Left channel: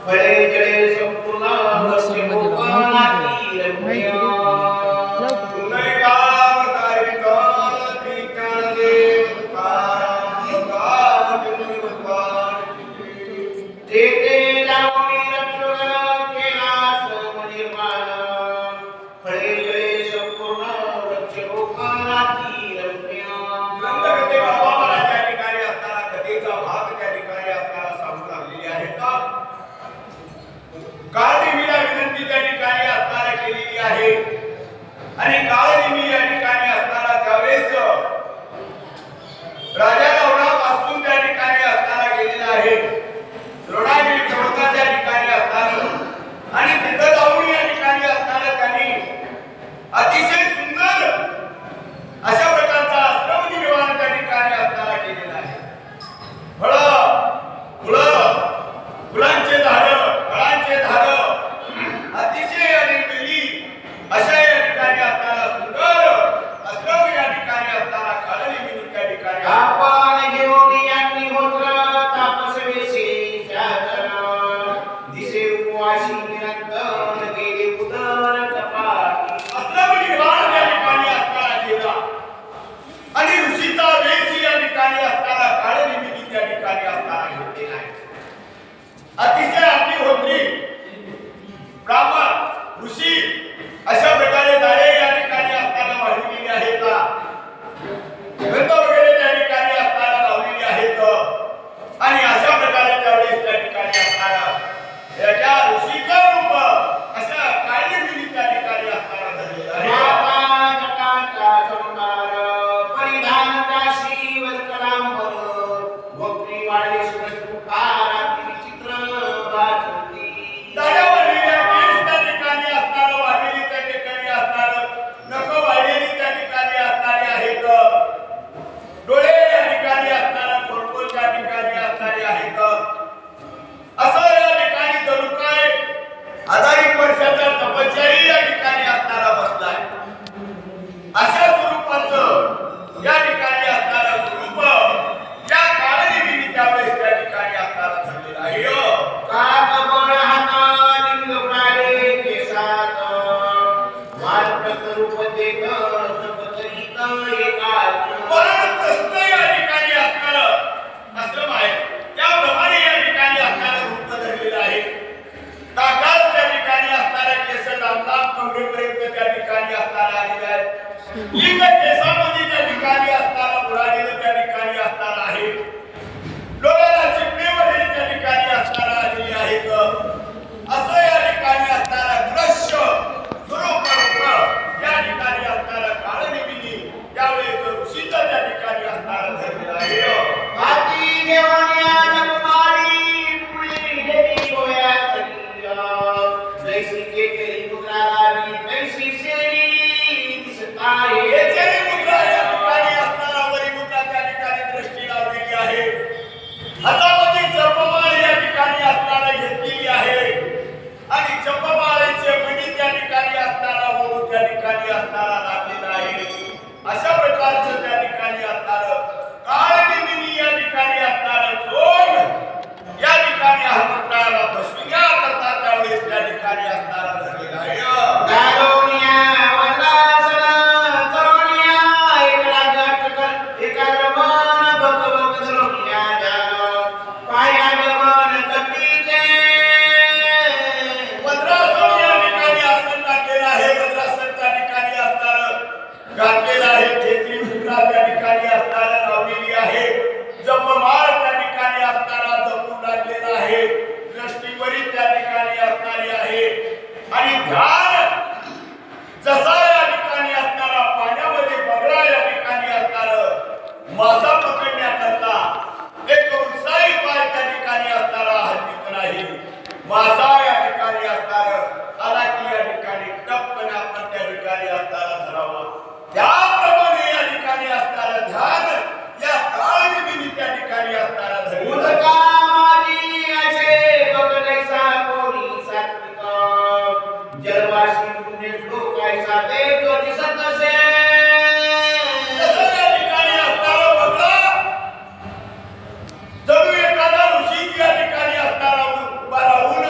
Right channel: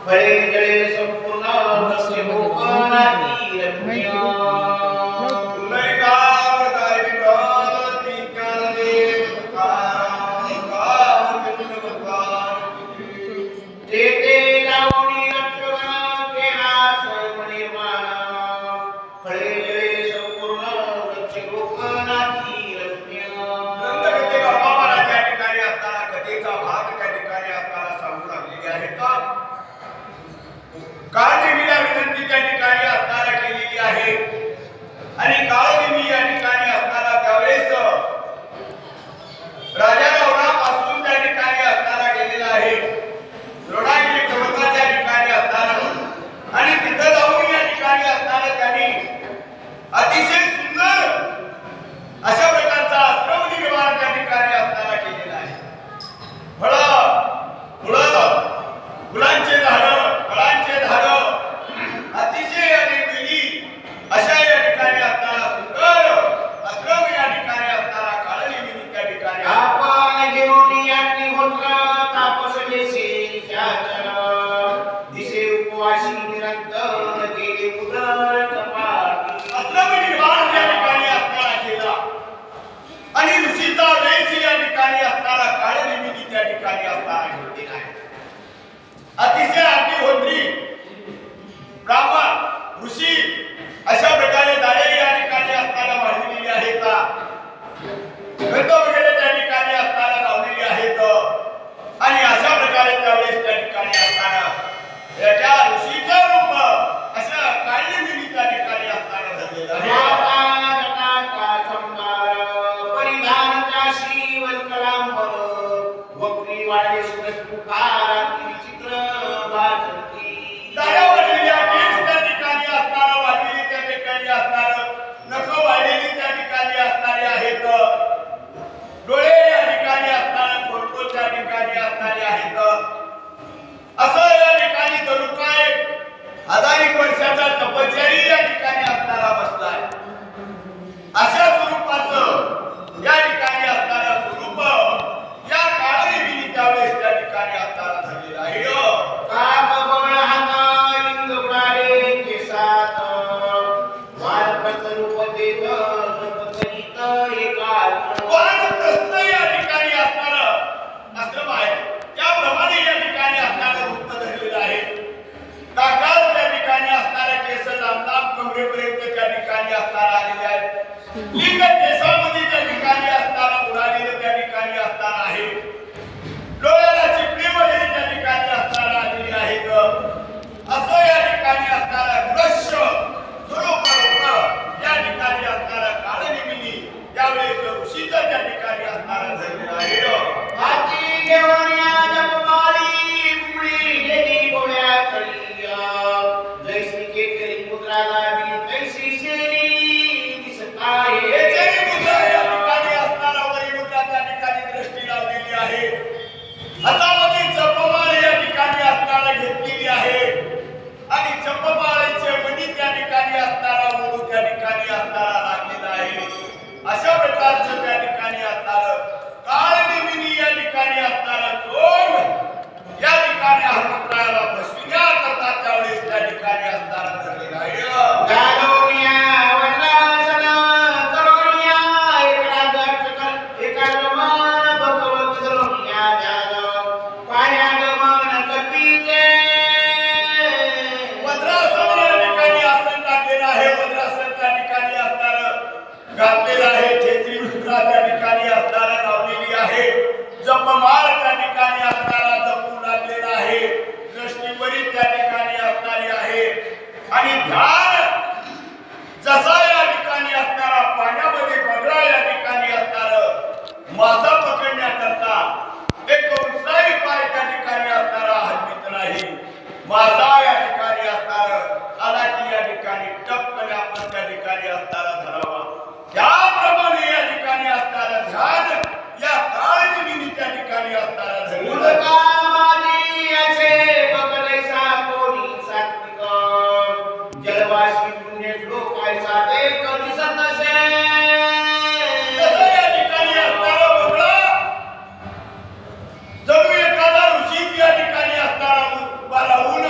फळे जळे संपूर्ण वृक्ष कोकणातील रम्य काळदेवीला विनंती त्या ठिकाणी असताना केलेली आहे आणि काळदेवी या ठिकाणी असताना त्यावेळेस राजा गौरापासून त्या ठिकाणी असताना गेलेला आहे द्रोणागिरी पर्वताच्या ठिकाणी असताना आणि तिथं जाऊन या ठिकाणी असताना त्यांनी अतिशय सुंदर अशा प्रकारचा आश्रम निर्माण त्या ठिकाणी असताना केलेला आहे फुलांचे झाडं फळांचे झाडं अतिशय आणि वेली अशा या ठिकाणी असताना सुंदर आश्रम या ठिकाणी असताना काळनिमिनी त्या ठिकाणी आपण घेऊन यांनी होत्र तापसवेशी दिसे उपवाशी निरंतर गेले उदर कपाटी आश्रम निर्माण त्या ठिकाणी असताना केला आणि ऋषीचा वेश या ठिकाणी असताना काळनिमिनी त्या ठिकाणी असताना घेतलेला आहे अतिशय अग्निहोत्री ब्राह्मण ऋषी अशा प्रकारे दारे या ठिकाणी असताना वाढविलेली आहेत गंध वगैरे त्या ठिकाणी असताना लावलेली आहेत आणि अशा प्रकारे त्यावेळेस त्या ठिकाणी असताना याच्या ऋषीचं रूप अशा काळनिमिनी त्या ठिकाणी असताना धरलेलं आहे वर्षाचा तपश्चर्या या ठिकाणी असणारा बसलाय अशा स्वरूपाचं या ठिकाणी असणारा स्वरूप या काळनिमिनी त्यावेळेस त्या ठिकाणी असणारा झालेला आहे कामबळ हातालिंग उडाले केसात वारप्रस्थ रूप देत तपकरीत एकाग्र वानप्रस्थ या ठिकाणी असणारं आश्रम आहे त्याप्रमाणे या ठिकाणी असणारं रूप धरलेलं आहे ताकात त्या ठिकाणी असणारे केस लांब कमरेपर्यंत त्या ठिकाणी असणारा आलेले आहेत लिंग केसामध्ये त्या ठिकाणी असणारा बुडालेलं त्या ठिकाणी असणारा आहे डोळ्याला चिपळी वगैरे त्या ठिकाणी असणारा आलेली आहेत असं या ठिकाणी असणारा दृश्य स्वरूप या ठिकाणी असणारा काळनिमिनी त्यावेळेस ऋषीचं त्या ठिकाणी असणारा धरलेला आहे हाती घेऊन या जगमाळी पुढे गेली गोळ्यात जैसी केकरी मुद्रा लावी तैसी शेरी दिसत आहे केकरी मुद्रा या ठिकाणी असणारा वरी मुद्रा त्या ठिकाणी दृष्टी लावलेली आहे हातामध्ये जपमाळ या ठिकाणी असणारा घेतलेली आहे आणि जपमाळेचे मणी त्या ठिकाणी असणारा वरू त्या ठिकाणी असणारा लागलेला आहे अशा प्रकारचं त्या ठिकाणी असणारं काळनिमिनी या ठिकाणी असणारं जोग या ठिकाणी हनुमंतरायाला बसविण्या करता त्यावेळेस त्या ठिकाणी असणारा धरलेला आहे गालोनिया वंदासन करोनिया एकाग्रमन भगवत धरोनिया जान पायागमन कटीते वज्रासन या ठिकाणी आसन टाकलेलं आहे वज्रासन त्या ठिकाणी असणारं घातलेलं आहे छेत्री मुद्रा त्या ठिकाणी असणारं लावलेली आहे जपमाळ त्या ठिकाणी असणारा जपू लागलेला आहे दृष्टीवरी त्या ठिकाणी असणारी आहे आणि ध्यान जसा या ठिकाणी असणारा पाण्यामध्ये बगळा या ठिकाणी असणारं मासा पकडण्याकरता एक उत्साही पाय त्या ठिकाणी असणारा हलवीत नाही मासा या ठिकाणी असणारं आला की या ठिकाणी टपकन आपण त्या ठिकाणी असणारा धरावा त्याप्रमाणे या ठिकाणी असणारं ध्यान या काळनिमिनी त्या ठिकाणी असणारा धरलेला जलवासी पुण्य श्लोक ऐसा देख दिसत नसे या ठिकाणी असणारा बगळा जणू एखादा ऋषी या ठिकाणी असणारा उभा राहून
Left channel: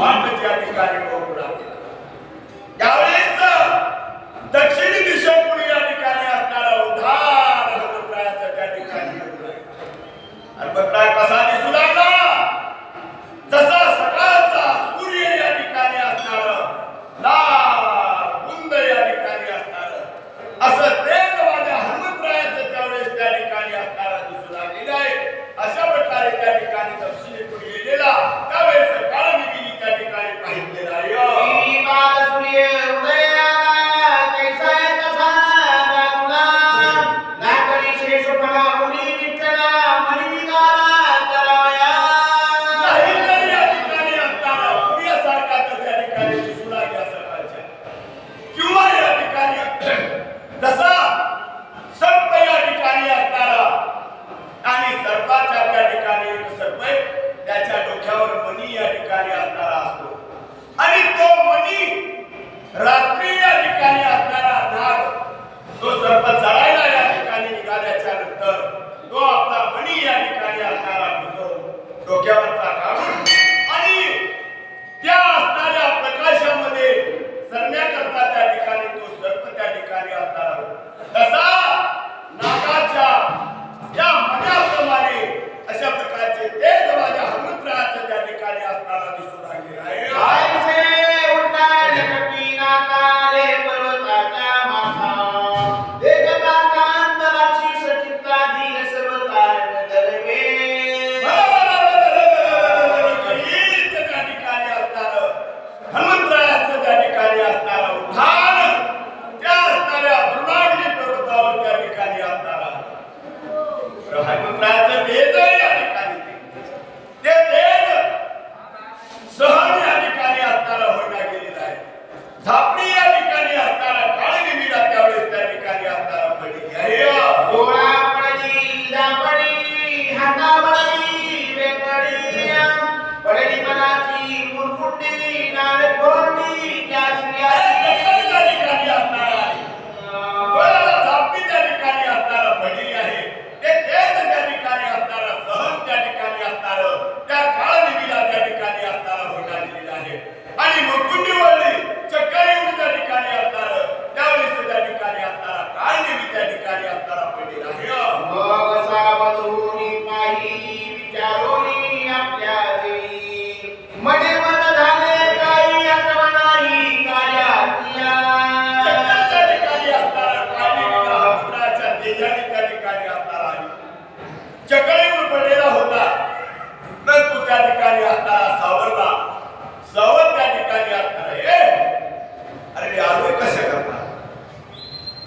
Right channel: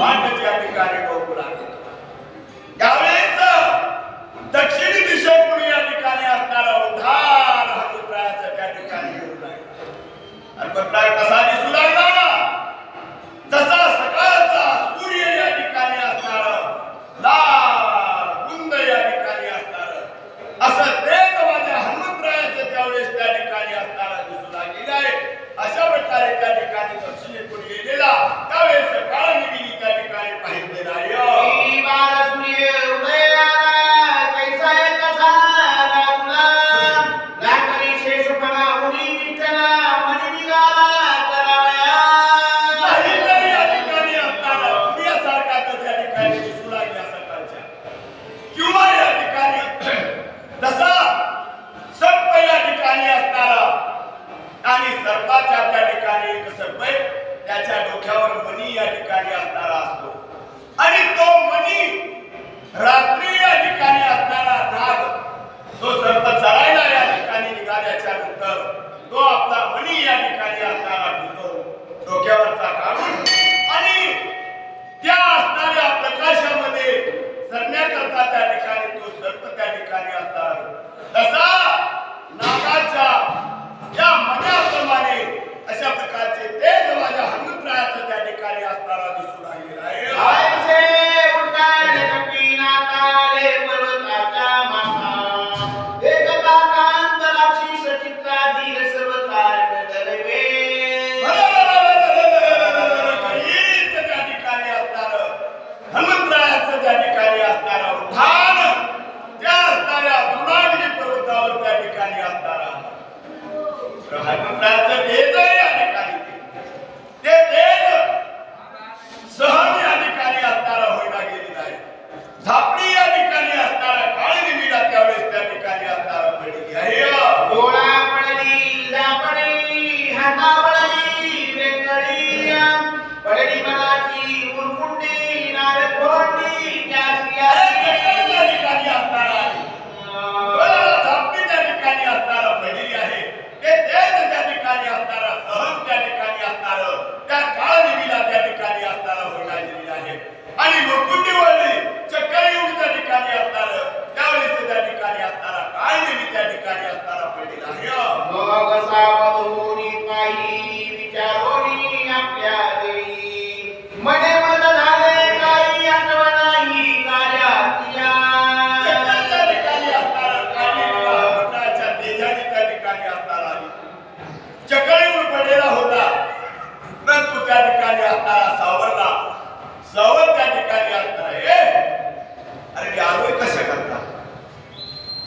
वाट या ठिकाणी बघू लागेल. त्यावेळेस दक्षिणी दिशेकडून या ठिकाणी असणारा उधार हनुमंतरायाचा त्या ठिकाणी येऊ लागला. हनुमंतराय कसा दिसू लागला? जसा सकाळचा सूर्य या ठिकाणी असणार, लाल बुंद या ठिकाणी असणार, असं तेच माझ्या हनुमंतरायाचं त्यावेळेस त्या ठिकाणी असणारा दिसू लागलेला आहे. अशा प्रकारे त्या ठिकाणी दक्षिणेकडून येलेला त्यावेळेस काळ निमित्त त्या ठिकाणी पाहिलेला आहे. तसा सर्प या ठिकाणी असणारा आणि सर्पाच्या त्या ठिकाणी एक सर्प आहे, त्याच्या डोक्यावर मणी या ठिकाणी असणारा असतो आणि तो मणी रात्री या ठिकाणी असणारा नाग तो सर्प चढायला या ठिकाणी निघाल्याच्या नंतर तो आपला मणी या ठिकाणी असणारा डोक्यावरचा काढून आणि त्या असणाऱ्या प्रकाशामध्ये सरण्याकरता त्या ठिकाणी तो सर्प त्या ठिकाणी असणार. तसा नागाच्या या मण्याप्रमाणे अशा प्रकारचे तेज माझ्या हनुमंतरायाचं त्या ठिकाणी असणारा दिसून लागलेला आहे. हनुमंतरायाचं त्या ठिकाणी असणारा उद्धान त्या असणाऱ्या द्रोणागिरी पर्वतावर त्या ठिकाणी असणारा हनुमंतरायाचं तेज या ठिकाणी ते तेज सहन या ठिकाणी असणारा होईना गेलेला आहे. झापडी या ठिकाणी असणारा काळी निमिला त्यावेळेस त्या ठिकाणी असणारा पडलेली आहे. त्या काळ निमिला त्या ठिकाणी असणारा होईना गेलेला आहे आणि मुकुंडी वळली चक्कर येऊन त्या ठिकाणी असणार त्यावेळेस त्या ठिकाणी असणारा काळ निमी त्या ठिकाणी असणारा पडलेला आहे. मग सावधूनी पाही विचारोनी आपल्या देई मने मन झाले काही आठवा नाही कार्यातिया. चक्कर त्या ठिकाणी असणारा काळ निमिला हनुमंतरायाच्या तेजाने त्या ठिकाणी असणारा आली. चक्कर येऊन पडलेला होता परंतु त्या ठिकाणी असणारा सावरला. सावध त्या ठिकाणी असणार आहे. अरे मी आलोय कशा करता?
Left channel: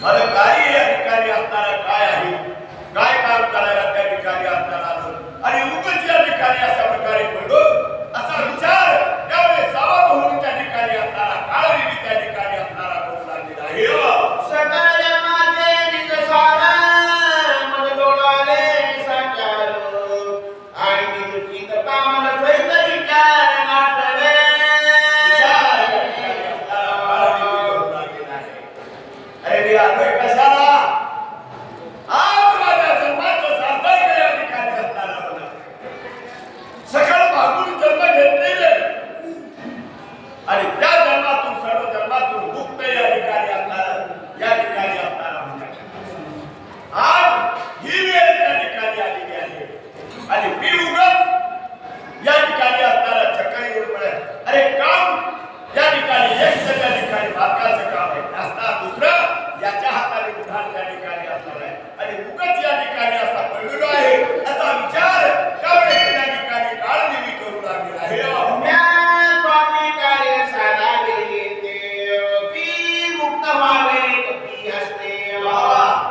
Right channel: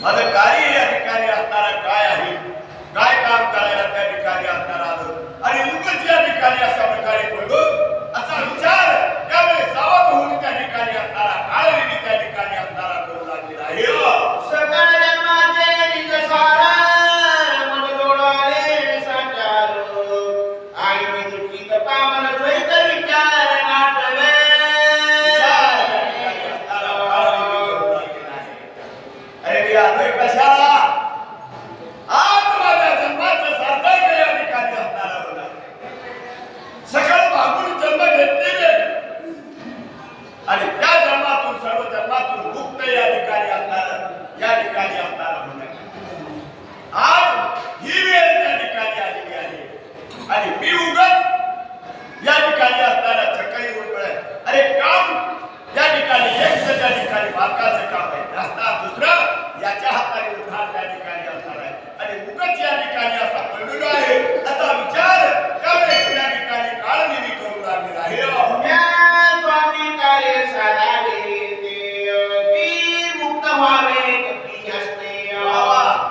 माझं कार्य या ठिकाणी असणारा काय आहे, काय काम करायला त्या ठिकाणी असणार आलो आणि उगाच या ठिकाणी अशा प्रकारे पडलो असा विचार त्यावेळेस सावध होऊन त्या ठिकाणी असणारा काळाने त्या ठिकाणी असणारा करू लागलेला आहे. सगळ्या माझे विचार मन डोळाले साचारो आणि मी तुझी कथा मन द्वैत विचार नाटवे. विचार या ठिकाणी असणारा काळाने करू लागलेला आहे. अरे मी आलोय कशाला? आज माझ्या जन्माचं सार्थक या ठिकाणी असणारा होणार. सकळ मागून जन्म घेतलेले आणि त्या जन्मातून सर्व जन्मातून मुक्त या ठिकाणी असणार या ठिकाणी असणारा होणार. आज ही वेळ त्या ठिकाणी आलेली आहे आणि मी उगाच या ठिकाणी असणारा चक्करी उडपळ. अरे काम त्या ठिकाणी एक त्या ठिकाणी बालकाचं काम आहे असता दुसरं याच्या हाताने उद्धार त्या ठिकाणी असणार आहे आणि उगाच या ठिकाणी असा पडलेलो आहे असा विचार त्यावेळेस त्या ठिकाणी काळ निमी करू लागलेला आहे. स्वामी काय साधावे ते मुक्त व्हावे कपी असते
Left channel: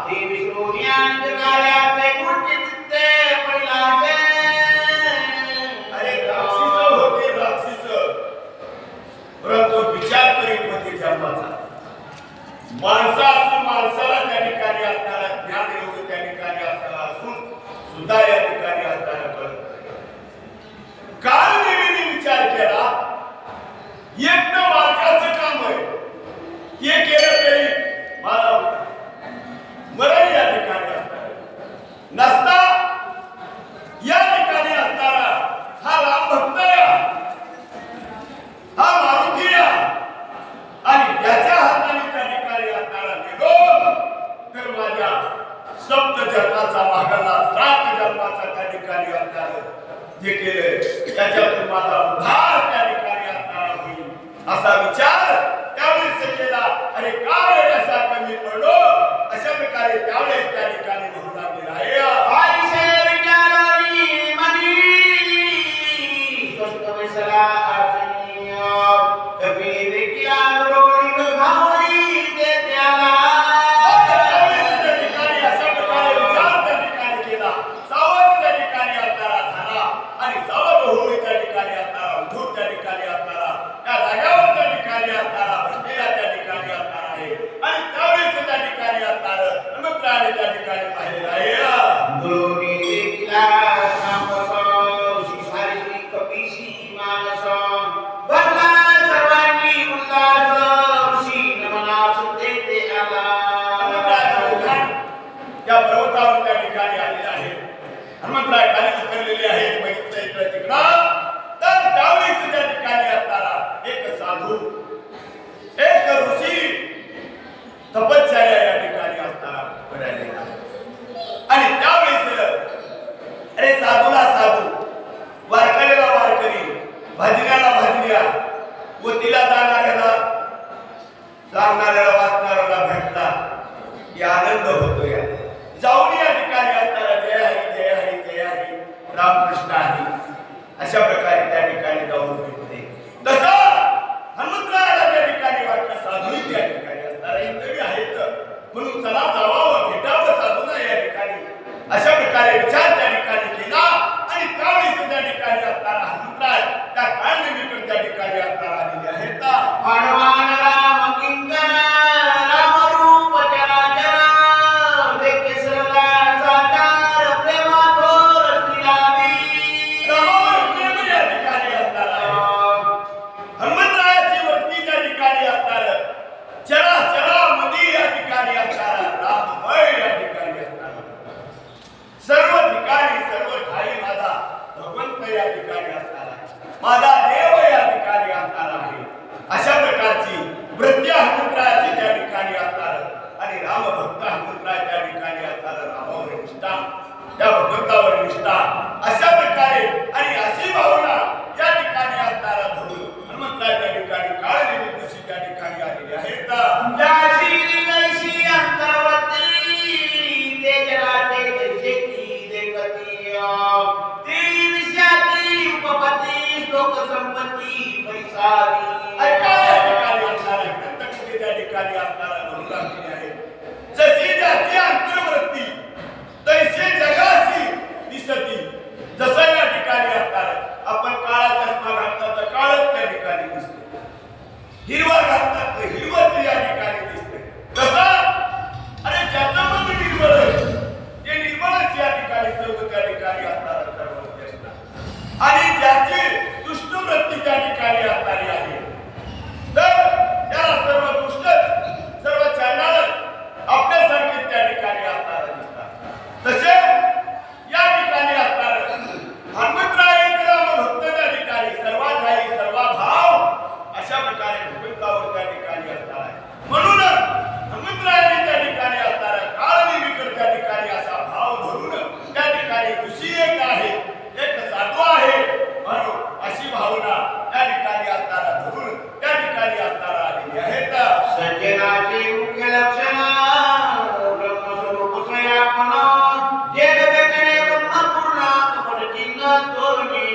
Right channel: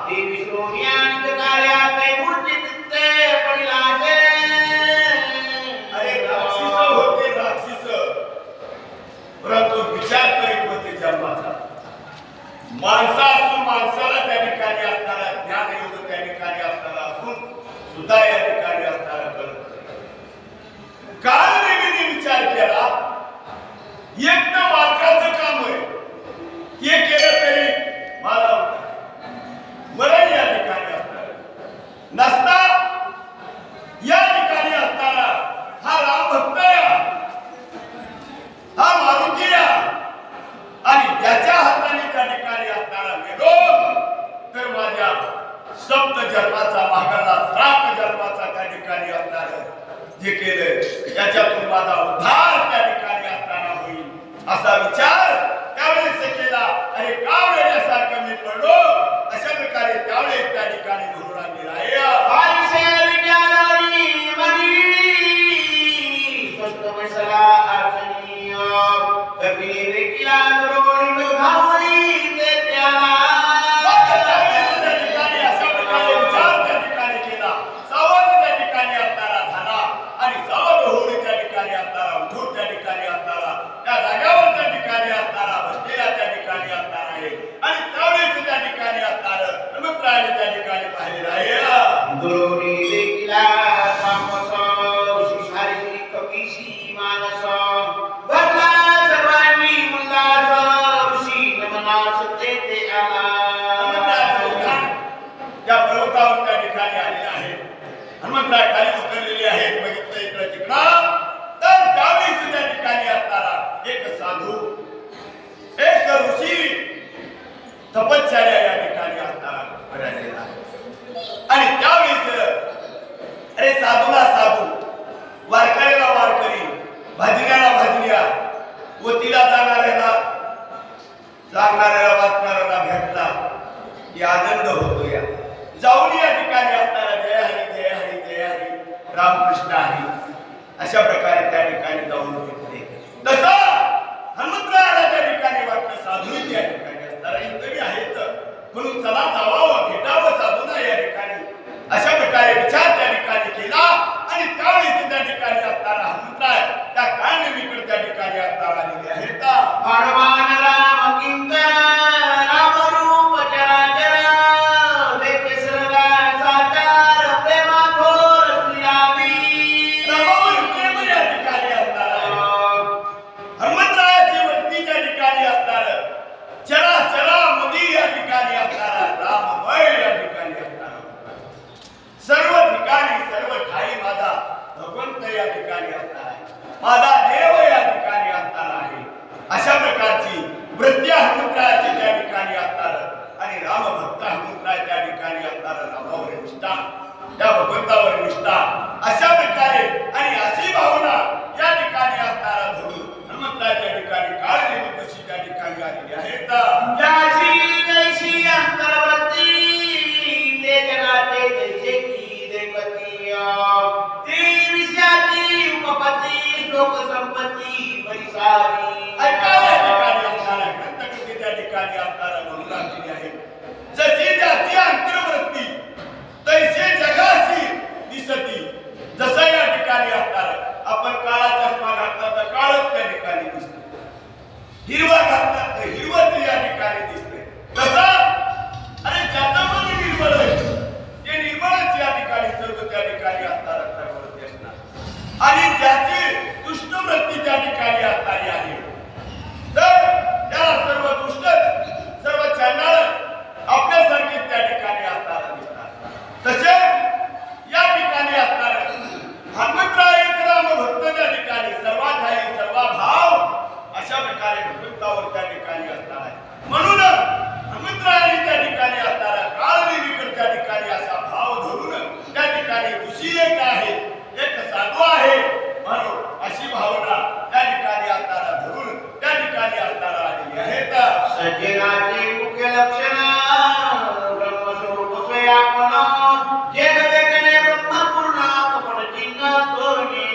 ते विष्णू ज्ञान कार्याचे गुरुची चित्ते पडिलाचे. अरे राक्षस होते राक्षस परंतु विचार करीत होते जन्माचा. माणसासून माणसाला त्या ठिकाणी असणारा ज्ञान एवढं त्या ठिकाणी असणारा असून सुद्धा या ठिकाणी असणारा कळत नाही. काल नेहमी विचार केला एक तर मालकाचं काम आहे हे केलं तरी मला होता मरण या ठिकाणी असणार नसता या ठिकाणी असणारा हा राम भक्त या तर माझ्या सप्त जन्माचा मागाला 7 जन्माचा त्या ठिकाणी असणार जे केलंय त्याच्यातून माझा उद्धार त्या ठिकाणी असणारा होईल असा विचार त्यावेळेस केला. अरे का वेड्यासारखं मी पडलो अशा प्रकारे त्यावेळेस त्या ठिकाणी म्हणून आणलेला आहे. आईसे विचारानी मनी स्पष्ट वैसला अर्चनीय कपिले वेकिला रोणी भावळी ते त्याला त्यावेळेस त्या ठिकाणी अशा प्रकारे विचार त्या ठिकाणी केला. सावध त्या ठिकाणी असणारा झाला आणि सावध होऊन त्या ठिकाणी असणारा उठून त्या ठिकाणी असणारा त्या जाग्यावर त्या ठिकाणी असणारा बसलेला त्या ठिकाणी असणार आहे आणि त्यावेळेस त्या ठिकाणी असणार हनुमंतरायाने त्या ठिकाणी पाहिलेलं आहे. दोरी वेकिला तापस शिसारी कपिशी मानस बरला सर्वांनी उल्लास ऋषी नमनास ते आला. हनुमंतरायाचं उद्धार या पर्वतावर त्या ठिकाणी आलेलं आहे. हनुमंतराय खाली उतरलेले आहेत. बघितलं इकडं तिकडं तर त्यावेळेस त्या ठिकाणी असणारा एक साधू एक ऋषी तपश्चर्या या ठिकाणी असणारा राहिलेला आहे. आणि त्यावेळेस अरे साधूला साधू वारकऱ्याला वारकरी भजन्याला भजन्या वतीला जाणाऱ्याला सांगणाऱ्याला वाचणाऱ्याला भेटला की आनंद होतो. या जाऊन या ठिकाणी असणारा जय हरी जय हरी जय हरी रामकृष्ण हरी अशा प्रकारे त्या ठिकाणी जाऊन भेटते. तसं हनुमंतरायाला त्या ठिकाणी वाटलं साधूही त्या ठिकाणी असणारा इंद्रिय आहेत म्हणून चला जावावं भेटावं साधूना या ठिकाणी अशा प्रकारे विचार त्या ठिकाणी केला. आणि त्यावेळेस त्या ठिकाणी असणारा हनुमंतराय त्या काळनिमित्त त्या ठिकाणी असणारा आलेले आहेत. हनुमान राम किंकर राम रूप चराचर देखे सर्वा साकार प्रेमा थोर श्रीरामी. रामावर प्रेम या ठिकाणी असणार आहे. हनुमंतरायाची वरती त्या ठिकाणी असणार चरा चरा मध्ये या ठिकाणी असणार राममय या ठिकाणी असणार सर्व ठिकाणी सर्व ठाई माझा भगवंत या ठिकाणी असणार आहे. माझा देव या ठिकाणी असणार आहे. अशा प्रकारची वृत्ती हनुमंतरायाची त्या ठिकाणी असणार आणि रामभक्त हनुमंतराय त्या ठिकाणी असणार रामावर निष्ठा त्या भगवंतावर निष्ठा अशा प्रकारे आणि अशी भावना या ठिकाणी असणारा धरून हनुमंतराय त्या ठिकाणी काळनिमित्तशी त्या ठिकाणी आलेली आहेत. ज्याची नैशी अंतर्वृत्ती ते जगाते तैसे की देवती ती विषयाची उपपत्ती श्लोक संपत्ती परिसारी. ऐकायला या ठिकाणी असणारा ग्रंथकृती त्या ठिकाणी असणारा म्हणून लागलेली आहे. जशी ज्याची अंतर्वृत्ती तैसे जगाशी दिसती. जसं या ठिकाणी असणार आपण काळा चष्मा घातला तर काळच त्या ठिकाणी दिसते. हिरवा घातला तर हिरवच या ठिकाणी दिसते. तसं अरे ज्याचं मन निर्मळ आहे ते निर्मळच या ठिकाणी सर्व त्या ठिकाणी असणार सर्वच असणार आणि ज्याची दुष्ट वृत्ती त्या ठिकाणी असणारी आहे तर त्याला सर्व दुष्ट सर्व चांगलं आपल्यासारखे त्या ठिकाणी असणार दिसतात. तसे या ठिकाणी असणार हनुमंतराय राम भक्त त्या ठिकाणी सर्वाठाई सर्व भाव अशा प्रकारे भगवंतावर त्या ठिकाणी असणार आहे. म्हणून हनुमंतरायाने त्या ठिकाणी असणारा काळनिमित्त त्या ठिकाणी असा भाव धरून त्या ठिकाणी ऋषी एक आहे एक साधू आहे म्हणून अशी भावना त्या ठिकाणी असणारा धरून त्या ठिकाणी असणारा आलेली आहेत. सज्जनाचे मुख्य लक्षण ब्रह्मस्वरूप स्वयापन जे जगतने ब्रह्मपूर्ण कपटचिन्ह तोरणे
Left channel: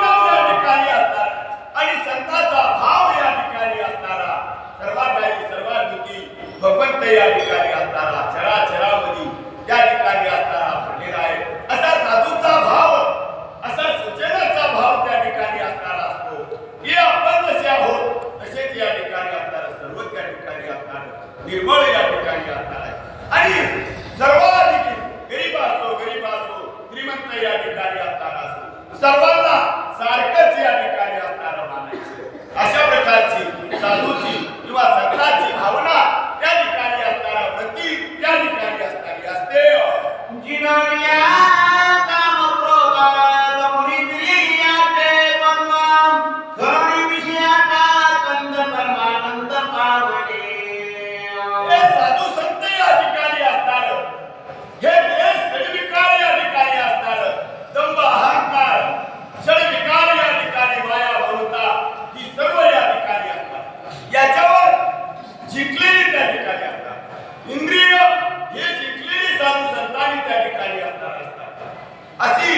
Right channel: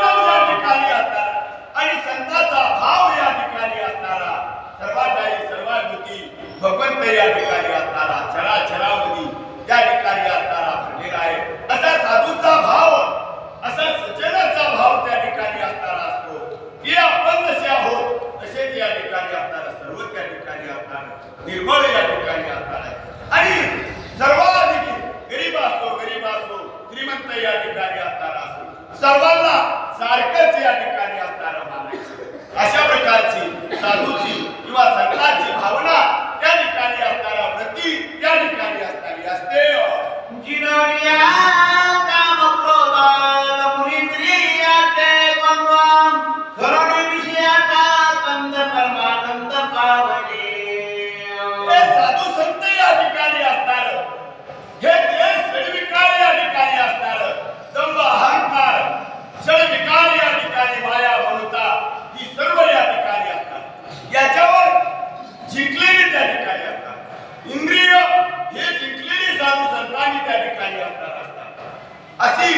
त्या ठिकाणी असतात आणि संतांचा भाव या ठिकाणी असणारा सर्वाधारी सर्वाभूती भगवंत या ठिकाणी असणारा चराचरामध्ये त्या ठिकाणी असणारा भरलेला आहे. असा साधूचा भाव असा सज्जनाचा भाव त्या ठिकाणी असणारा असतो की आपण जसे आहोत तसेच या ठिकाणी असणारा सर्व त्या ठिकाणी असणार निर्मळ या ठिकाणी असणार आहे. आणि सर्वाधिक गरीब असो श्रीमंत या ठिकाणी असणारा असो सर्वांना सारखंच या ठिकाणी असणारा मानायचं. अशा प्रकारची साधूची किंवा संतांची भावना त्या ठिकाणी असणारा वृत्ती त्या ठिकाणी असणारी असते. जिनविया काम क्रोध मुनिंद्रियाचे बनवा खरणे विषयाचा कंद परमानंद पावणे. हे साधू संत या इंद्रिय हे जिंकलेली साधू संतांनी त्या ठिकाणी असणार असतात अशी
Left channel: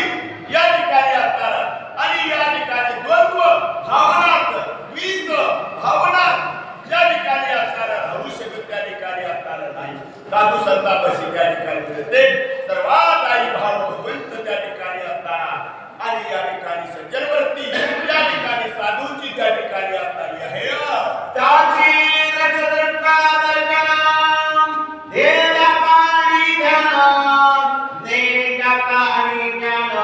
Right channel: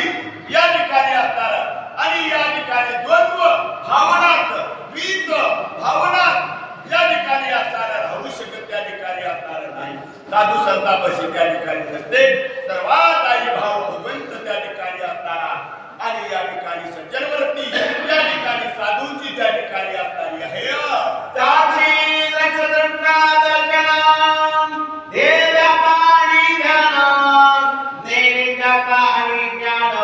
या ठिकाणी असणार आणि या ठिकाणी द्वंद्व भावनात द्वित भावनात या ठिकाणी असणार राहू शकत त्या ठिकाणी असणार नाही साधू संतांपाशी त्या ठिकाणी नसते सर्वात आई भाव भगवंत त्या ठिकाणी असताना आणि या ठिकाणी सज्जनवृत्ती या ठिकाणी साधूंची त्या ठिकाणी असणारी आहे त्याची रचना दर्शनम देव्या पाणी ध्यान नैवेद्या आणि ज्ञान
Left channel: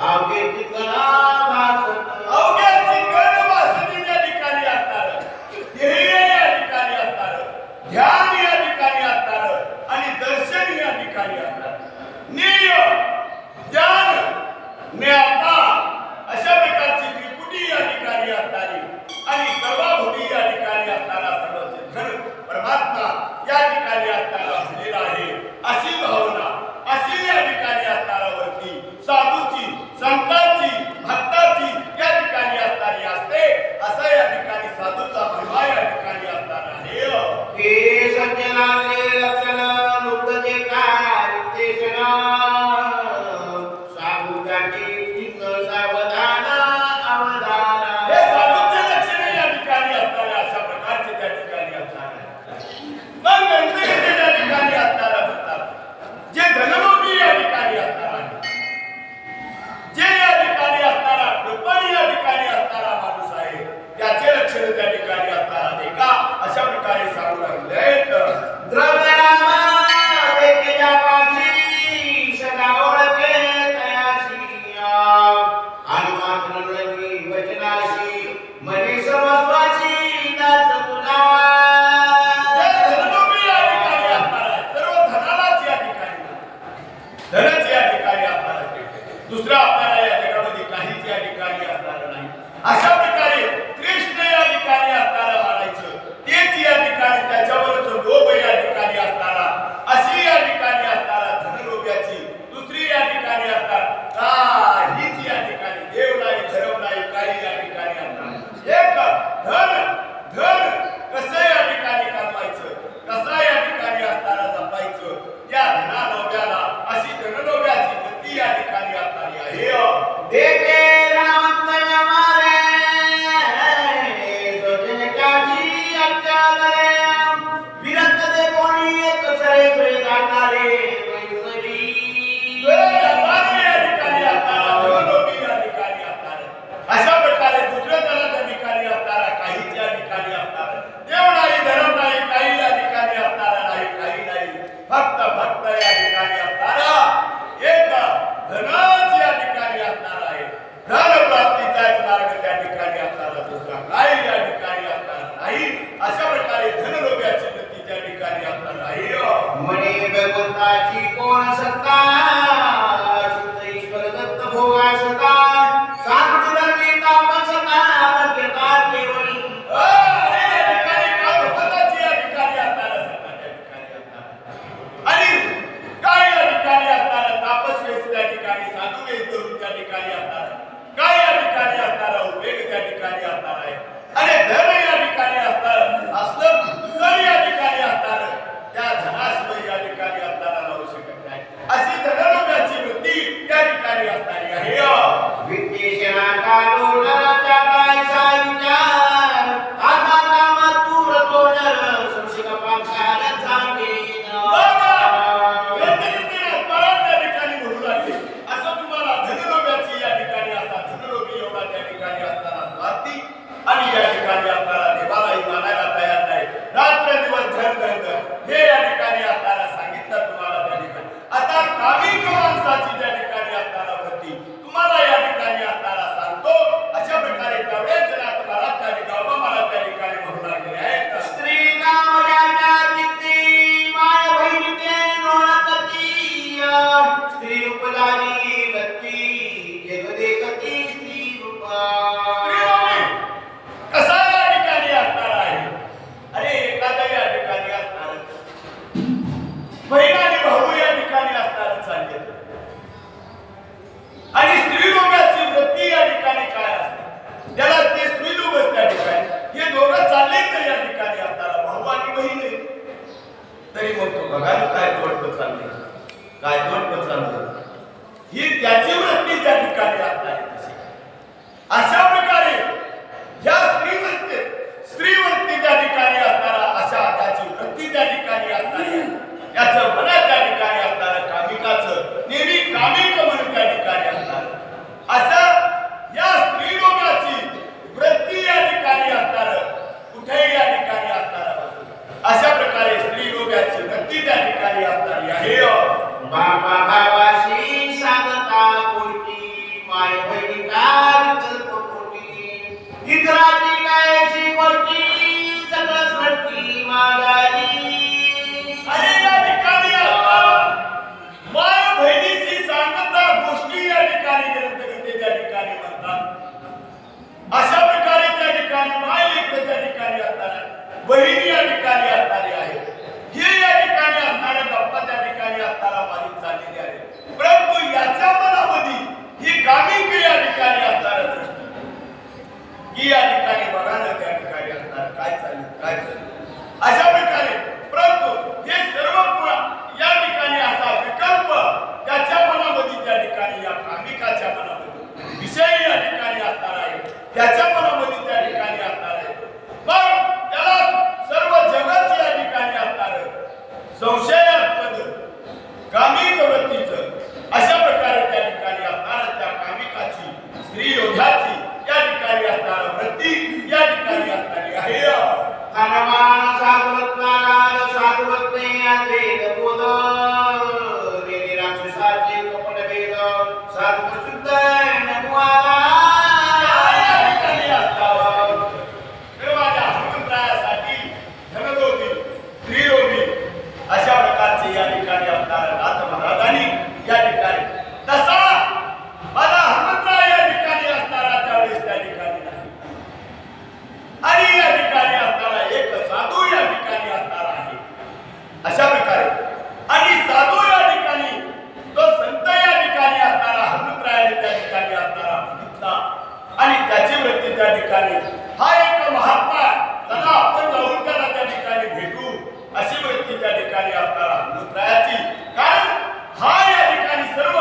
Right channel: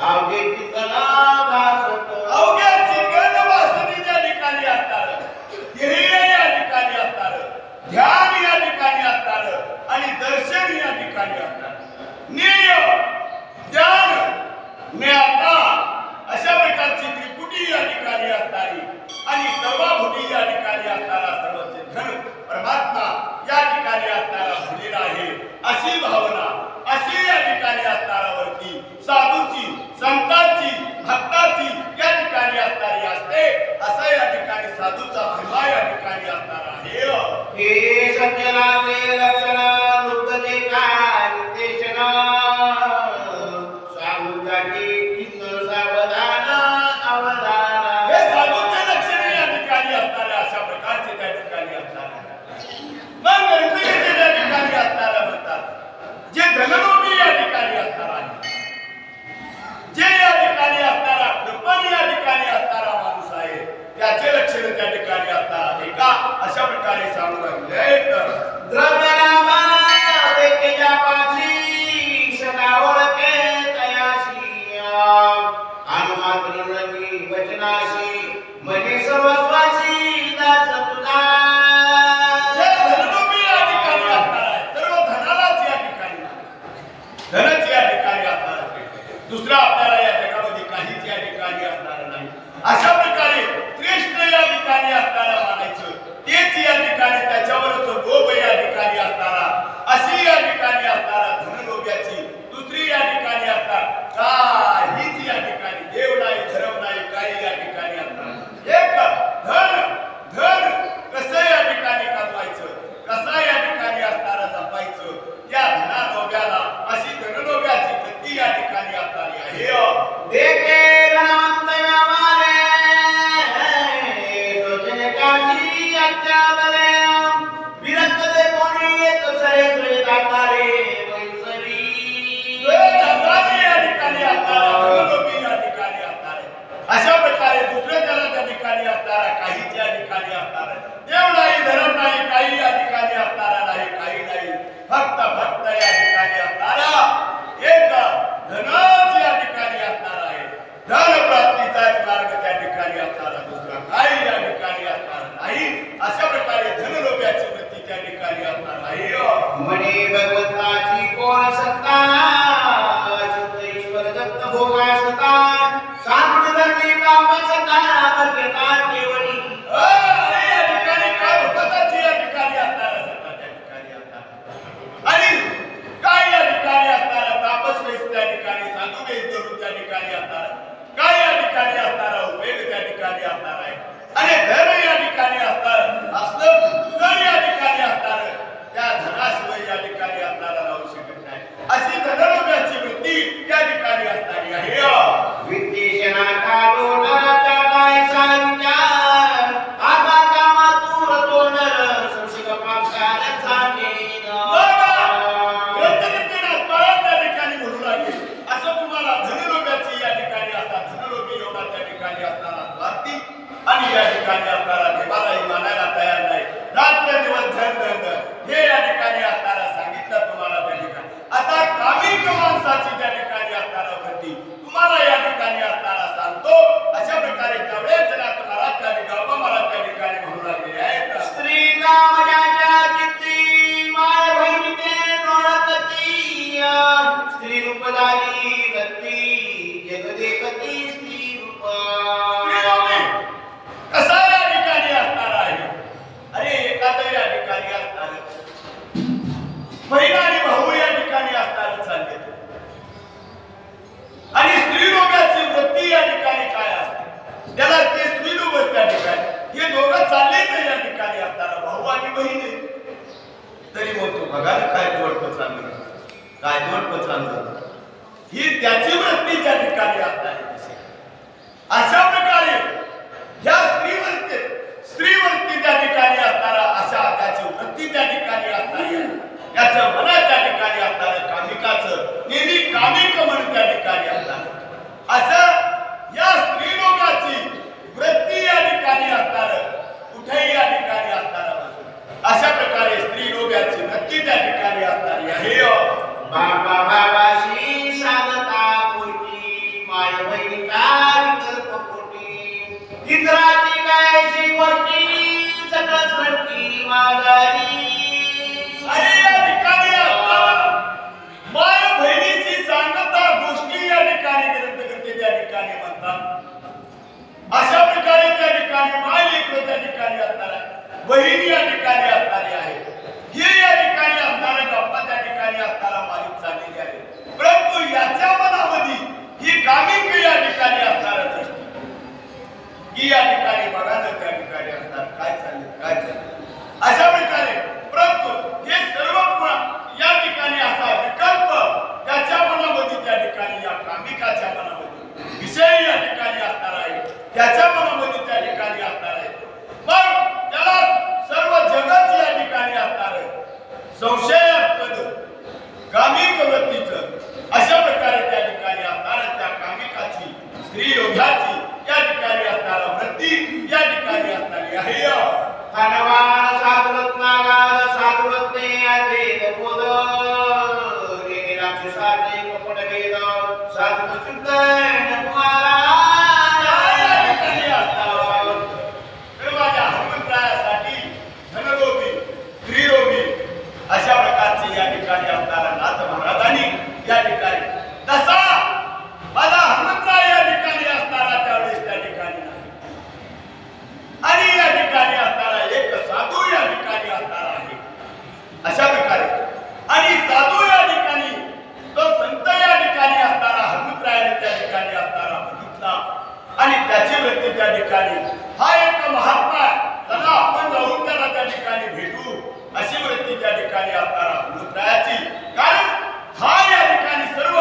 अवघे चिंतन भासत अवघ्या चिंतन वासनी त्या ठिकाणी असणार ध्येय या ठिकाणी असणार ध्यान या ठिकाणी असणार आणि दर्शन या ठिकाणी असणार ज्ञेय ज्ञान ज्ञाता अशा प्रकारची त्रिपुटी या ठिकाणी असणारी आणि सर्वभूती या ठिकाणी असणारा सर्वचेतन परमात्मा या ठिकाणी असणारा भरलेला आहे अशी भावना अशी या ठिकाणी असणारा वरती साधूची संतांची भक्ताची या ठिकाणी असणारी असते असं या ठिकाणी साधूचा महिमा या ठिकाणी असणारा आहे हे सज्जनाचे लक्षण नुकते काय नितेशन साधूजाची चिंतन सावधान अवधान हे साधूचे लक्षण या ठिकाणी असणारे अशा प्रकारचे त्या ठिकाणी असणारे मग गणपती त्या ठिकाणी असणारा म्हणतात जे धनलोभी या ठिकाणी असणार आहे जे या ठिकाणी असणारा कृपण या ठिकाणी असणारा माणूस आहे त्याचे लक्षण त्या ठिकाणी असणार आहे का अशा प्रकारे सांगू लागले द्रव्य नामा देखिया पाठी सदा ओळखे तयाशी अनुमात्र रंगी वचनाशी मनी सर्वस्वाची दास तुझा जे धनलोभी या ठिकाणी असणार आहे सर्व धनालाच या ठिकाणी मानतात धनाची या ठिकाणी असणार आहे दुसरा आपल्याला या जगामध्ये काहीच या ठिकाणी असणार नाही अशा प्रकारे श्रेष्ठ या ठिकाणी असणारा मानायचं तेच या ठिकाणी त्याच्यावरच लोभ या ठिकाणी असणारा अशी या ठिकाणी असणारा धनलोभ्याची दुसरी या ठिकाणी असणार काहीच या ठिकाणी देव नाही धर्म नाही काही या ठिकाणी असणार एक धन धन कसं या ठिकाणी कमवायचं कसं या ठिकाणी असणारा जपायचं या धनालोभ्याला अशी धनलोभ्याची गती या ठिकाणी असणारी आहे देखे धनवंत व्यापारे सोजने काठी अच्चादरे विरक्त दे कोणी एक सरे सुरे दातारे वैसरी या ठिकाणी असणारा धनलोभी या ठिकाणी असणार अशा प्रकारे दुसऱ्या त्या ठिकाणी असणारा काहीच या ठिकाणी असणार देव नाही धर्म नाही काही या ठिकाणी असणारा नाही काही नाही फक्त भक्त या ठिकाणी असणारा एक धनच या ठिकाणी असणार आहे धन प्राप्तीचाच मार्ग त्या ठिकाणी असणारा दुसरा काही या ठिकाणी असणार नाही अशा प्रकारे धनलोभ्याची वृत्ती त्या ठिकाणी असणार आहे मने भगवंताची कोण सत्ता शुद्ध ईश्वर दत्त भोगा सत्ता साधुड धर्मी तापन सत्ता मध्यता केवली अरे या ठिकाणी काय भगवंताची या ठिकाणी असणार सत्ता त्या ठिकाणी असणार आणि काय या ठिकाणी असणार तापस वेस त्या ठिकाणी साधू वेस धरून त्या ठिकाणी असणार काय या ठिकाणी असणारा उपयोग त्या ठिकाणी असणार आहे आणि धन या ठिकाणी असणार असलं तर या ठिकाणी असणार त्या धनाशिवाय या ठिकाणी असणारा राहू शकत नाही अशी धनलोभ्याची वृत्ती त्या ठिकाणी असणारी आहे विद्येशना काढून टाकायचा विचार आता कामातूर तोंडर संशिक पापसार जाणेन ग्रंथकीर्तनात बराच त्या ठिकाणी म्हणू लागले असं तुम्हाला धनलोभ्याची या ठिकाणी असा धनलोभी एवढा त्या ठिकाणी असणारा स्वार्थी आणि या ठिकाणी असणारा देवालाही मानायला तयार नाही रात्र दिवस धन हे या ठिकाणी असणारा सांगितलं तुम्हाला त्या ठिकाणी आता कामिक माणसाची त्या ठिकाणी असणारा वृत्ती तुम्हाला या ठिकाणी असणारा सांगतो अशा प्रकारे तेवढेच नाथ महाराज त्या ठिकाणी महाराज त्या ठिकाणी म्हणू लागले आहेत श्री रामाच्या चित्ती माय बहिणीचे नोळकती श्री रूपदारी गती जगदेवती श्री रूपा कसा या ठिकाणी असणार आहे अरे एखादा या ठिकाणी असणार बहीण आणि भाऊ या ठिकाणी असणार चालले आणि स्त्रीलोकाची वृत्ती या ठिकाणी काय असते त्याला ते स्त्रीलोक त्या ठिकाणी हे दोघं चालले तर या ठिकाणी असणारा भाऊ आणि बहीण तरी मग तो बघा ना काय दोडपं चाललं, काय दोडपं चाललं. ही त्याची वृत्ती त्या ठिकाणी असणारी दिसे. अशा प्रकारे ह्या स्त्रीवरती त्या ठिकाणी असणारा अशा त्याची वृत्ती त्या ठिकाणी असणारी आहे. याचं मनात त्या ठिकाणी असणारं कामिकाचं नेहमी कामिक म्हणून त्या ठिकाणी असणार असं या स्त्रीलोकाची वृत्ती या ठिकाणी असणार कुठेही या ठिकाणी असणारा बाजू अशा प्रकारे स्त्रीलोकाची वृत्ती त्या ठिकाणी असणारी आहे. बाबा बाबाशी सांगता पुरती माय बहिणीला विकल्प पुरती चित्राची कायची वरती सगळं सृष्टी मागारी. आणि या ठिकाणी माय बहिणीशी सांगता गोष्टी या ठिकाणी ग्रंथकर्ते त्या ठिकाणी म्हणतात. अशा प्रकारे त्या ठिकाणी माय लेकरं त्या ठिकाणी असणार आहे, बहिणी या ठिकाणी असणारी आहे. हे या ठिकाणी असणारा गप्पा त्या ठिकाणी असणारा मालिक चाललेली आहे. परंतु याच्या मनामध्ये ही कामिक या ठिकाणी असणारा दृष्टी की या ठिकाणी बघा ना त्या ठिकाणी असणार काय चाललं अशा प्रकारे. परंतु हे सर्व या ठिकाणी असा विकल्प त्याच्या मनामध्ये त्या ठिकाणी या कामिकाच्या मनामध्ये विषय या ठिकाणी असणार आहे, त्याच्या मनामध्ये त्या ठिकाणी असणार आहे. मग त्याला सर्व जगत या ठिकाणी असणार संशयास्पद कामिक वृत्तीचं अशा प्रकारे त्या ठिकाणी असणार त्या कामिकाची स्त्री योद्धाची या ठिकाणी असणार वृत्ती या ठिकाणी असणारी आहे. अशा प्रकारचे या ठिकाणी असणारा नाथ महाराजांनी या ठिकाणी तसा माझा हनुमंतराय या ठिकाणी असणारा त्यावेळेस त्या ठिकाणी नाही. आणि या ठिकाणी असणारा एक साधू या ठिकाणी असणारा आहे अशा प्रकारे. आणि साधू या ठिकाणी तो संत या ठिकाणी असणारा हनुमंतरायाने त्या ठिकाणी असणारा बघितला आणि त्याची वृत्ती त्या ठिकाणी हा एक महात्मा त्याला आपण जाऊन त्याला त्या ठिकाणी भेटू अशी वृत्ती त्या ठिकाणी असणारा हनुमंतरायाची. कारण हा या ठिकाणी सर्व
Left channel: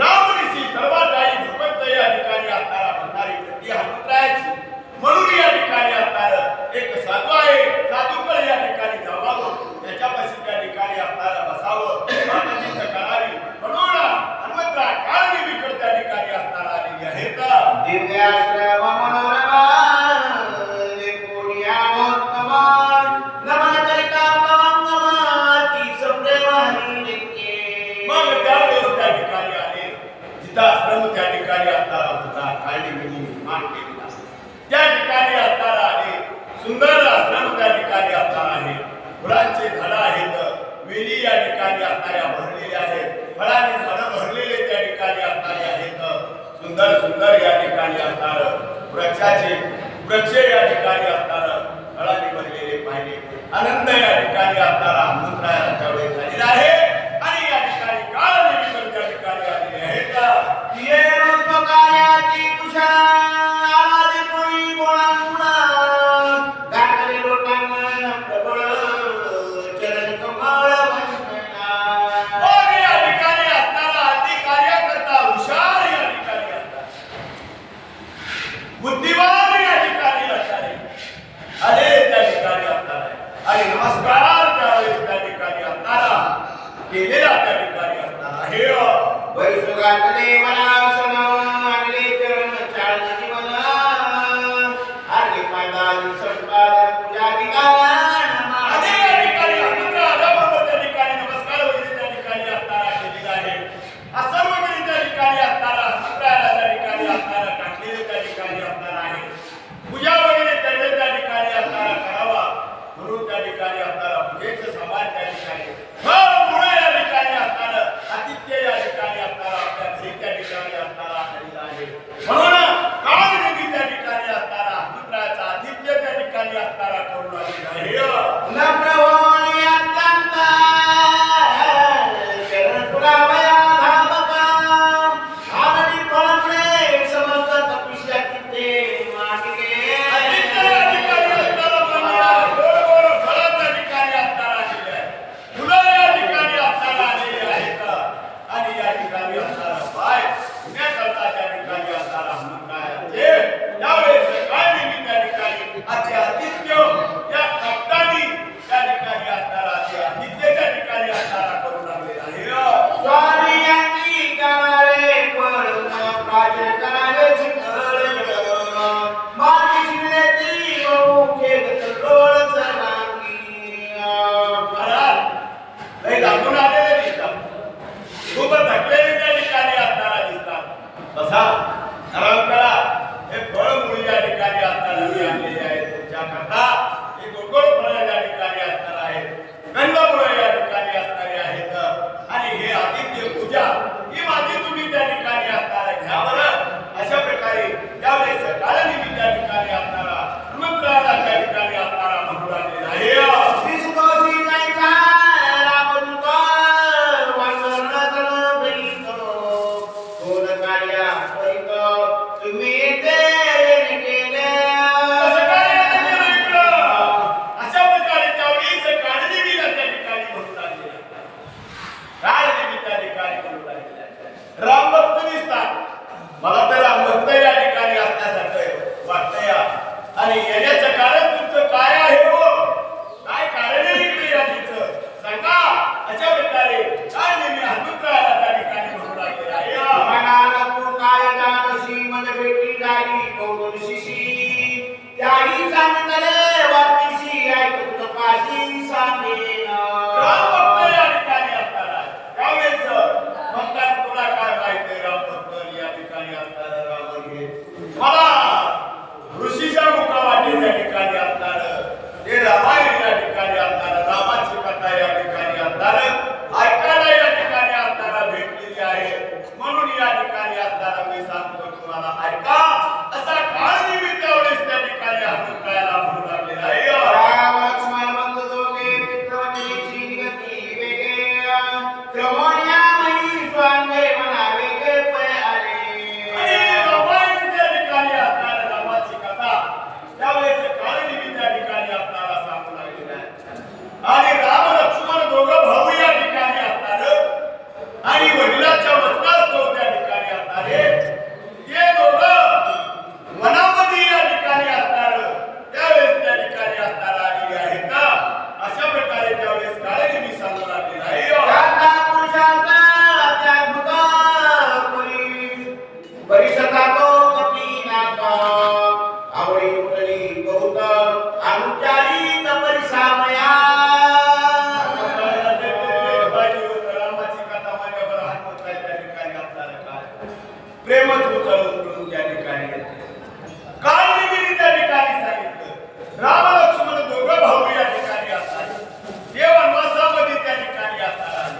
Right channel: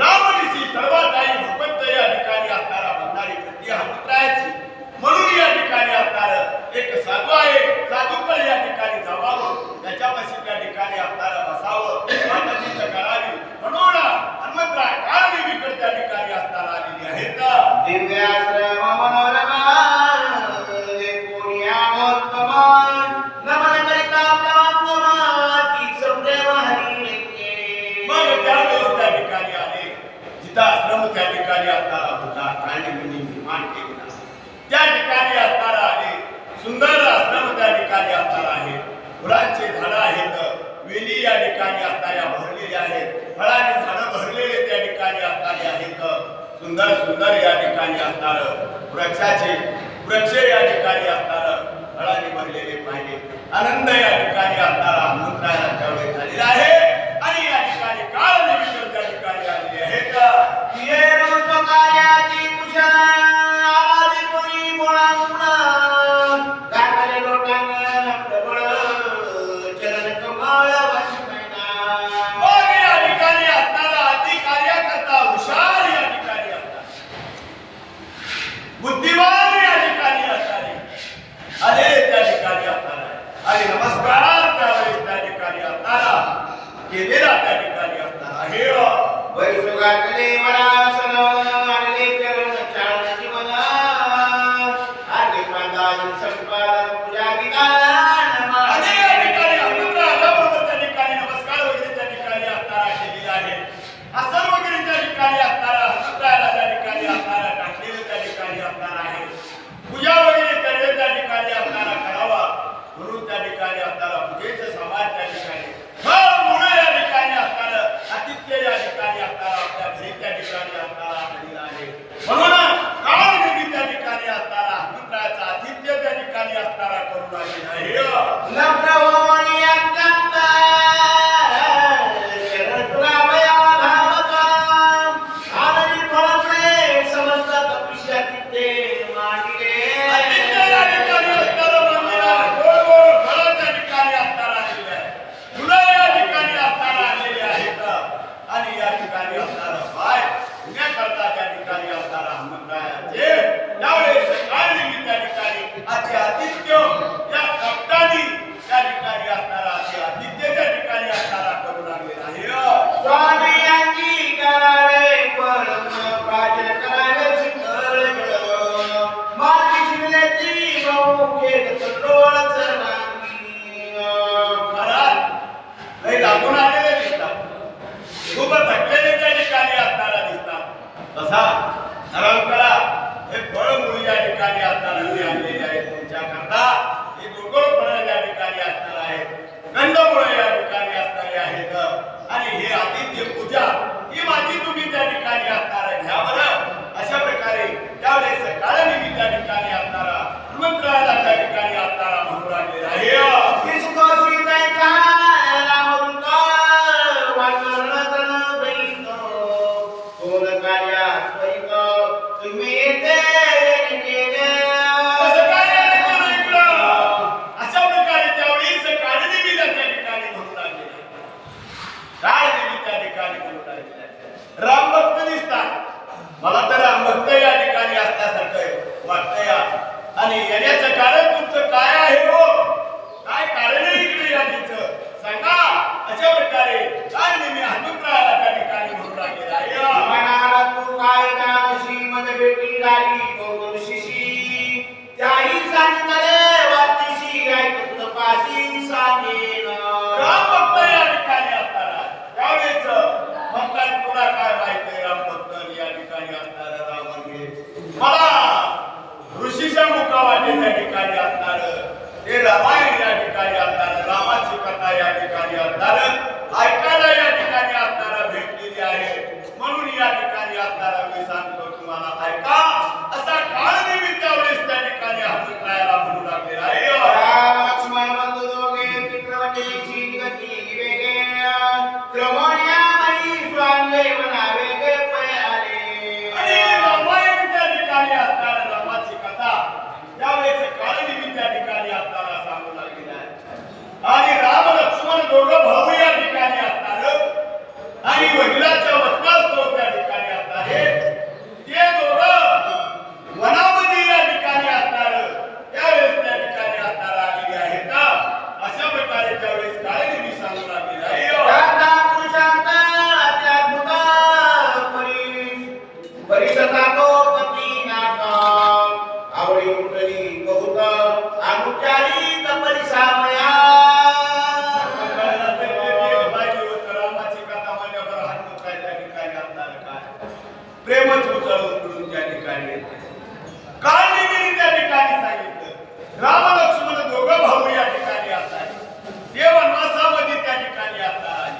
रामनिशी सर्वात आई भगवंत या ठिकाणी असणारा म्हणणारी वृत्ती हनुमंतरायाची. म्हणून या ठिकाणी असणार एक साधू आहे, साधूकडे या ठिकाणी जावावं, त्याच्यापाशी त्या ठिकाणी असणारं बसावं, माताची करावी म्हणून हनुमंतराय काळ देवीकडे त्या ठिकाणी असणारा आलेली आहेत. दिव्याश्रम मनोरमा मग त्यावेळेस त्या ठिकाणी आले जिथं आश्रम त्या ठिकाणी असणारा होता काळनिंगनी निर्माण केलेला त्या ठिकाणी असणारा आहे. सुंदर आश्रम त्या ठिकाणी असणारा आहे. फुलांचे झाडं आहेत, वेली या ठिकाणी असणाऱ्या भरलेल्या आहेत, फळांनी झाडं भरलेले त्या ठिकाणी असणारे आहेत. सुंदर सुंदर या ठिकाणी असणार वृक्ष या ठिकाणी असणार फळांनी भरलेले पाहिजे. आनंद या ठिकाणी असणारा हनुमंतरायाला त्यावेळेस झालेला आहे. आणि या ठिकाणी काळ देवीकर त्या ठिकाणी आलेले आहेत. बुद्धिमान या ठिकाणी असणारे आले त्या ठिकाणी असणार आहे. आणि नमस्कार त्यावेळेस त्या ठिकाणी असणारा केलेला त्या ठिकाणी असणार आहे. पूजा वगैरे करणे त्या ठिकाणी असणारा करावा म्हणून त्या ठिकाणी असणारा पूजेचं सामान त्या ठिकाणी फळ मुळे या ठिकाणी असणारं आतिथ्य या ठिकाणी असणारा आपल्या घरी त्या ठिकाणी असणारा आलेला आहे. म्हणून काळ देवी त्या ठिकाणी असणारा हनुमंतरायाचं आतिथ्य त्या ठिकाणी असणारा करून आलेला आहे. अति आदित्य या कप्तानी त्या ठिकाणी असणारा अति आदित्य त्या ठिकाणी असणारा करू लागलेला आहे. स्वामी यांची करावे परम प्राचीन करावे शिकळ माझी शिवनेची बहुके गतलोळ सर्वांगी. महाराज लय लागून आलेले दिसतात, खूप थकलेले त्या ठिकाणी असणारा दिसतात. बसा, आराम करा. हे फळ मुळी या ठिकाणी असणारा मी आणलेले आहेत तुमच्या करता. हे गोड फळं या ठिकाणी असणार आहेत, कंदमुळं या ठिकाणी असणारे आहेत. आणि हे आदित्य पूजा ही माझी तुम्ही त्या ठिकाणी असणारा घ्या बरं. अशा प्रकारे त्यावेळेस सकाळी मी त्या ठिकाणी असणारा हनुमंतरायाला त्या ठिकाणी असणारा म्हणून आणलेला आहे. इसकोसी जायचा रामदूत वासरतन बैठो कोण कार्या करीत तुम्ही येते केले. कसं काय यायचं केलं इकडं? अशा प्रकारे त्यावेळी सकाळी मी त्या ठिकाणी म्हणून आणलेला आहे. काय मी त्या ठिकाणी म्हणून आणलेला आहे. रामभक्त दिसतात मला, तर रामभक्त या ठिकाणी असल्यासारखं वाटतंय. आणि येण्याचं कारण तुमचं काय आहे हो? काय कारण आहे इकडे याचं सांगा. अशा प्रकारे काय मी हनुमंतरायाला त्या ठिकाणी म्हणून लागलेला आहे. मनाला तू काय दानशी मद भेटी झाली पौर्णशिशी त्याही सांगितले वाटीशी ऐकत पाशी सांगेन. रामभक्त या ठिकाणी असणारा त्यावेळेस म्हणतात तुला काय माहिती रामभक्त या ठिकाणी असणारा रावण हे मला ऋषीच्या मुखावाटे त्या ठिकाणी असणार ते रामायण या ठिकाणी असणार रामाची कथा या ठिकाणी असणार ऐकायला या ठिकाणी असणारा भेटलेली आहे. म्हणून या ठिकाणी असणारा मी सांगतो तुम्हाला ऐका. असा काळ मी त्यावेळेस त्या ठिकाणी हनुमंतरायाला म्हणू लागलेला आहे. राम लक्ष्मण बंधू दोघे पितृवंदनीची गती वेगे क्रमण्यामयी स्वांगे म्हणावे गे पै आले. आणि रामायण त्या ठिकाणी असणार रामाची कथा त्यावेळेस काळ मी त्या ठिकाणी असणारा सांगू लागलेला आहे. आणि राम लक्ष्मण दोघं भाऊ या ठिकाणी असणार आणि वडिलांच्या वचनास्तव त्या ठिकाणी असणारे ते दोघं वनामध्ये या ठिकाणी असणार त्यावेळेस त्या ठिकाणी असणार आलेले आहेत. अशा प्रकारे त्यावेळेस काळे मी सांगू लागलेला आहे. त्याचा पुरुषार्थ अत्याद्भुत परिसता तो कधी नाथा आवडी उठली बहुत अनुचारी तपरिसामया. रामाची कथा म्हणल्यावर हनुमंत त्या ठिकाणी असणार काय प्रेमच उचलून त्या ठिकाणी येते. काय मी त्या ठिकाणी सांगितलं राम लक्ष्मण दोघं भाऊ या ठिकाणी असणार ते वनवासामध्ये त्या ठिकाणी असणार आहे,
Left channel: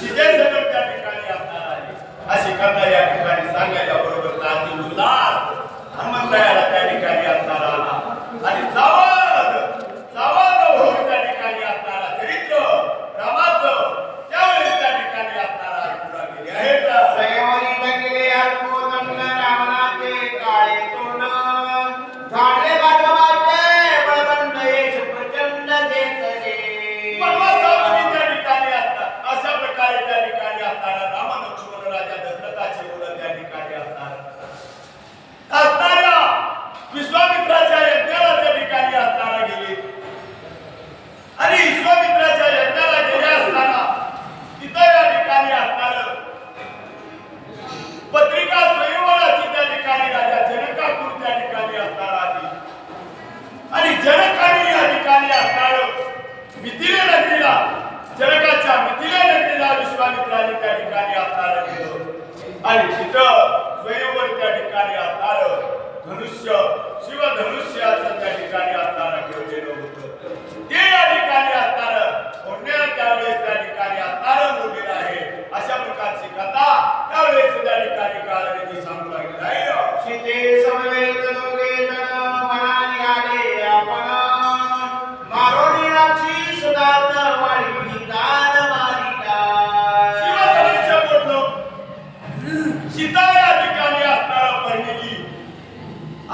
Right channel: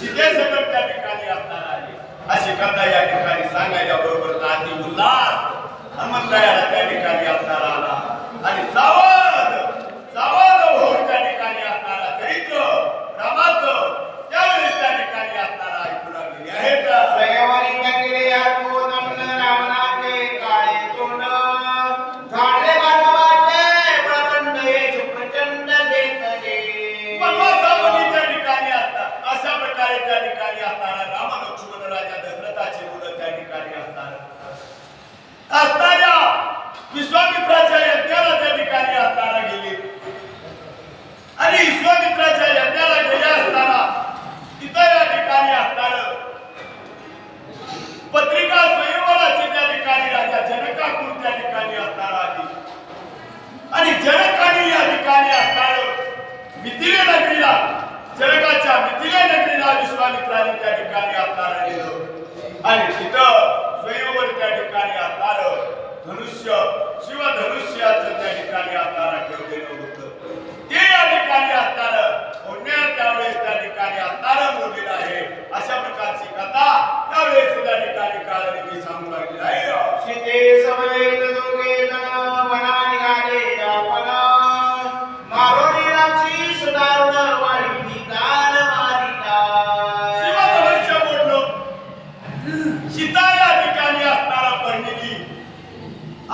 सीतेसकट त्या ठिकाणी असणार आहे. अशी कथा या ठिकाणी सांगायच्या बरोबर ताती उल्हास हनुमंतरायाला त्या ठिकाणी असणार आला. आणि सावध सावध होऊन त्या ठिकाणी असणारा चरित्र रामाचं त्यावेळेस त्या ठिकाणी असणारा ऐकू लागलेले आहेत. स्वयंवरी बंगले अर्पून रामनाथे काळे तोंड झाडे बाजवाचे बळवंत येश प्रचंड देतले. वनवासामध्ये त्या ठिकाणी असतात. अशा प्रकारे त्या ठिकाणी असणारा राम लक्ष्मण राजा दशरथाची मुलं त्या ठिकाणी असणाऱ्या विश्वामित्राच्या यज्ञाला त्या ठिकाणी असताना गेले. आणि विश्वामित्राच्या यज्ञाला गेले असताना तिथं या ठिकाणी असणार पत्रिका स्वयंवराची त्या ठिकाणी राजा जनकाकडून त्या ठिकाणी असणार आली. आणि जनकाने या ठिकाणी असणार मिथिले नगरीला जनकाच्या मिथिले नगरीला विश्वामित्राने त्या ठिकाणी असणार गेलं. आणि तिथं स्वयंवर त्या ठिकाणी असणार धनुष्य शिवधनुष्याचं त्या ठिकाणी असणार ठेवलेलं होतं. ते या ठिकाणी असणार पुण्यात त्यावेळेस त्या ठिकाणी असणार मोडलेलं आहे. अशा प्रकारची कथा त्यावेळेस त्या ठिकाणी काळाने सांगू लागली आहे. सीते समवेत दोघे जण मना निघाले आपण मारोडीची सदारुण वाढी दान मारिता. शिवधनुष्य मोडलं. सीता या ठिकाणी असणारा परिणिली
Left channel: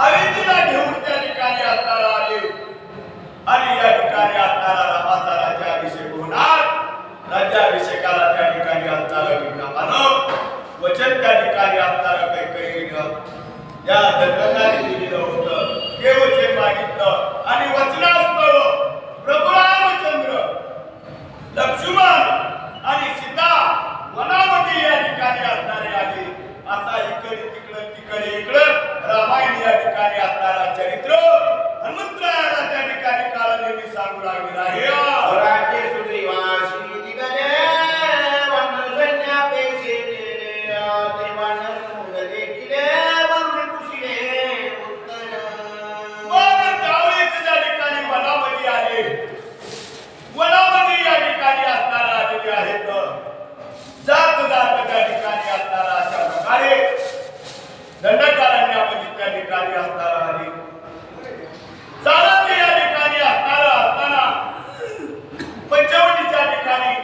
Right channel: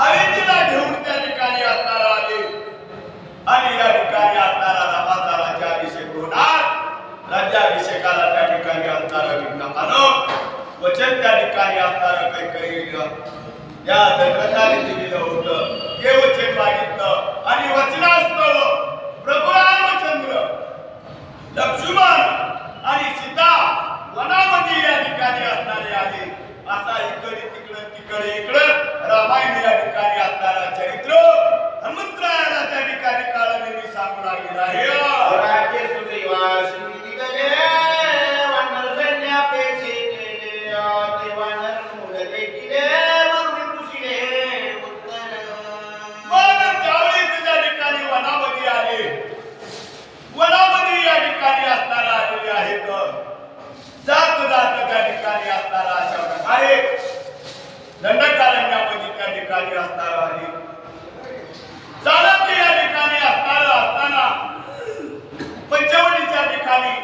अविंदीला घेऊन त्या ठिकाणी असणारा आले. आणि या ठिकाणी असणारा रामाचा राज्याभिषेक होणार. राज्याभिषेकाला त्या ठिकाणी असणारा विज्ञापन वचन त्या ठिकाणी असणारा काही या दशरथाने दिलेलं होतं. ते वचन मागितलं ठिकाणी काळ नेहमी सांगू लागलेला आहे राज्य सुग्रीवासी निघाले, वानर सैन्यापेक्षे गेले, ते वानर मुंग देखिले, म्हणून पुसिले उत्तर. मग त्यावेळेस त्या ठिकाणी वनामध्ये आले. वनामध्ये या ठिकाणी असताना आलेले आहेत. जात जात त्या ठिकाणी असताना अशा प्रकारे दंडकारण्यामध्ये त्या ठिकाणी असताना आली. चालत या ठिकाणी असताना पंचवटीच्या ठिकाणी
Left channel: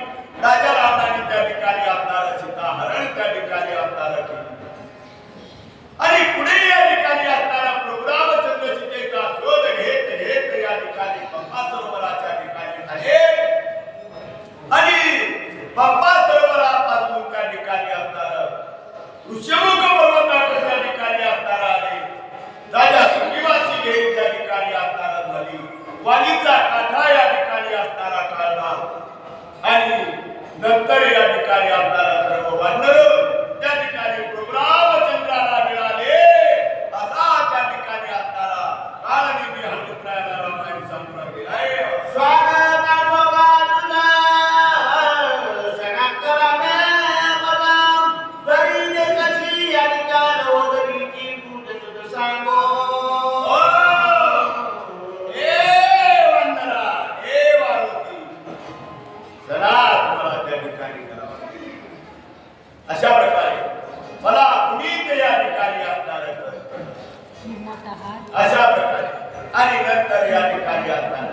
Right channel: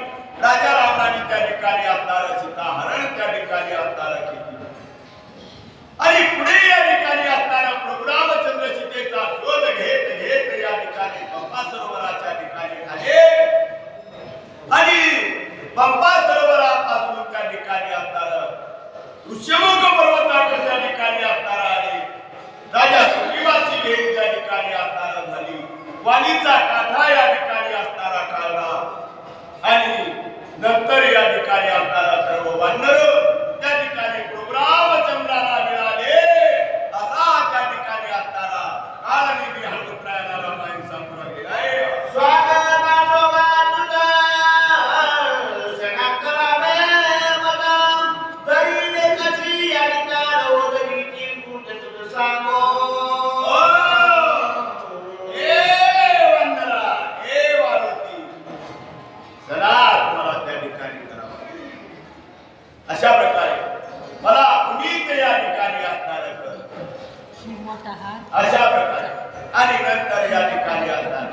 राजा रावणाने त्या ठिकाणी असताना सीता हरण त्या ठिकाणी असताना केली. आणि पुढे या ठिकाणी असताना प्रभू रामचंद्र सीतेचा शोध घेत घेत या ठिकाणी पंपा सरोवराच्या ठिकाणी आले. आणि पंपा सरोवरापासून त्या ठिकाणी असताना ऋष्यमुख पर्वताकडे त्या ठिकाणी असताना आले. राजा सुग्रीवाची घेऊन त्या ठिकाणी असताना झाली. वाणीचा काठा या ठिकाणी असताना काढला. आणि नंतर या ठिकाणी असताना सर्व वानर त्या ठिकाणी प्रभू रामचंद्राला मिळाले. असा त्या ठिकाणी असताना काळनिधी हनुमंतरायाला रामायण सांगू लागलेला आहे. अशा प्रकारे मला पुनीत या ठिकाणी असणार अशा प्रकारे आणि नंतर या ठिकाणी असणार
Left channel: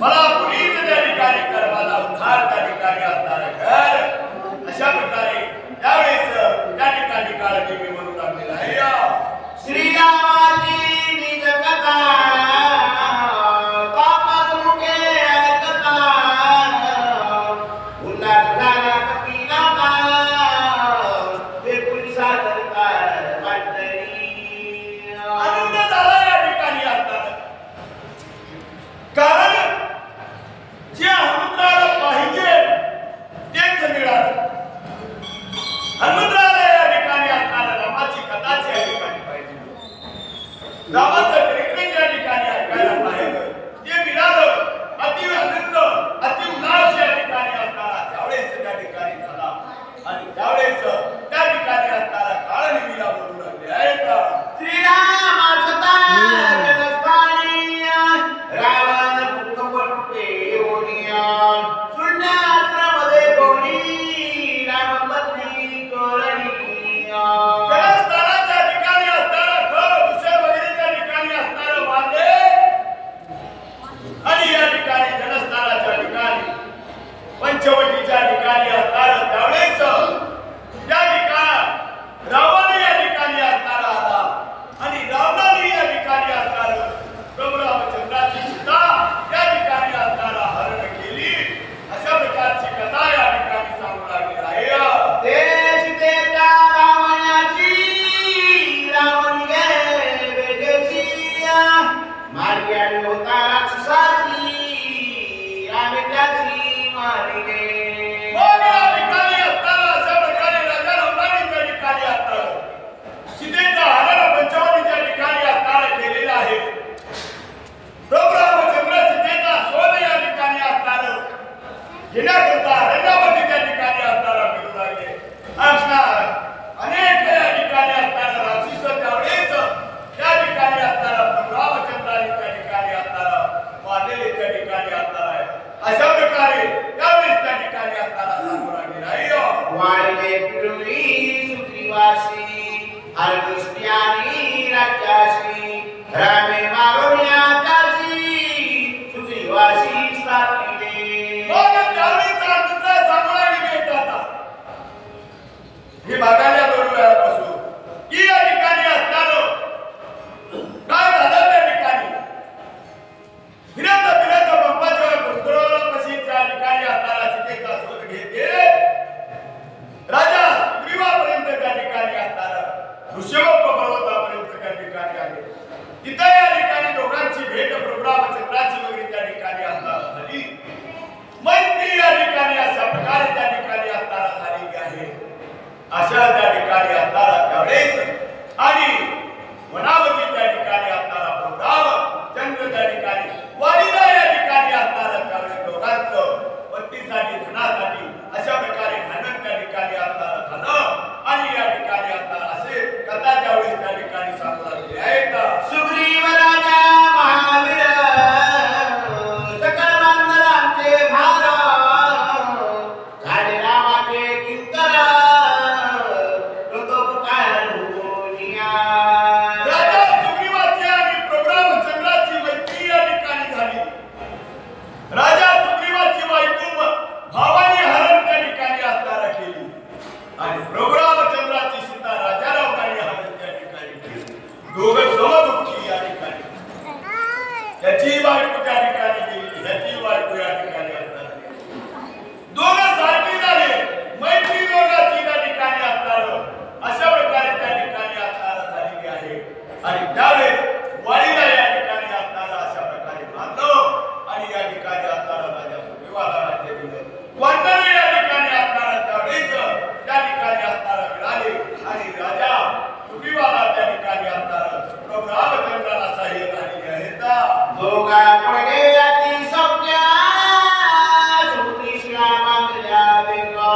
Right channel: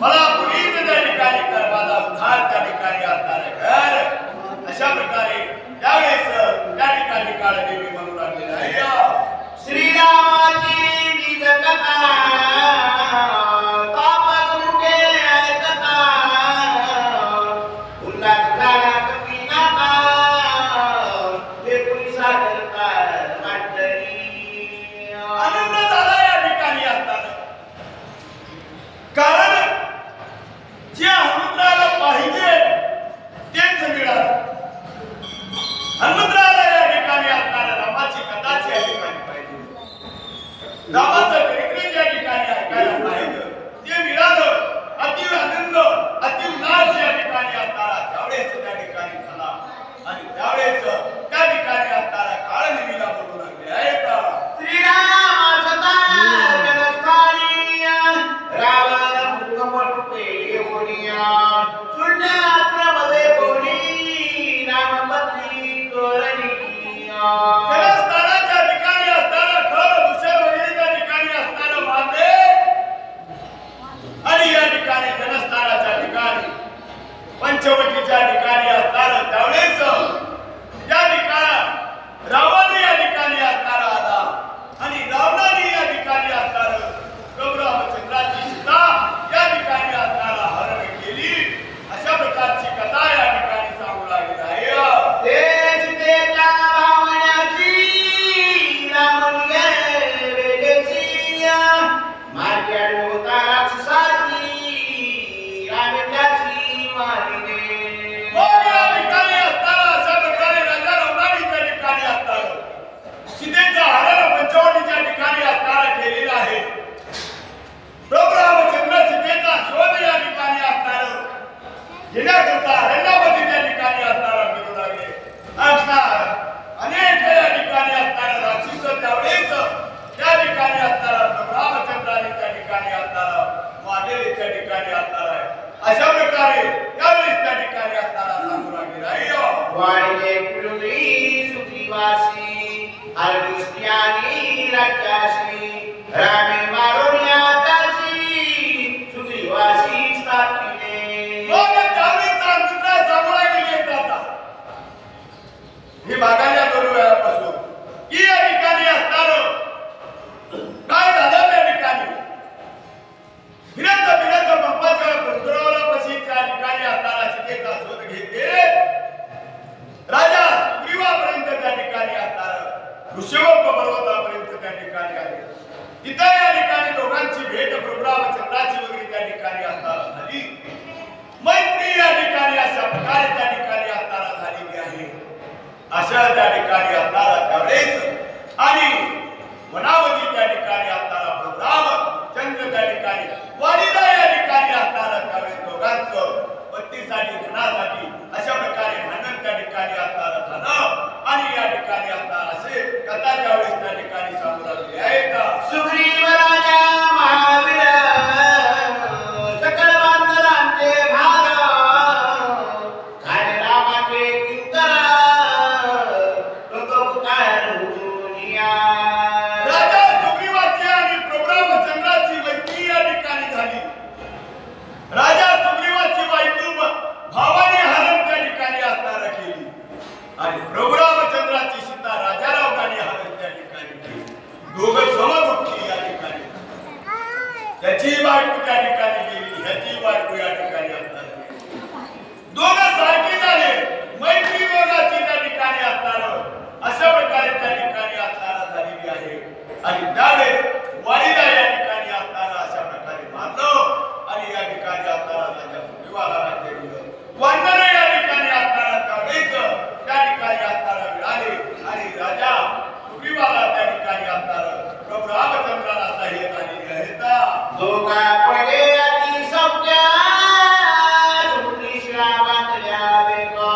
मला पुनीत त्या ठिकाणी कर, माझा उद्धार त्या ठिकाणी असणार कर. अशा प्रकारे त्यावेळेस त्या ठिकाणी काळदेवी म्हणू लागलेला आहे. श्रीरामाची निज कथा, तापस मुखे ऐकता, उल्हास झाला कपिनाथा, वेकुळी सादरता वाटली. आनंद झाला या ठिकाणी असताना. कारण जे हनुमंतराला पाहिजे तेच मिळालं. हनुमंतराला या ठिकाणी असताना रामाची कथाच या ठिकाणी पाहिजे. रामाचं चरित्र या ठिकाणी ऐकायला पाहिजे ते मिळालं. अति आनंद अति उल्हास या ठिकाणी असताना त्यावेळेस त्या ठिकाणी झाला. आणि त्यावेळेस त्या ठिकाणी असताना काळनिधीला बोलू लागले आहेत. श्रीराम कथा जगत्पाणी, रावण भूकंपटे होनिया, शून्यास्त्रमध्ये कोणी रामपत्नी तोरणिया. जलस्थानाच्या ठिकाणी असताना खर दुसर वगैरेच्या ठिकाणी असताना वादे. आणि या ठिकाणी जनस्थानाच्या ठिकाणी पंचवटीच्या ठिकाणी असताना त्यावेळेस त्या ठिकाणी रावण या ठिकाणी असताना आला. आणि रावणाने या ठिकाणी असताना प्रभू रामचंद्राची सीता या ठिकाणी असताना हरण केली. अशा प्रकारची कथा या ठिकाणी सांगू लागलेली आहे. ते सीतेच्या रामायणाची, राम गेले वेगेची, मार्या होता राक्षसाची, आम्ही त्याची मारिले. मग या ठिकाणी असताना अशा प्रकारे राजा रावणाने त्या ठिकाणी असताना सीतेचा हरण पंचवटीच्या ठिकाणी असताना केलेला आहे. प्रभू रामचंद्र सीतेचा शोध या ठिकाणी असताना घेण्याकरता अरण्यामध्ये त्या ठिकाणी असताना फिरू लागले. अनेक या ठिकाणी असताना राक्षस त्यावेळेस त्या ठिकाणी असताना प्रभू रामचंद्राने त्या ठिकाणी असताना मारलेले त्या ठिकाणी असताना आहे. अशा प्रकारे त्यावेळेस त्या ठिकाणी असताना सांगू लागलेला आहे. वाढले पृथ्वी सुग्रीवासी, हरदृष्ट्यानी राज्यासी, रामे मारुण्याची सुग्रीवासी स्थापिले. मग त्यावेळेस मित्र सांगू लागलेले येतात. हे मागायला 2 वेळापासून की या ठिकाणी असताना काय झालं त्या ठिकाणी फिरत फिरत पंपाच्या सरोवरापाशी त्या ठिकाणी असताना सीतेचा शोध घेते. राजा सुग्रीवापर्यंत त्या ठिकाणी असताना ऋष्यमुख पर्वतापर्यंत त्या ठिकाणी आले. तिथे या ठिकाणी दोघांची भेट प्रभू रामचंद्राची वगैरे त्या ठिकाणी असताना झाली. मैत्री या ठिकाणी अशा प्रकारे त्या ठिकाणी असताना झालेली आहे. अशा त्या ठिकाणी असताना त्यावेळेस आणि वनावती त्या ठिकाणी असताना प्रभू रामचंद्र त्या ठिकाणी वाणीला संपत्तीसाठी धनासाठी अशा प्रकारे भांडण त्या ठिकाणी असताना झालं आणि या ठिकाणी असताना असे कथा त्यावेळेस त्या ठिकाणी सांगू लागले आहेत. सुग्रीव राजा महावीर सकल मानरांचे भार झाले रामाचे किंकर प्रतोपकारुनिया. राजा सुग्रीवाची आणि प्रभू रामचंद्राची मैत्री या ठिकाणी झाली. राजा सुग्रीवाची बायको भावाने हरण त्या ठिकाणी असताना केली आणि प्रभू रामचंद्राची सीता राजा रावणाने हरण त्या ठिकाणी केली. दोघं समदुःखी या ठिकाणी. त्याची बायको त्या ठिकाणी गेली, ह्याची बायको या ठिकाणी असताना गेली. दोघं सारखी झाले, मैत्री दोघांची त्या ठिकाणी असताना अशा प्रकारे त्या ठिकाणी असताना झालेली आहे. आणि त्यावेळेस वाडीला या ठिकाणी असताना अशा प्रकारे मानलं आणि या ठिकाणी असताना राजा सुग्रीवाला राज्य दिलं. वानर या ठिकाणी असताना त्यावेळेस त्या ठिकाणी असताना मिळाले आणि राजा सुग्रीवाला त्या ठिकाणी असताना प्रभू रामचंद्राला सहाय्य झालेली आहेत. दोघा पडे अति सौख्य सुग्री श्रीरामांच्या देखा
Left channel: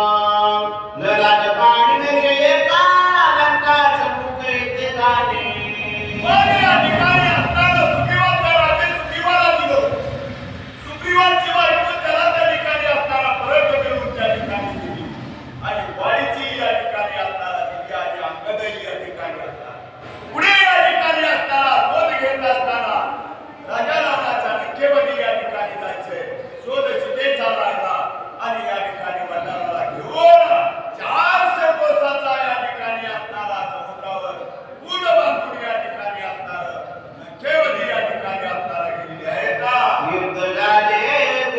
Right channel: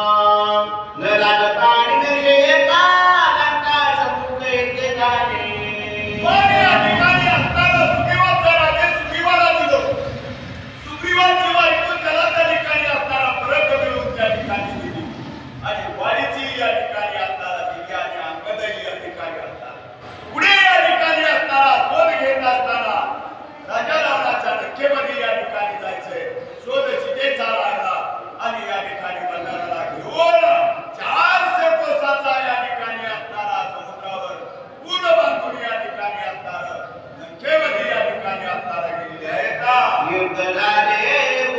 न लागता आणि न शेता लंका समुख येथे जाणे. पण या ठिकाणी असताना सुग्रीवाचा राज्य सुग्रीवाला दिलं. सुग्रीवाची बायको त्याला त्या ठिकाणी असताना परत मिळवून त्या ठिकाणी दिली आणि वाडीची या ठिकाणी असताना दिली आणि अंगदही या ठिकाणी असताना पुढे या ठिकाणी असताना शोध घेत असताना राजा रावणाच्या नक्केमध्ये या ठिकाणी जायचंय. शोध सीतेचा लागला आणि या ठिकाणी बंधाराला घेऊन 400 कोसाचा या ठिकाणी असताना समुद्रावर पूल बांधून या ठिकाणी असताना नक्केमध्ये या ठिकाणी असताना गेलेली आहेत. युद्ध झाले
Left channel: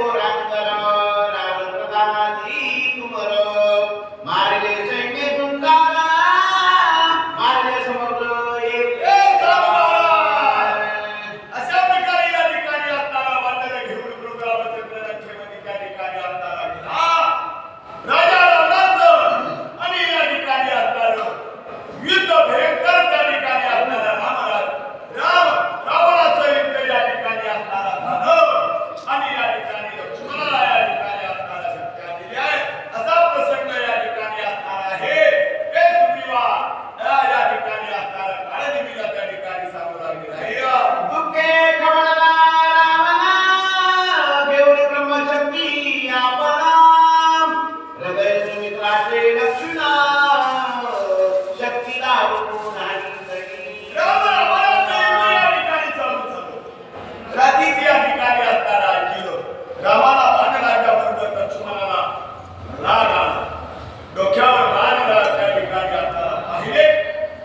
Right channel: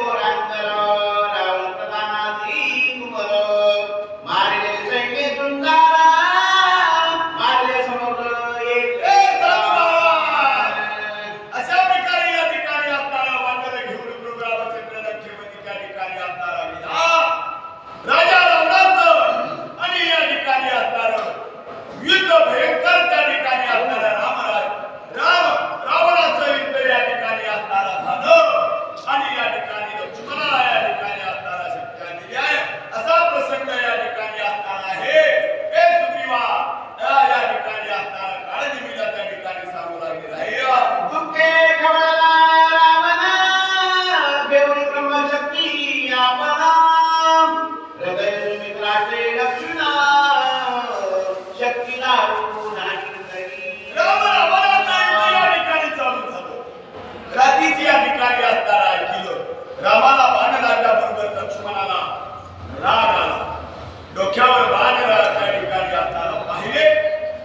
पोरांतर रावण प्रधानाधी तुमर मारले सैन्य तुमकारा मारले समग्र एक अशा प्रकारे या ठिकाणी असताना वानर घेऊन प्रभू रामचंद्र नक्केमध्ये त्या ठिकाणी असताना गेला. राजा रावणाचं आणि या ठिकाणी असताना युद्ध भयंकर त्या ठिकाणी असताना रावणाचं युद्ध या ठिकाणी असताना झालं आणि या ठिकाणी लक्ष्मणाला या ठिकाणी असताना शक्ती दिली आहे. असा प्रसंग या ठिकाणी असताना आहे. हे सुग्रीवा या ठिकाणी असताना काळनिमित्त त्या ठिकाणी सांगू लागले आहे. दुःखे खवळला रावणा घेऊन ब्रह्मशक्ती आपणा हृदय सुमित्राचे लक्ष्मणा शक्ती लावून आणि तरी. रावणाचं युद्ध या ठिकाणी चालू झालं. रात्रीची या ठिकाणी असताना ऐकलं. रामाला बाण लागल्याबरोबर लक्ष्मणाला राग आला. डोक्यावर बाण त्या ठिकाणी असताना पाहिले.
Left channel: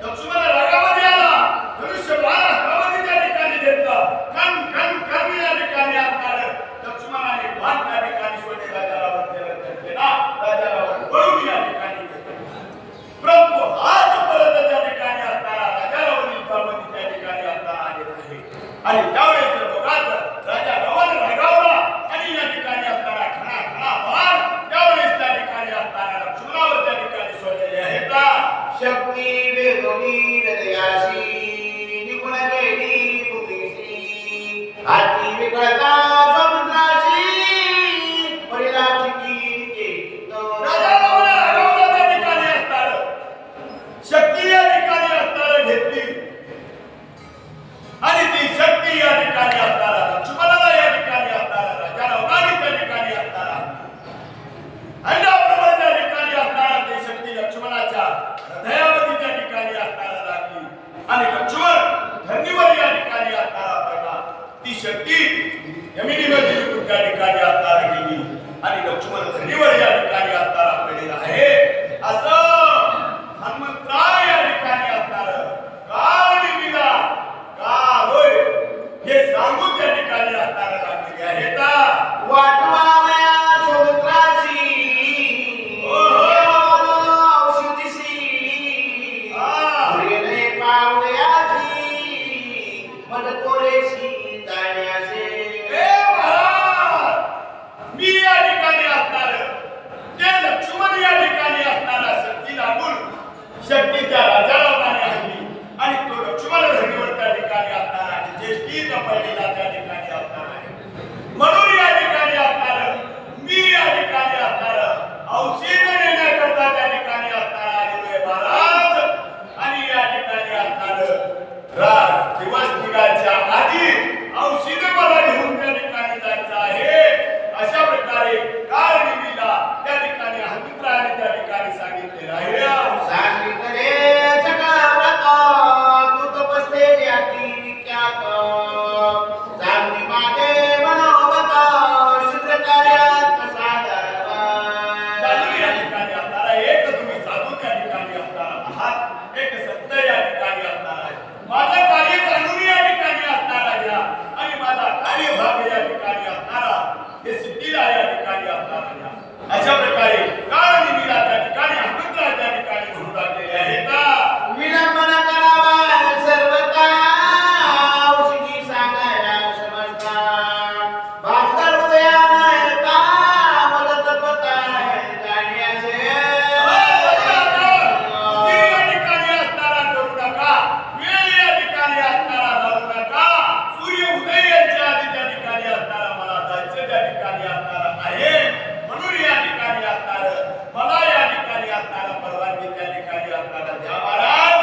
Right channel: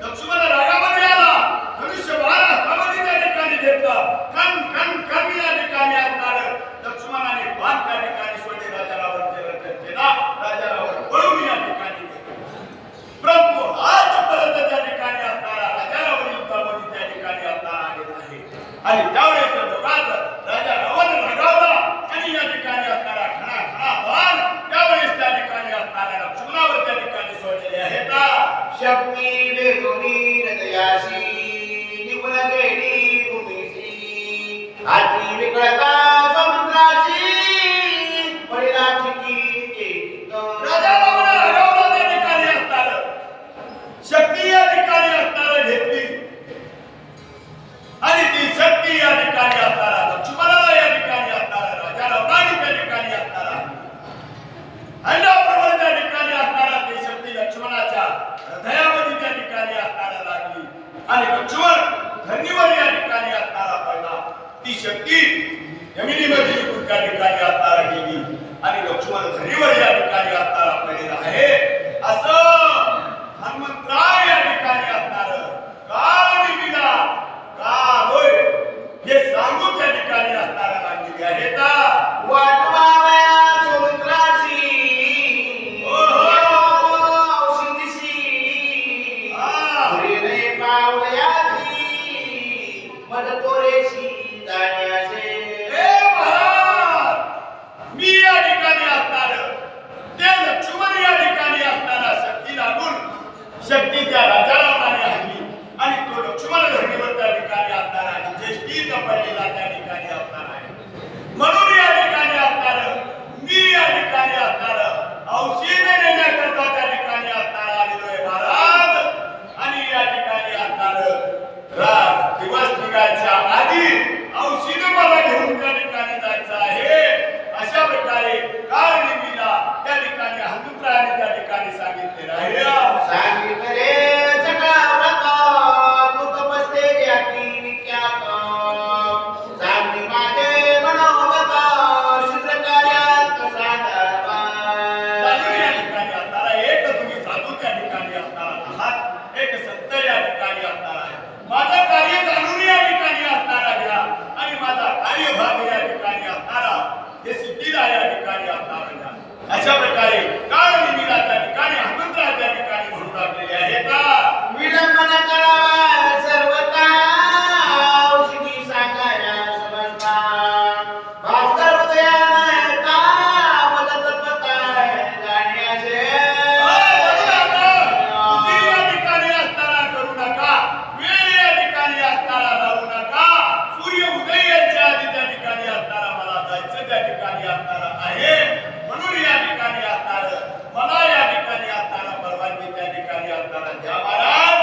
लक्ष्मण रागामध्ये आला. धनुष्य बाण हातामध्ये त्या ठिकाणी घेतला. कण कण कण या ठिकाणी असताना लक्ष्मणाने बाण त्या ठिकाणी सोडले. राजाला केला. राजाला पळून या ठिकाणी गेला. परंतु आजपर्यंत त्या ठिकाणी असताना राजाला युद्धामध्ये त्या ठिकाणी असताना आलेला आहे आणि त्यावेळेस दोघांचा राजा रावण रागावला आणि या ठिकाणी असताना खणा खणा बाण त्यावेळेस त्या ठिकाणी असताना लक्ष्मणावर त्या ठिकाणी सोडलेले आहेत. शक्ती वेगोनी हृदयाशी निपुण गेली भूमीशी हाती विकळता समुद्राशी परिणाची कीर्ती. राजा रावण रागावला त्या ठिकाणी असताना शक्ती या ठिकाणी असताना घेतली आणि ती शक्ती या ठिकाणी असताना लक्ष्मणाला या ठिकाणी असताना राजा रावणाने त्या ठिकाणी असताना अंडाप्रमाणे त्या ठिकाणी असताना ती शक्ती लक्ष्मणाच्या हृदयामध्ये त्या ठिकाणी असताना लागली आणि लक्ष्मण धरणीवर या ठिकाणी असताना पडला. ती शक्ती जमिनीमध्ये निघून त्या ठिकाणी असताना गेली आणि लक्ष्मण धरणीवर या ठिकाणी असताना पडलेला आहे. असं हनुमंतराय या ठिकाणी असणार काळ निर्मिला का होय हे सांगून त्या ठिकाणी असताना लागलेली आहेत. वाटवालया समुद्राची औषधीशी सूर्यने पावयाची मदकोरेशी जाण्याचे. हे महाराज मी या ठिकाणी असणार ते लक्ष्मण या ठिकाणी असणारा शक्ती लागून शक्ती त्या ठिकाणी सांगितलेलं आहे सांगितले सगळा व्रत तू तपस्ते ज्याती विख्यात सांगी माझे मनोगत शुद्र कार्यात साधारण जाणून या ठिकाणी असणारा एक तुम्ही साधू त्या ठिकाणी असणार आहात एक संत या ठिकाणी असणार आहे माझं कार्य जाणून या ठिकाणी असणारा घ्या आणि माझा कार्यभाग या ठिकाणी असणारा हे सिद्धीला या ठिकाणी असणारा घ्या अशा प्रकारे काळनिमीला त्या ठिकाणी हनुमंतरा त्या ठिकाणी म्हणू लागलेले आहेत विलंबन करावा सर्वता औषधी सांगायला समजता भास्कर हृदयानयता मदत पताय जाण्याचे या ठिकाणी असणारा करू नका वेळ या ठिकाणी असणारा लावू नका सूर्य उदय यांच्या आधी त्या ठिकाणी असणारा मला जायचं त्या ठिकाणी असणारा आहे म्हणून या ठिकाणी असणार मला या ठिकाणी असणारा परवानगी त्या ठिकाणी असणारा द्या महाराज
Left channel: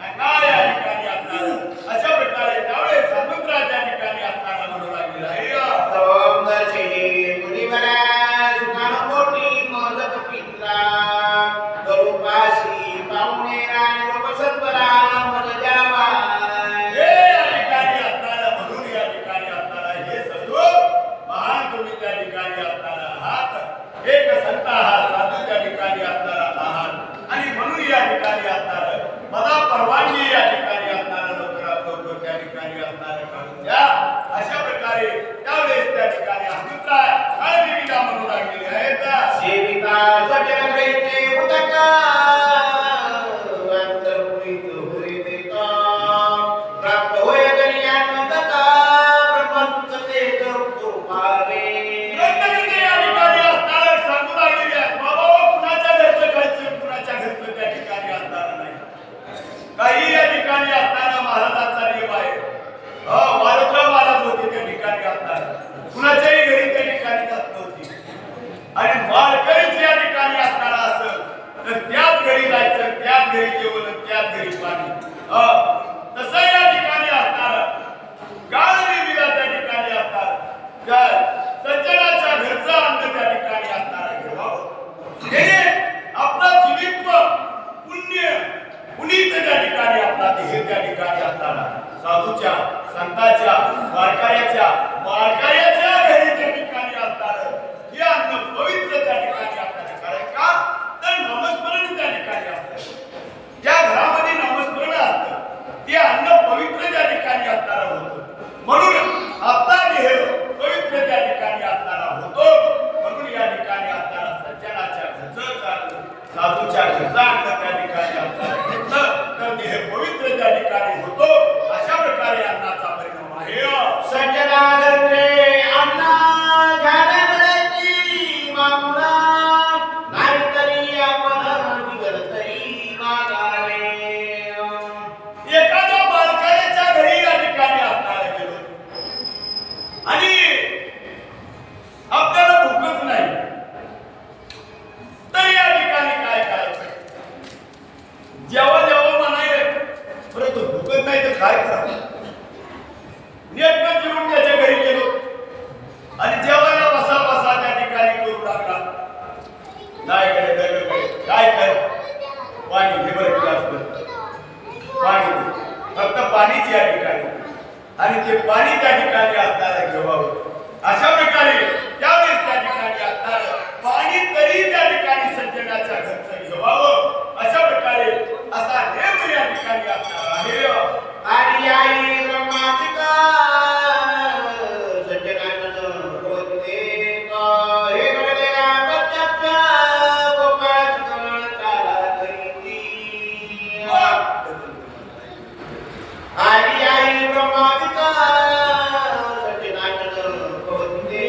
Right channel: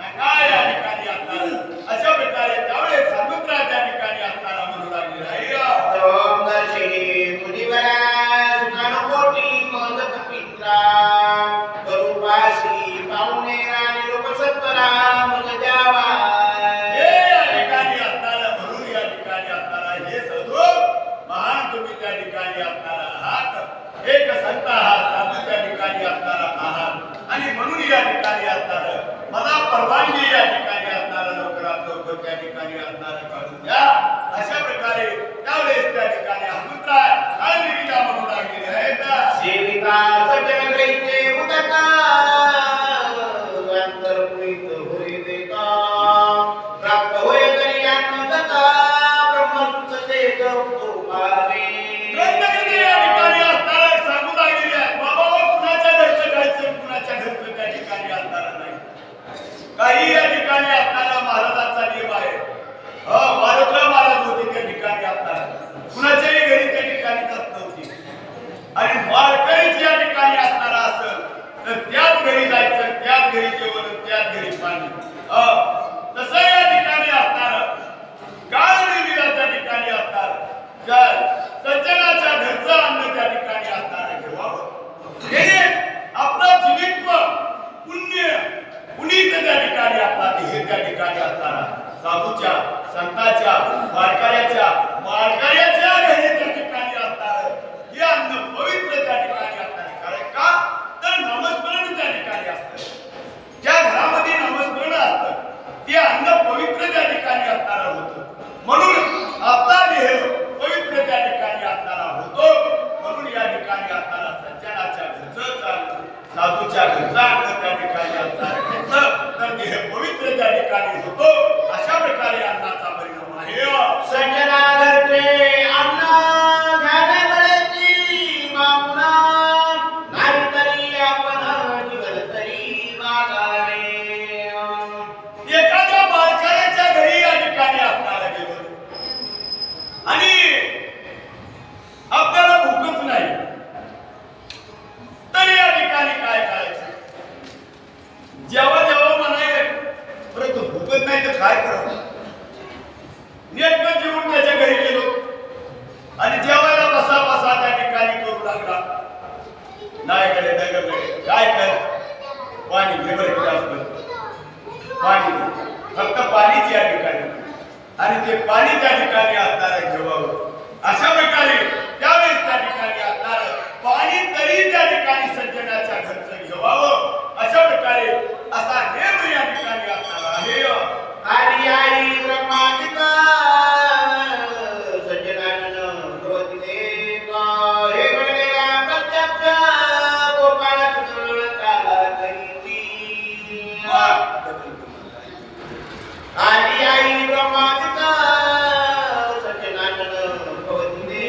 नका या ठिकाणी असणार अशा प्रकारे त्यावेळेस समुद्रा त्या ठिकाणी असणारा म्हणू लागलेला आहे ओम दर्शनी मुनिवरा सुखानुकोटी मदत पित्रा करुपाशी पाहुणे आणि लोकसत्वरा मग द्यावा हे या ठिकाणी असणारा म्हणून या ठिकाणी असणारा हे साधू महान तुम्ही त्या ठिकाणी असणारा आहात एक संत आहात साधू त्या ठिकाणी असणारा आहात आणि म्हणून या ठिकाणी असणार मला परवानगी या ठिकाणी असणारा लवकरात लवकर त्या ठिकाणी असणारं काढून द्या अशा प्रकारे त्यावेळेस त्या ठिकाणी हनुमंतरा काळनिमीला म्हणू लागलेले आहेत सेविता सजन ग्रहिते उदका अंतर्पुरित होई देता प्राप्त होय कल्याण दत्ता ब्रह्मस्तुत ते करू पावे ग्रंथकर्ते या ठिकाणी असणारा सांगू लागलेले आहेत बाबा कुणाच्या घरचं खायचं कुणाच्या घरचं त्या ठिकाणी असणार नाही काही या ठिकाणी असणारा महाराजांचा नियम आहे मारुतराव महाराज होते त्या ठिकाणी असणार कुणाच्याही घरी त्या ठिकाणी जात नव्हती आणि वारकरीच या ठिकाणी असणारा असेल तर त्याच घरी जायचं त्याच घरी जेवण त्याच घरी पाणी तसं या ठिकाणी असणार काळनिमीला त्या ठिकाणी असणार काय सज्जनाच्या घरचं अन्न त्या ठिकाणी असणारा घेवावं त्याने आपलं जीवित्व पुण्य पुनीत त्या ठिकाणी आपला देह त्या ठिकाणी असणारा साधूच्या संताच्या वारकऱ्याच्या घरी त्या ठिकाणी असणार हे अन्न पवित्र त्या ठिकाणी असणार कारण का तर नामस्मरण त्या ठिकाणी असतं ज्या घरामध्ये नामस्मरण असतं ते अन्न पवित्र त्या ठिकाणी असणारा होतं म्हणून आपला देह पवित्र त्या ठिकाणी असणारा होतो म्हणून या ठिकाणी असणारा सज्जनाच्या घरचं चाललं साधूच्या घरचा अन्न त्या ठिकाणी असणारा घेतलं तर देह पवित्र त्या ठिकाणी होतो अशा प्रकारे अन्नाचा परिणाम आहे सज्जना घरचे अन्न घ्यावे बळेची मागुणा नाहीतरी आपण दिवस तरी मागावे एखाद्या बारकाऱ्याच्या घरी या ठिकाणी असणारा गेलो आणि आपल्याला भूकच नाही तर या ठिकाणी काय करायचं जेव्हा जेव्हा म्हणाय परंतु भूकत नाही तर काय करावं नेटकं जेवून त्याच्या घरी गेलो आणि जेवायला बसा बसा त्या ठिकाणी करू लागला नाही कडे दगडे काय कर पाणी घे बरं ग्लासभर पाणी दे फक्त पाणीच या ठिकाणी आणि ते पाणी त्या ठिकाणी असणारा घेवावं अशा प्रकारे त्यावेळेस त्या ठिकाणी असणार पाणी तरी त्या ठिकाणी सज्जनाच्या घरचं घेवावं अशा प्रकारे असा नेम या ठिकाणी असणार आहे हरी आई ब्रह्मादिका सज्जनानन भगवती हे घडलेला प्रत्यक्ष गोपाळ काला करीती हरी आई ब्रह्मादिका सज्जनानन भगवती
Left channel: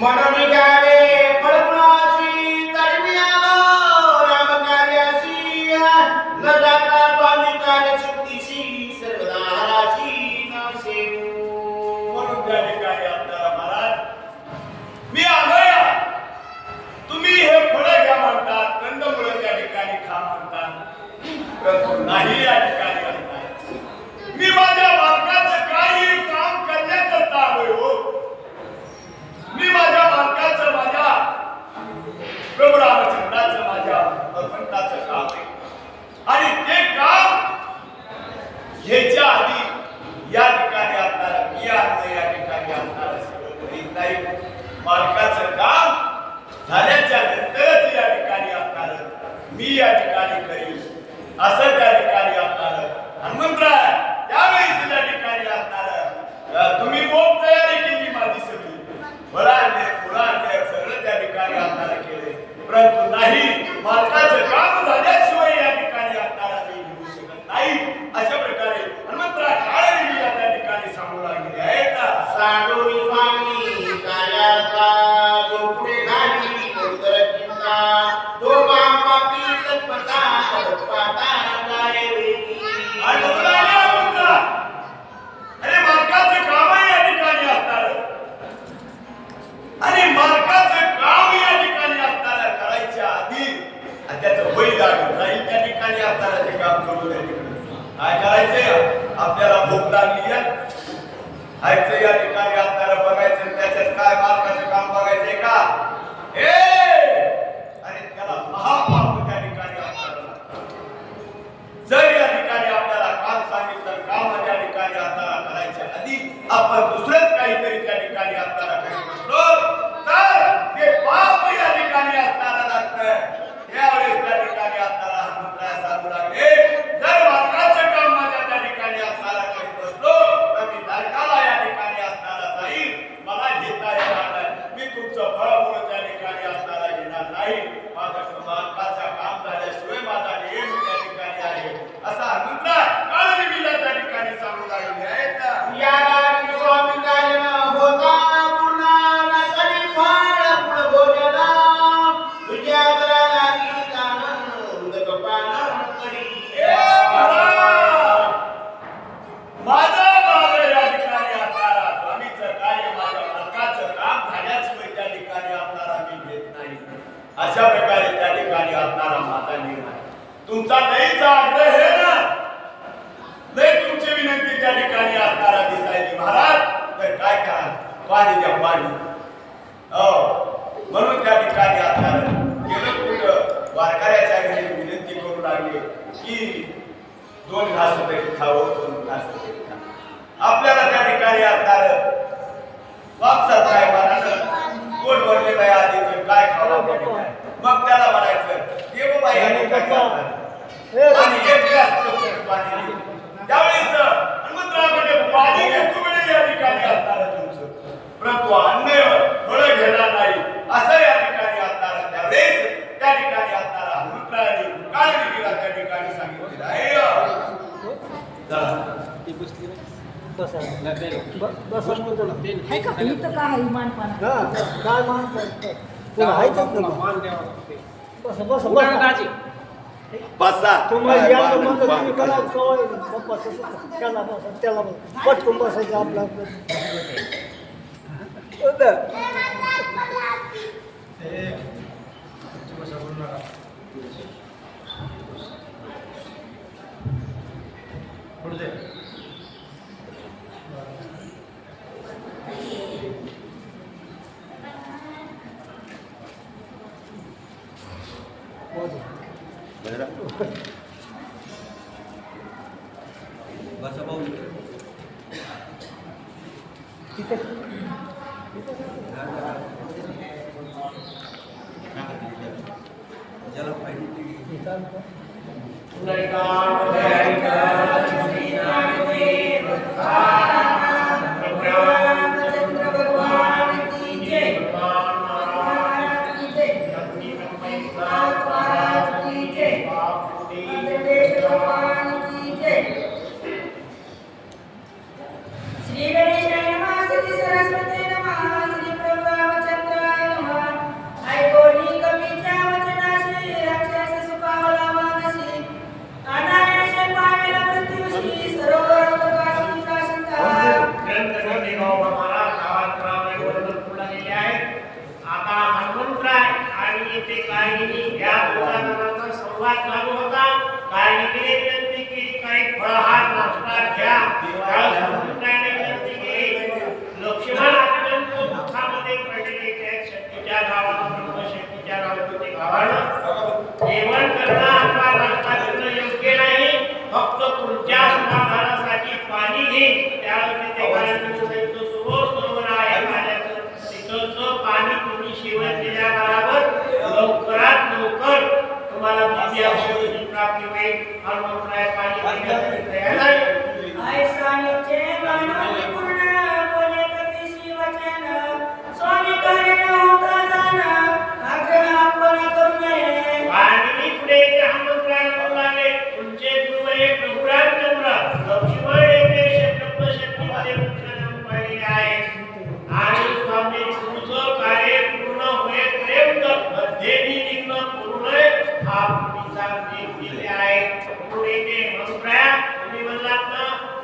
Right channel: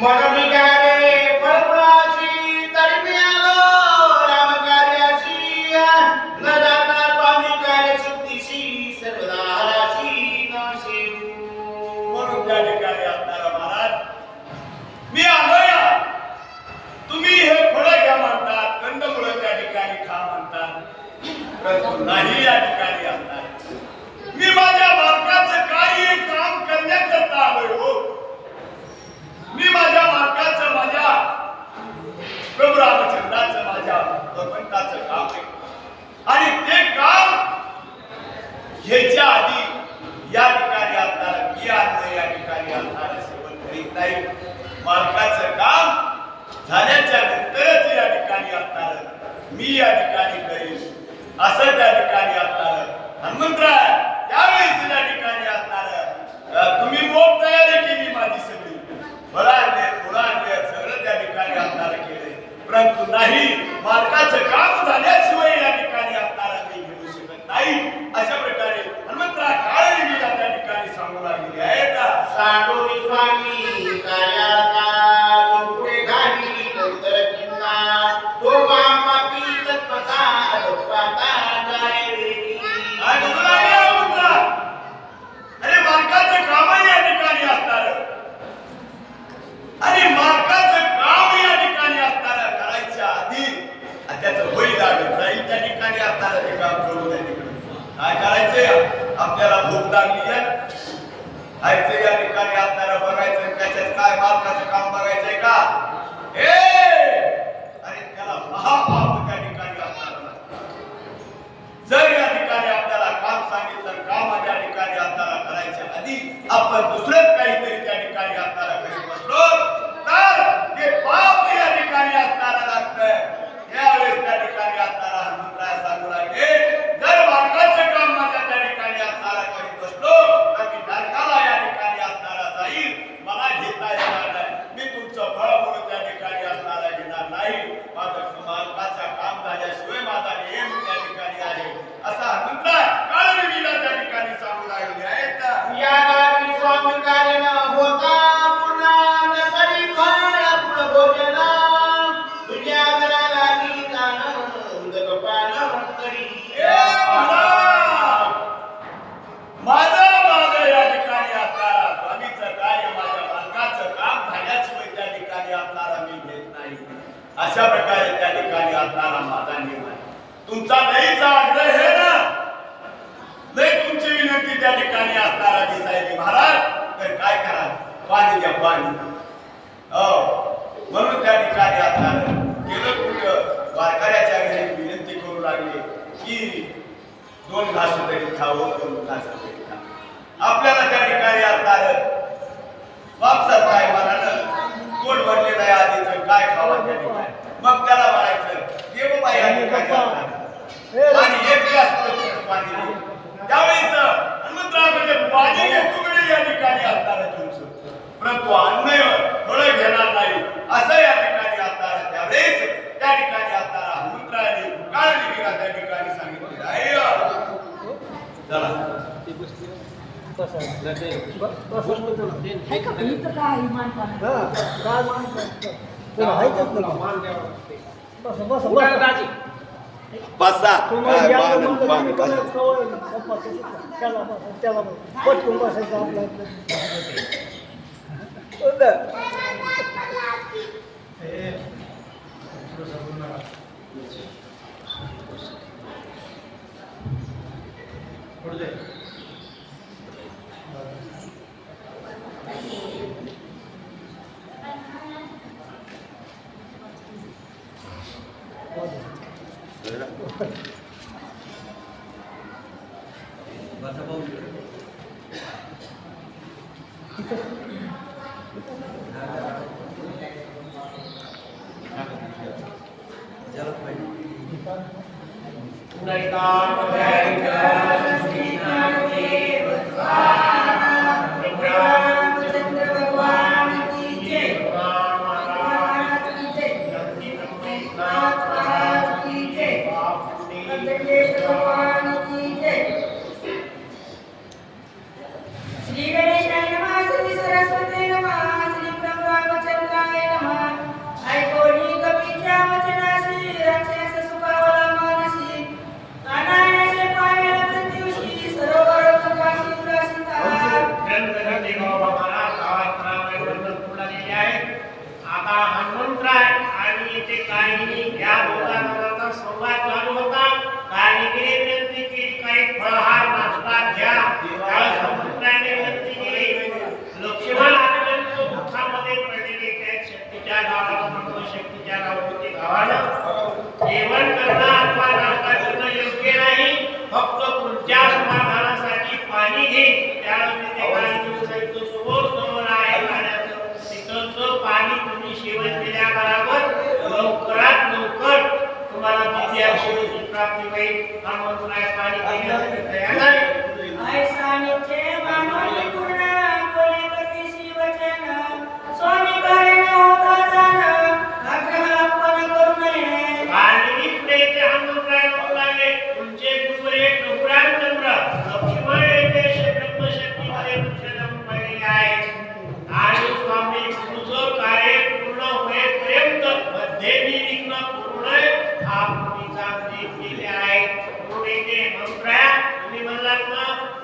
मन निघाले फळफळाची तरी आलो रामकार्याची न जाता स्वामी कार्यसिद्धीशी सर्वदाची नमशे. म्हणून त्या ठिकाणी असणारा महाराज मी आलोय. तुम्ही हे फळं घ्या म्हणतात, कंदमुळं त्या ठिकाणी खा म्हणतात, परंतु नाही या ठिकाणी असणार. मी माझ्या मालकाचं काही काम करण्याकरता आलोय हो. मी माझ्या मालकाचं, माझ्या प्रभू रामचंद्राचं, माझ्या भगवंताचं काम आहे आणि ते काम घ्यायच्या आधी या ठिकाणी आपल्याला मी आणलं, या ठिकाणी आपल्याला सेवन करीत नाही. मालकाचं काम झाल्याच्या नंतरच या ठिकाणी असणार मी या ठिकाणी करीन असं त्या ठिकाणी असणार. हनुमंतराय त्यावेळेस त्या ठिकाणी असणार तुम्ही मोप तयारी केली माझी सगळी, फळं आणले, फुलं आणले, सगळं त्या ठिकाणी असणार केले, परंतु नाही मालकाचं काम झाल्याशिवाय या ठिकाणी असणारा मी घेऊ शकत नाही. अशा प्रकारे हनुमंतराय काळजीला त्या ठिकाणी सांगू लागलेली आहे का साडोरी स्वामी कायाता पुढे घाली कौतळ चिन्हा तो बापापी तत्पता तत्पता गाय रेती. काय बोलू लागले हनुमंतराय? अरे मालकाचं कामही या ठिकाणी असणार आणि मालकाचं काम या ठिकाणी असणार करायच्या आधी त्याचं वय लागत जाईल त्या ठिकाणी असणार ते काम करू त्या ठिकाणी. काय करायचंय? आपल्याला भूक लागली आहे, खायचं या ठिकाणी असणार बघायचं, त्याच्यात काय मालकाचं काम बघायचंय का? हे अरे त्याला महापाप त्या ठिकाणी असणार लागतं. जर या ठिकाणी आपल्याला काम सांगितलं, काम या ठिकाणी असताना करायच्या आधी आपण दुसरंच काहीतरी त्या ठिकाणी असताना करीत बसलो तर ते पाप या ठिकाणी असताना लागतं. त्यावेळेस त्या ठिकाणी असताना हनुमंतराय सांगू लागले, जर मालकाचं काम माझ्या त्या ठिकाणी असताना करीत बसलो तर मी नरकाला या ठिकाणी असताना जाईल, मला घेता येणार नाही. मी तुमचं फळ म्हणून त्या ठिकाणी असताना घेणार नाही. माझं मालकाचं काम झाल्याशिवाय माझा नियम त्या ठिकाणी आहे असा हनुमंतराय काळजीला त्या ठिकाणी सांगू लागले आहेत. या गावी स्वामी कार्य न होता पुन्हा नसरी फळ पुढ भोजन तुझ्या घराला निदान उदकपान तरी. माझं या ठिकाणी असणारा स्वामीचं कार्य, माझ्या मालकाचं काम झाल्याशिवाय त्या ठिकाणी असणारा मी घेत नाही. अशा प्रकारे त्या ठिकाणी असणारा माझा नियम आहे. तुमचा लईचा आग्रह आहे ना, लई तुमची विनंती त्या ठिकाणी असणारा दिसायली महाराज, तर काय करा, पाणी द्या पाणी. हो म्हणून त्या ठिकाणी असणार गेलं कुठं वारकऱ्याच्या घरी विनंती करू लागली की 2 घास तरी खावं, 2 घास तरी खा. आपल्याला त्या ठिकाणी असणार वापसात काय म्हणालं पोट भरलेलं आहे आधीच काय खावं त्या ठिकाणी. मग त्याला म्हणायचं ये बाबा या ठिकाणी पाणी, 1 ग्लास पाणी दे. त्यावेळेस हनुमंतरायाकडे पाणी घेतो वेळी या ठिकाणी असणार तुमचं, परंतु अन्न फळं घेणार नाही असं या ठिकाणी असणार. त्यावेळेस त्या ठिकाणी असणारा हनुमंतरायाने काळजीला त्या ठिकाणी सांगितलेलं आहे. चला बसा. त्याला पटकून बसायचं आपलं.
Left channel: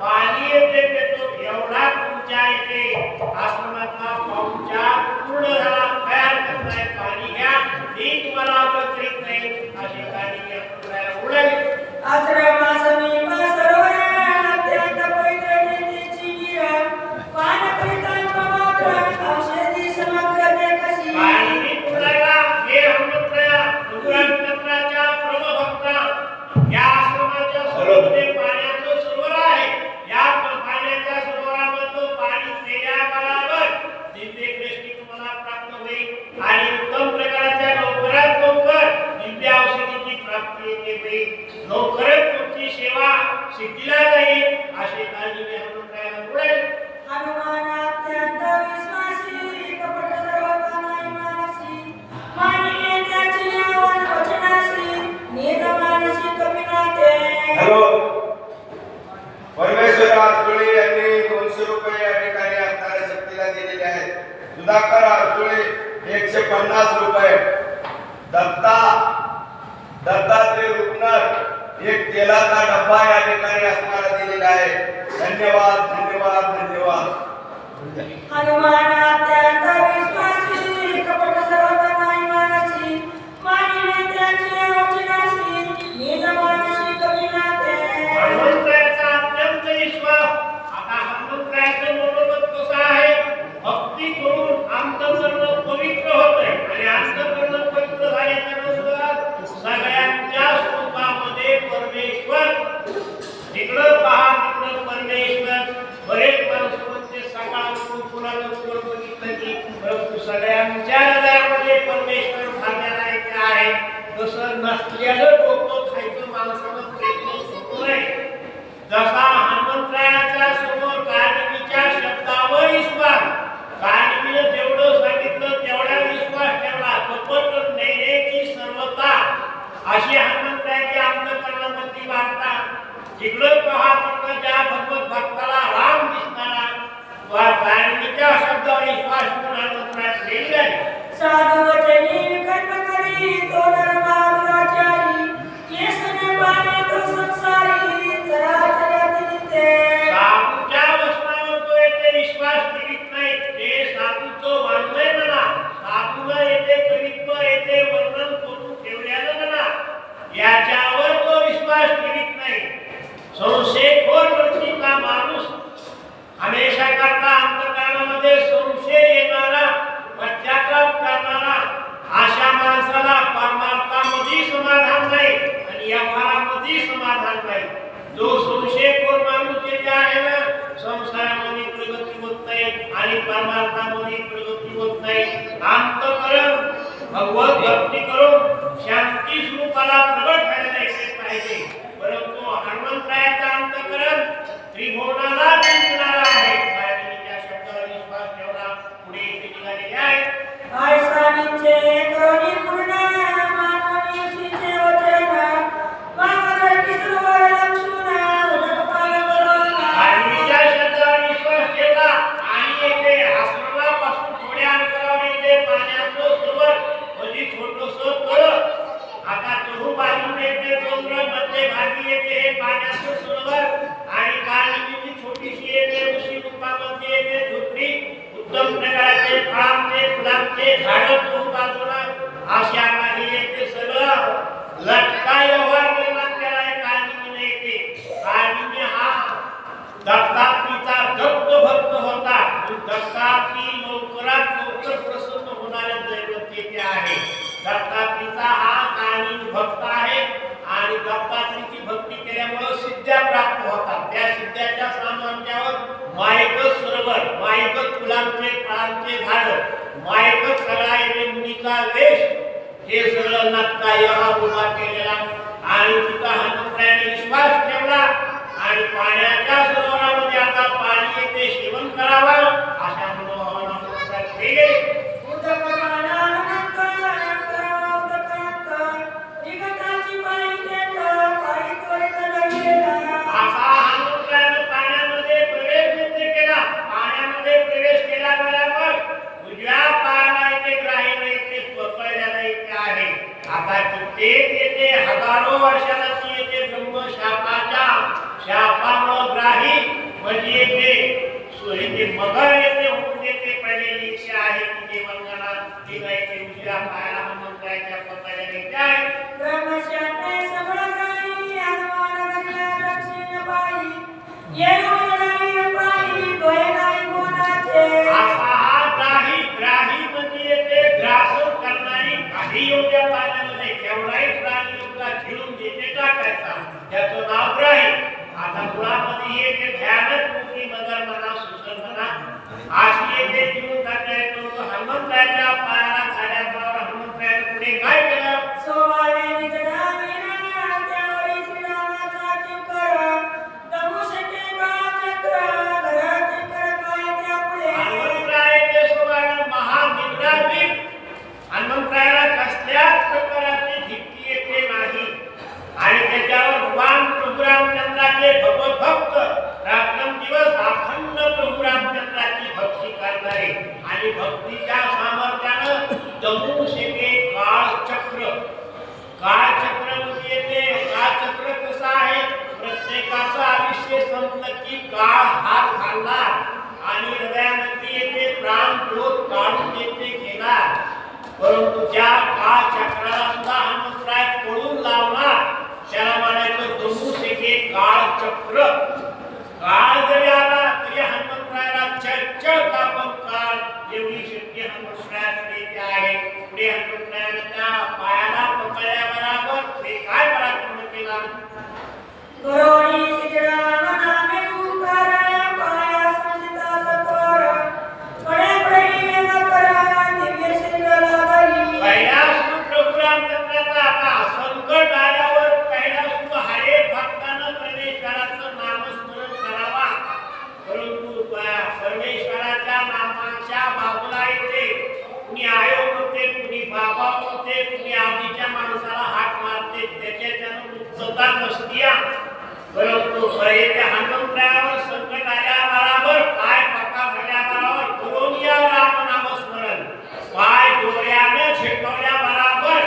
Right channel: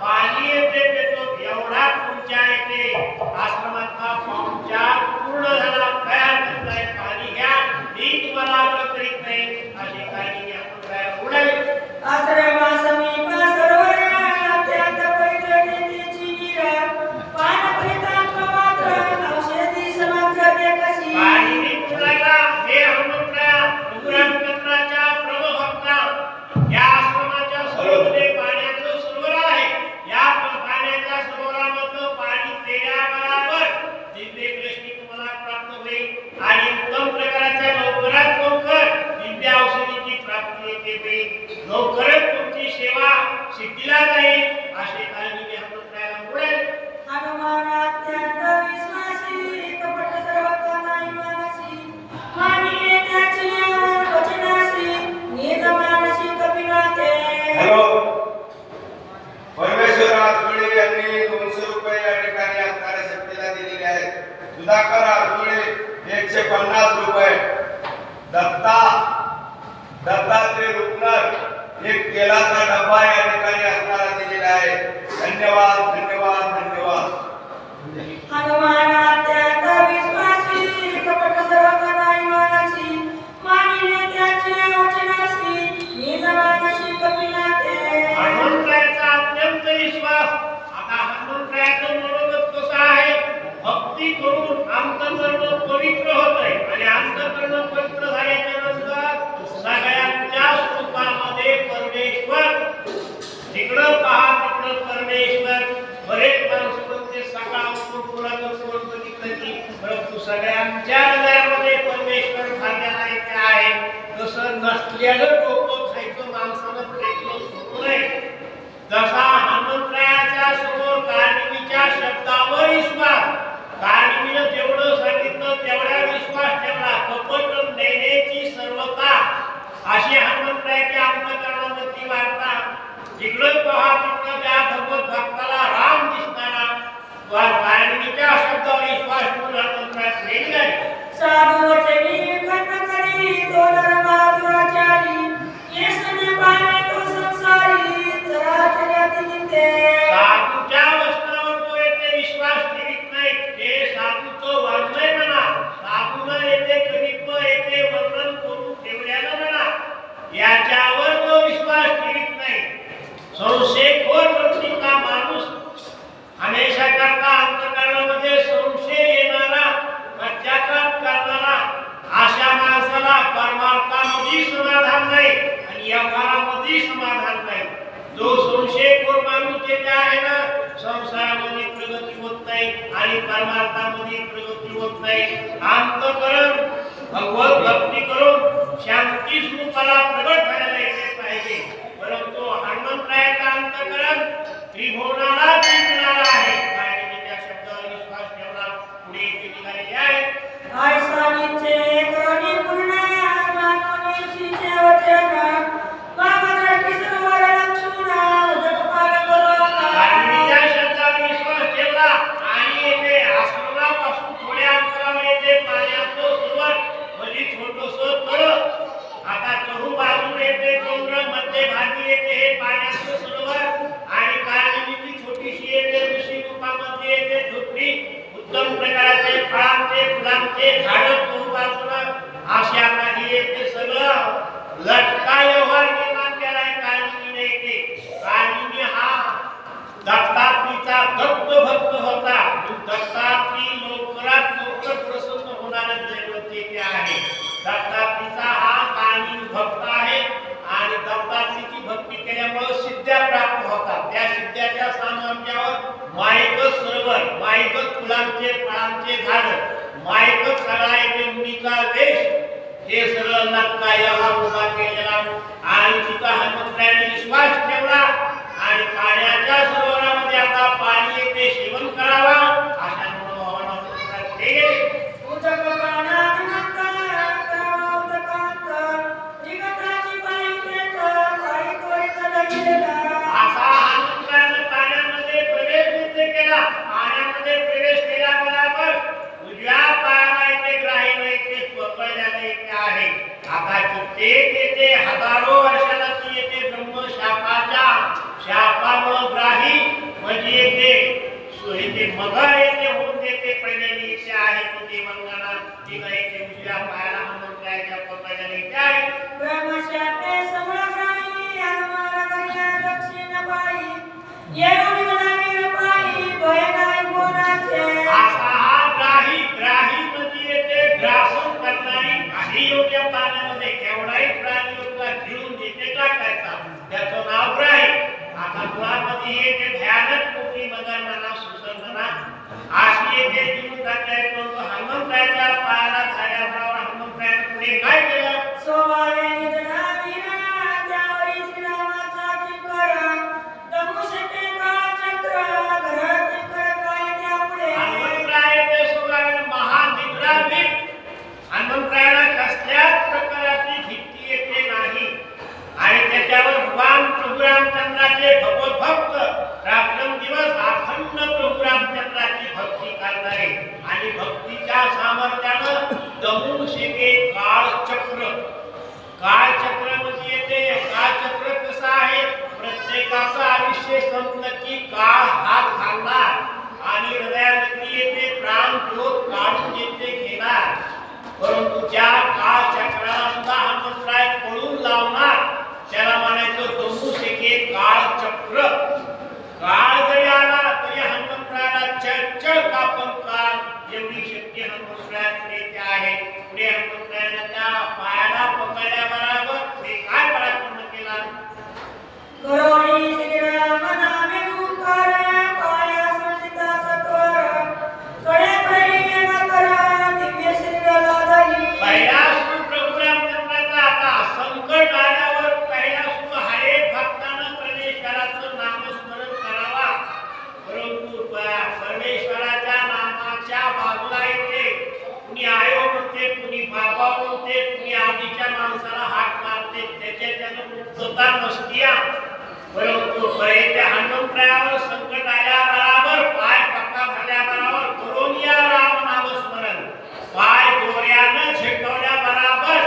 पाणी येते देतो एवढा तुमच्या इथे आश्रमातला पाहुणचार पूर्ण झाला तयार करताय पाणी घ्या मी तुम्हाला आग्रह करीत नाही अशी काळजी आपण उडाली आश्रमासमीप सरोवरा अत्यंत पवित्र नेतेची नीरा पान करितांत मात्र औषधी समग्र ते कशी पाणी निघून हे हनुमंतराया रघुरामचंद्राच्या प्रभभक्ता या आश्रमाच्या सरोवरामध्ये पाण्याचं सरोवर आहे या पाण्याच्या सरोवरामधलं पाणी पेल्याबरोबर दिव्य दृष्टी तुम्हाला प्राप्त होईल आणि उत्तम प्रकारच्या लवकरात लवकर दिव्य औषधीची प्राप्ती येते होईल लवकरच तुमची सेवा सिद्धीला जाईल अशी काळजी मी हनुमंतरायाला बोलायला हनुमान अत्यंत विश्वासी कपट सर्वथा नाही मानसी मानिले त्याची वचनासी निज मानसी कविनाते हॅलो परमेश्वर आरसुळे यांनी 200 रुपये या ठिकाणी असणाऱ्या शक्तीला दिलेले आहेत सुधाकर आरसुळे 150 रुपये दत्तात्रय रुपनर एक तेलाचा डब्बा या ठिकाणी असणारा दिलेला आहे धन्यवाद धन्यवाद धन्यवाद हनुमान अत्यंत विश्वासी कपट सर्वथा नाही मानसी मानिले त्याची वचनासी निज मानसी कविनाते हनुमंतरायाचा अत्यंत विश्वास आता हनुमंतरायाचं मनोगत कसं आहे भक्ती करून अंतःकरण पवित्र होतंय आणि अंतःकरण पवित्र झाल्याच्या नंतर सगळ्यांच्या स्वरूपामध्ये परमेश्वर जिकडं पहा तिकडं परमेश्वर बरेच माणसं म्हणते सकाळ उठून कुणाचं बघितलं की परंतु सगळ्यांच्या हृदयामध्ये परमेश्वर भाग्याला येते आहे तसं नसलेलं डोकं खायचं माणसानं प्रयत्न सुरू नये जसा हनुमंतरायाच्या समोर कार्णिकीच्या शब्दावर विश्वास कार्णिकीनं जेवढं सांगितलं तेवढ्या विश्वास ठेवला कपट नैनेची सर्वता अशी हनुमंतरायाची अंतःकरणामधली वार्ता जिकडं पहा तिकडं त्या भगवत भक्ताला राम दिसणारा कार्णिकीच्या शब्दावर विश्वास ठेवून हनुमंतराया प्रेम झाले साधु वचनी कर्म करी तो धर्मा दुराचारी येसने पाने तो संसारी चराचराती नित्य साधूच्या वचनावर तो येथे विश्वास ठेवीत नाही ते साधूचं वर्णय म्हणा साधूनं येथे कवित्व येथे वर्णन करून ठेवल्यानं म्हणा याच्यावर तो विश्वास ठेवीत नाही संशयखोर वृत्तीचा माणूस हमेशा करता अंतःकरणामध्ये संशय येणारा पश्चाताप करणारा अशा माणसाला परमार्थामध्ये समाधान नाही आणि व्यवहारामध्ये समाधान नाही जो संशयखोर माणूस येथे आहे ना संसारामध्ये प्रगती होत नाही आणि परमार्थामध्ये प्रगती होत नाही अंतःकरण भगवत भक्ती करून शांती स्वरूपाला प्रगट करायला येते पाहिजे परंतु हनुमंतरायाचा अंतःकरण त्रिभुवनाला जिंकणारा आहे आणि त्या शब्दावर विश्वास ठेवला पुढे इथे निघालेले आहे आयसानीचे करुणी पूर्ण मानवनी सीचे वचन मागदर्शी सरोवर लक्षुना उदक पार करोना आणि या शब्दावर विश्वास ठेवला आणि येथे आश्रमापासून थोड्या अंतरावर येते पाण्याचं सरोवर म्हणजे छोटंसं तळ आता चहू बाजूने येते डोंगर मध्यभागी येते हे पाण्याचं सरोवर आणि कार्णिकीची छोटीशी येते ऋषी रूपामध्ये येते झोपडी उत्तम प्रकारचे फळांचे फुलांचे झाडं चहू बाजूला अशा काही येते सगळं लटका व्यवहार निर्माण केला आहे कार्णिकीने येते कार्णिकी हा दत्तात्रीचा दत्त भक्त होता दत्तात्री लवकरात लवकर प्रसन्न होणाऱ्या दैवत येथे आहे दत्तात्रीचा हा काळी भक्त आहे आणि दत्तात्रीची भक्ती केल्यामुळे सिद्ध्या प्राप्त होतात त्या सिद्ध्याच्या सामर्थ्यावर मायकच सरोवर मायकच फुलांचे फळांचे झाड मायकच सगळा येथे मुनीचा वेश हे सगळं नक्का व्यवहार उभा केलेला आणि तिथं हनुमंतरायाने विश्वास ठेवला आणि पाण्याच्या सरोवरामध्ये आता पाणी येते सेवन करावा अशा मनोभावानं ते गेले उदक पानानंत उदकांत विगताची पायी देत पायी कोयत लागलेला असा हनुमंतरायानं पाण्यामध्ये प्रवेश युद्ध केला पाण्यामध्ये प्रवेश केल्याबरोबर उजव्या पायाला येते ग्राहीला येते पकडल्याला येते आहे आता कित्येक येते हजारो वर्षाला ती येते ब्रह्मशापाच्या शापामुळे ग्राही म्हणजे येते ते मगर येते होऊन देते पडलेली इच्छा आहे ती देवांगणा ती गायची उजव्या पायाला हनुमंताच्या पकडायला येते आहे. ब्रह्मशापे समोराई हनुमान करिया दक्षिण पायी येऊन नवीन पायी भय नाही कोणाचे. असा हा ग्राही म्हणजे येते ग्रासन करणारी काही योग्य पाण्यामध्ये केवढाही प्राणी योग्य घेऊन देते टाकायचा त्याचं नाव ग्राही. आता मुळामध्ये येते भयानक मोठी मगर म्हणा सुसर म्हणा अशी येते जीवन टाकले परंतु हनुमंताच्या पायाला झाड्या बरोबर हनुमंताने पुढे काय केलं. सोवावे निधना मीरा त्यावरी श्रीरामाचा किंकर दमुशके काळचक्र घरात कर काय त्यापुढे. हनुमंतरायाचे स्वभावाने महानिद्रावीर हनुमंतरायाला कसल्याच प्रकारची भीती येते नाही आणि त्याच्यावर भगवान प्रभू रामचंद्राचे भगवत भक्त रात्रंदिवस अखंड प्रभू रामचंद्राची भक्ती करणारे आणि भक्तीच्या सामर्थ्यानं दमुशके काळचक्र म्हणजे येते काळचक्र कसं आहे प्रत्येकाचं आयुष्य संपलं की काळ हात घालणार आणि हृदयामध्ये येते प्राण ज्योत काढून येते घेणार परंतु ज्या काळचक्राला सुद्धा हनुमंतराय पळून लावणार त्याला म्हणायचं दमुशके काळचक्र. काळ जरी आला तरी हनुमंतरायाला चल कापन काळ एवढी शक्ती हनुमंतरायाकडे आहे. पुढे हनुमंतरायानं त्या पायाला पकडल्याबरोबर पुढे काय पराक्रम केला. करोळी श्रीराम नामे पुकार पाया संचिता सत्वर कडे प्रेमे नकर दिव्य श्रीराला धरी. पहिला सुरू प्रभू रामचंद्राचा आता संकट आल्यावर पहिला सुरू हरेक भक्तानं परमेश्वराचं नामस्मरण करावा परंतु परमेश्वराच्या नामाच्या बाजूला येते कुणी आयो म्हणते कुणी बाबा म्हणते कुणी आवडीच्या माणसाला हात मारते त्याच्यानं मुक्तता नसतीया परंतु त्या हनुमंतरायावर संकट आल्याबरोबर पाय पक्का झाल्याबरोबर करून या राम नामस्मरण पाय दोऱ्यानं झेकवल्याबरोबर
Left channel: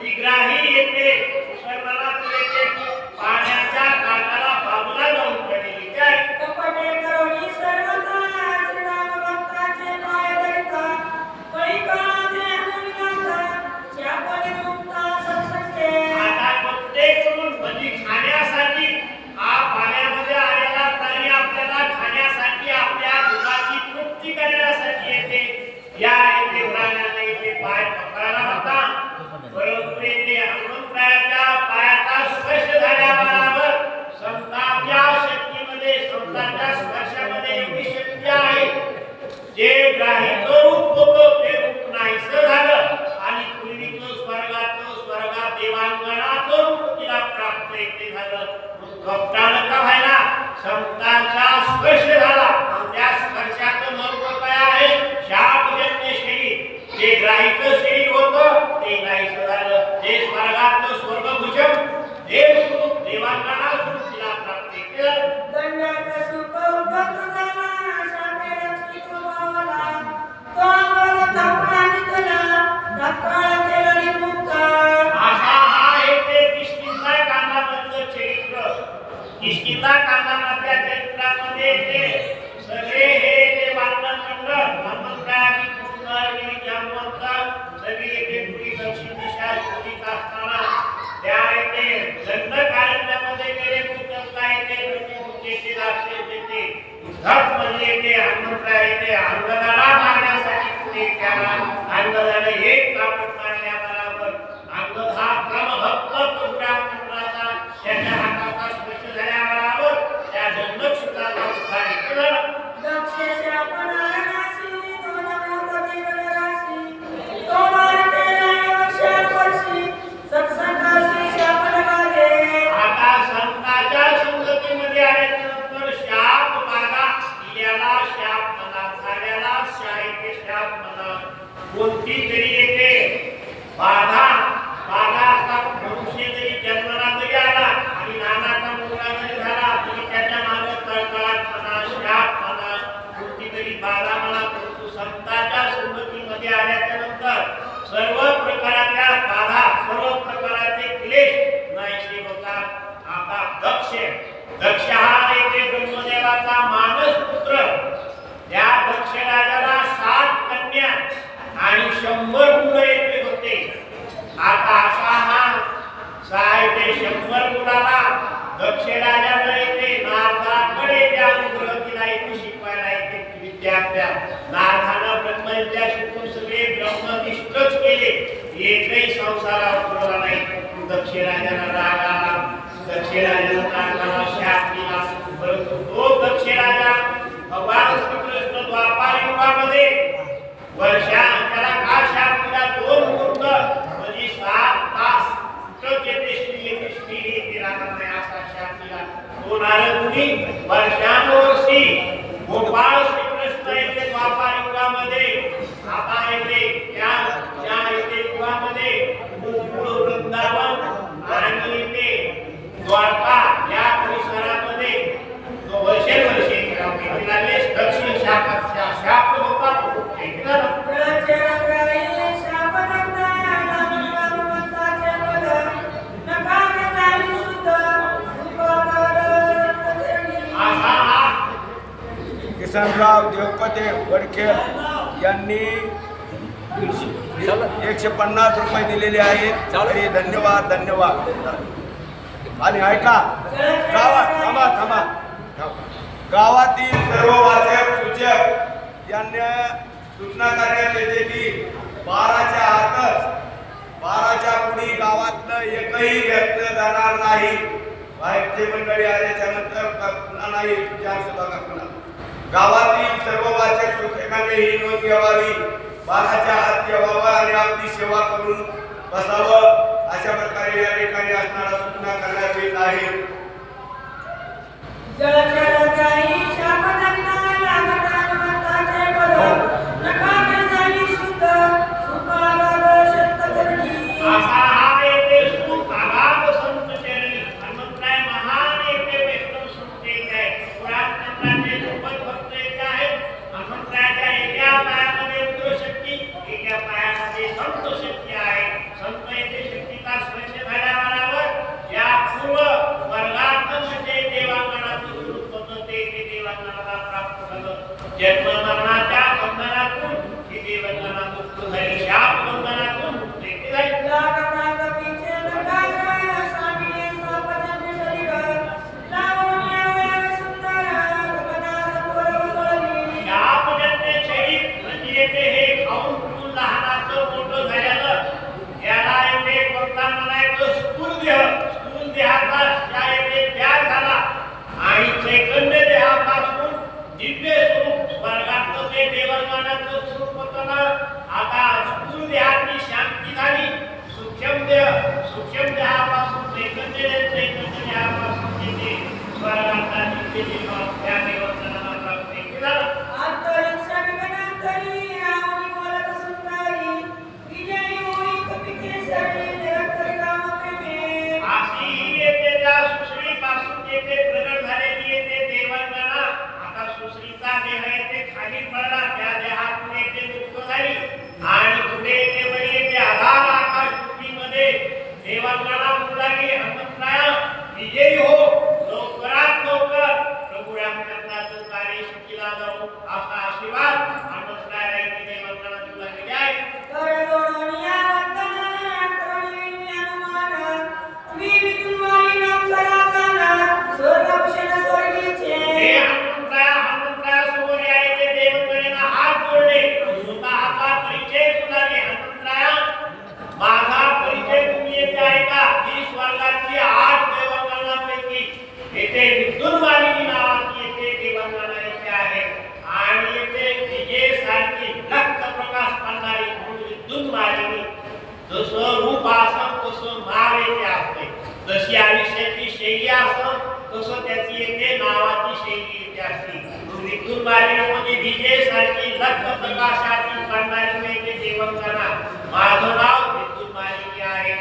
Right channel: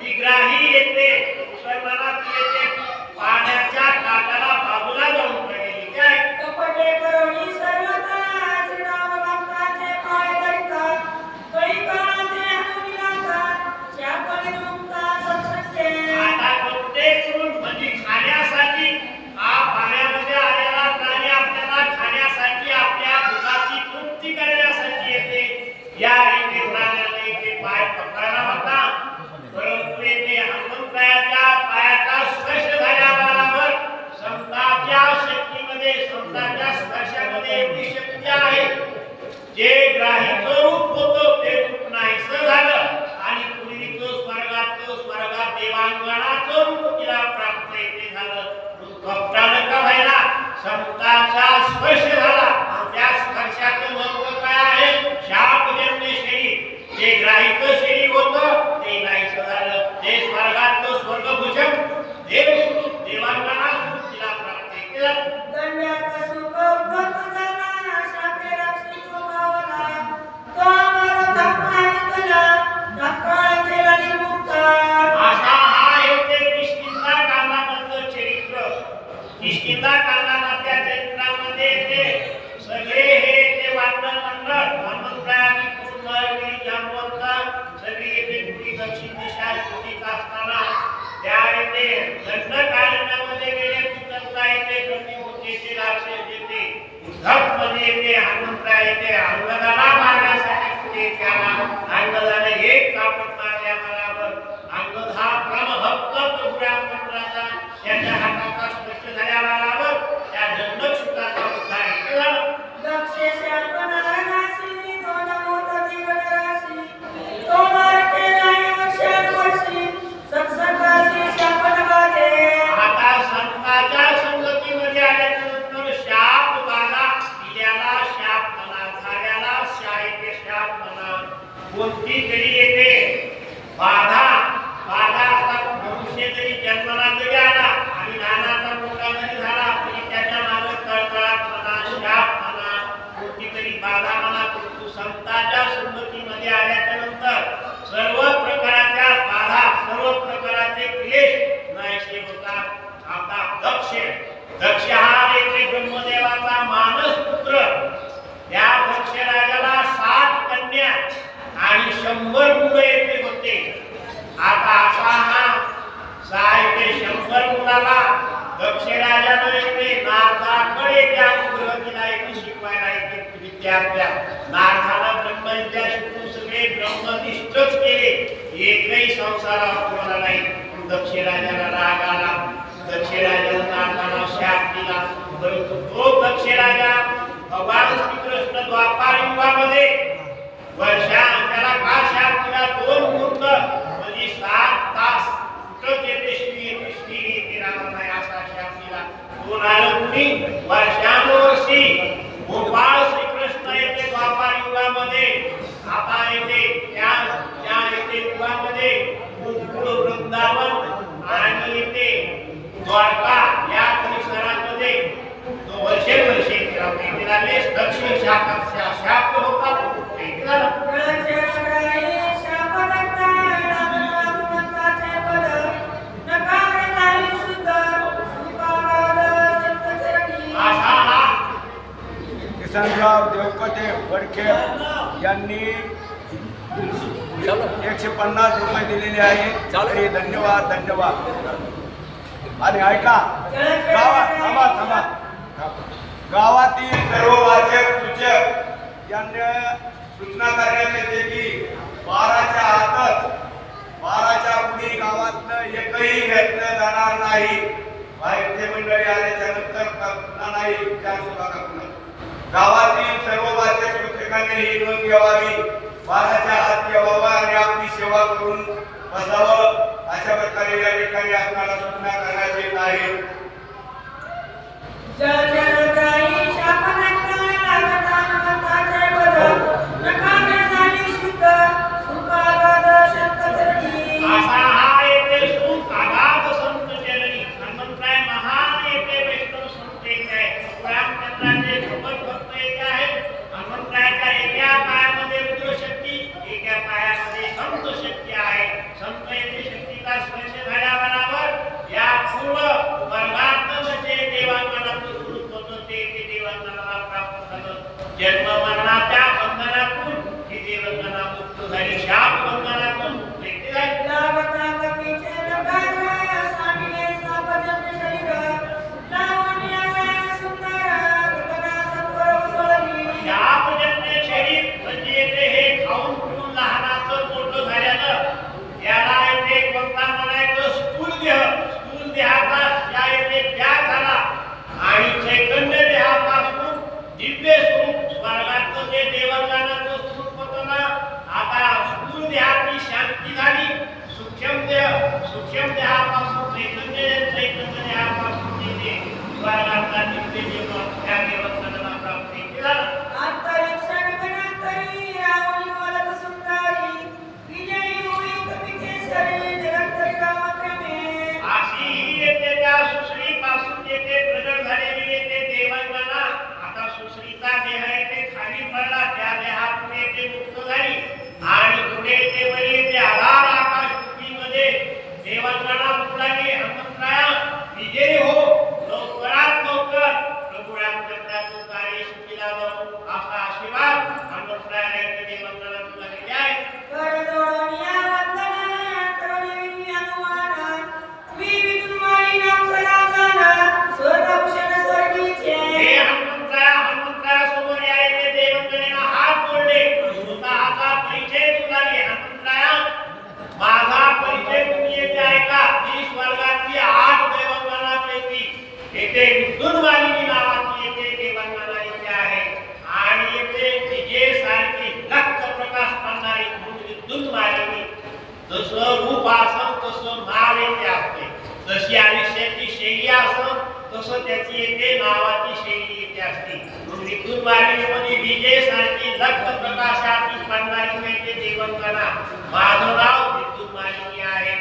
ती ग्राही येते सर्वनाथ येते पाण्याच्या काठाला बाजूला जाऊन पडलेली काय. कपटे करोळी सर्वथा श्रीराम भक्ताचे पाय धरिता कळी काळाचे हनुमिनाथा शापने मुक्ता सत्सत्य. आता कपडे करून म्हणजे खाण्यासाठी हा पाण्यामध्ये आलेला प्राणी आपल्याला खाण्यासाठी आपल्या भुकाची तृप्ती करण्यासाठी येते या येते प्राण्याला येते पाय पकडायला होता परंतु येते हनुमंतरायाच्या पायाचा स्पर्श झाल्याबरोबर संताच्या शक्तीमध्ये संताच्या स्पर्शामध्ये एवढी शक्ती आहे जे ग्राहीचं रूप होतं ते रूप नाहीसं झालं आणि पूर्वीचं स्वर्गात देवांगणाचं रूप तिला प्राप्त येते झालं. कपटानं का व्हायला संताचा स्पर्श झाला त्या स्पर्शाचं महत्व काय आहे. शापजन्य शरीर जे ग्राहीचं शरीर होतं ते नाहीसं झालं. ते स्वर्गातलं स्वर्गभूषण देवस्वरूप देवांगणास्वरूप तिला प्राप्त केलं. दंडात सुख उद्धत झाला शापे रक्षित पावला तो अमर धर्मा निकला धक्काळ केला निर्मुक्ता. असा हा येते किष्किंधा चरित्र. किष्किंधा चरित्रामध्ये येते सगळे हे ते वाटण मंडळ हनुमंतरायाने कृष्ण जांबवंत सगळी येते पुढी दक्षिण दिशा शोधित असताना त्या येते दंडकारण्यामध्ये गेले कुटंबा येते प्रतिभूतीचे राक्षस येते धड मध्ये येते हनुमंतराय येते अंगदाला मारण्यासाठी पुढे त्याला अंगदाने एक कापड मारल्याबरोबर अंगद हा परमभक्त प्रभू रामचंद्राचा त्याच्या हाताचा स्पर्श झाल्याबरोबर त्या दंडक्षुताचा उद्धार केला. दक्षे शापनारणाशी दोन मोठे राशी तो मारते नाही वर्षावर्षी सत्संगाशी शापन बाधे. आता संतांच्या संगतीमध्ये आल्यानंतर शाप बाधा दिल्याला शाप म्हणा झाल्याला शाळेचे शाप म्हणा कोणती तरी येते बाधा आता मनुष्य जरी जन्माला जरी आला आणि नानाचा मुलगा जरी झाला तरी त्याच्या मागे तळतळाट म्हणा शाप म्हणा कोणती तरी बाधा म्हणा परंतु संतांच्या संगतीमध्ये आल्याच्या नंतर सर्व प्रकारच्या बाधा सर्व प्रकारचे क्लेश नाहीसे होतात. आता दक्ष हा येथे ब्रह्मदेवाचा मान राजाला 7 कन्या आणि 100 मुलं येथे होते. आता असा हा 6 ते 100 मुलाला दक्ष राजाला येते नारदाकडे त्या अनुग्रह दिला येते शिकवायला येते विद्यार्थ्या. नारदानं ब्रह्मविद्या शिकून सगळे ब्रह्मनिष्ठच केले, एकही संसारावर ठेवला नाही. दक्ष राजाला राग आला, दक्ष राजाला नारदाला शाप दिला. परंतु तो दक्ष राजा भगवान श्रीकृष्ण द्वापार युगामध्ये वर्षा त्याला का शाप दिला? 2 मुहूर्त म्हणजे 7 तास कुठं येते श्री येते राहणार नाही असा शाप दिला. तो नारदमुनी वर्षानुवर्षी गोपाळ श्रीकृष्ण येते द्वापार युगामध्ये. आता येते त्या येते युगामध्ये गोकुळ वृंदावन आणि येते द्वारका या परिसरामध्ये वर्षे फिरावे लागले. दक्षिण शाप होता. किसनराव देवकते वडखे यांनी 150 रुपये दिलेले आहेत. तरी धन्यवाद. आणि ऐका, गावातील सर्व वाचक सूचक यांना सूचना करण्यात येते की 12च्या आतच 12च्या पुढे गावातनं एकही व्यक्त जाणार नाही. बाहेरचे मंडळी आल्याच्या नंतर पुन्हा नाही गावातील सर्व वाचक सूचकांनी ही नोंद घ्यावी. 12च्या आत ठेवावं आणि आपली सेवा करून बसावं. अशा प्रकारे या ठिकाणी असणारा सूचना करण्यात येत आहे. जन्म मरणाच्या बंधनातून ही देवजना मुक्त झाली, शाप बंधनातून मुक्ती झाली. शापजन्य शरीर म्हणजे येते हे खाऊन पिऊन लहानाचं मोठं झालेलं, याला येते कोणता म्हणायचं स्थूल देहाचा या येते त्याग झाला आणि चैतन्य देहापासून दिव्य स्वरूप स्वर्गातलं जे देवांगानाचं स्वरूप होतं ना, आता स्थूल देहाची शांती झाली. सूक्ष्म देहापासून चैतन्य देहापासून येते स्वर्गातला दिव्य देव त्या देवांगानाला प्राप्त झाला. अशी येते त्या सुश्रीपासून येते प्रगट झालेली येते देवांगना. आता सुश्रीचा देह येते खाली पडला, त्या देहातून येते मुक्त झाली आणि पुढे येते वर येते आधार आकाशमध्ये देवांगना उडाली. हनुमंतराया विजयी हो, लवकरात लवकर प्रभू रामचंद्राचं कार्य शिकीला जाऊ असा आशीर्वाद हनुमंतरायाला येते देवांगना तुला दिले आहे. माझा परिचय तुम्ही येथे ऐका. ही स्वर्गाची 8 देवांगनापैकी येथे विद्युत मालिनी नावाची येथे देवांगना येथे आहे आणि येथे विजय सारखी लख प्रकाश पाडणारी म्हणून विद्युत मालिनी. जसं रूप असं तसं नाव येथे असते, जशी आयुष्याची शैली असं तसं त्याची येथे नावाची शैली येथे असते. विद्युत मालिनीमध्ये विजय सारखी लख प्रकाशाची पाडणारी येथे देवांगना. माझं नाव विद्युत मालिनी आहे.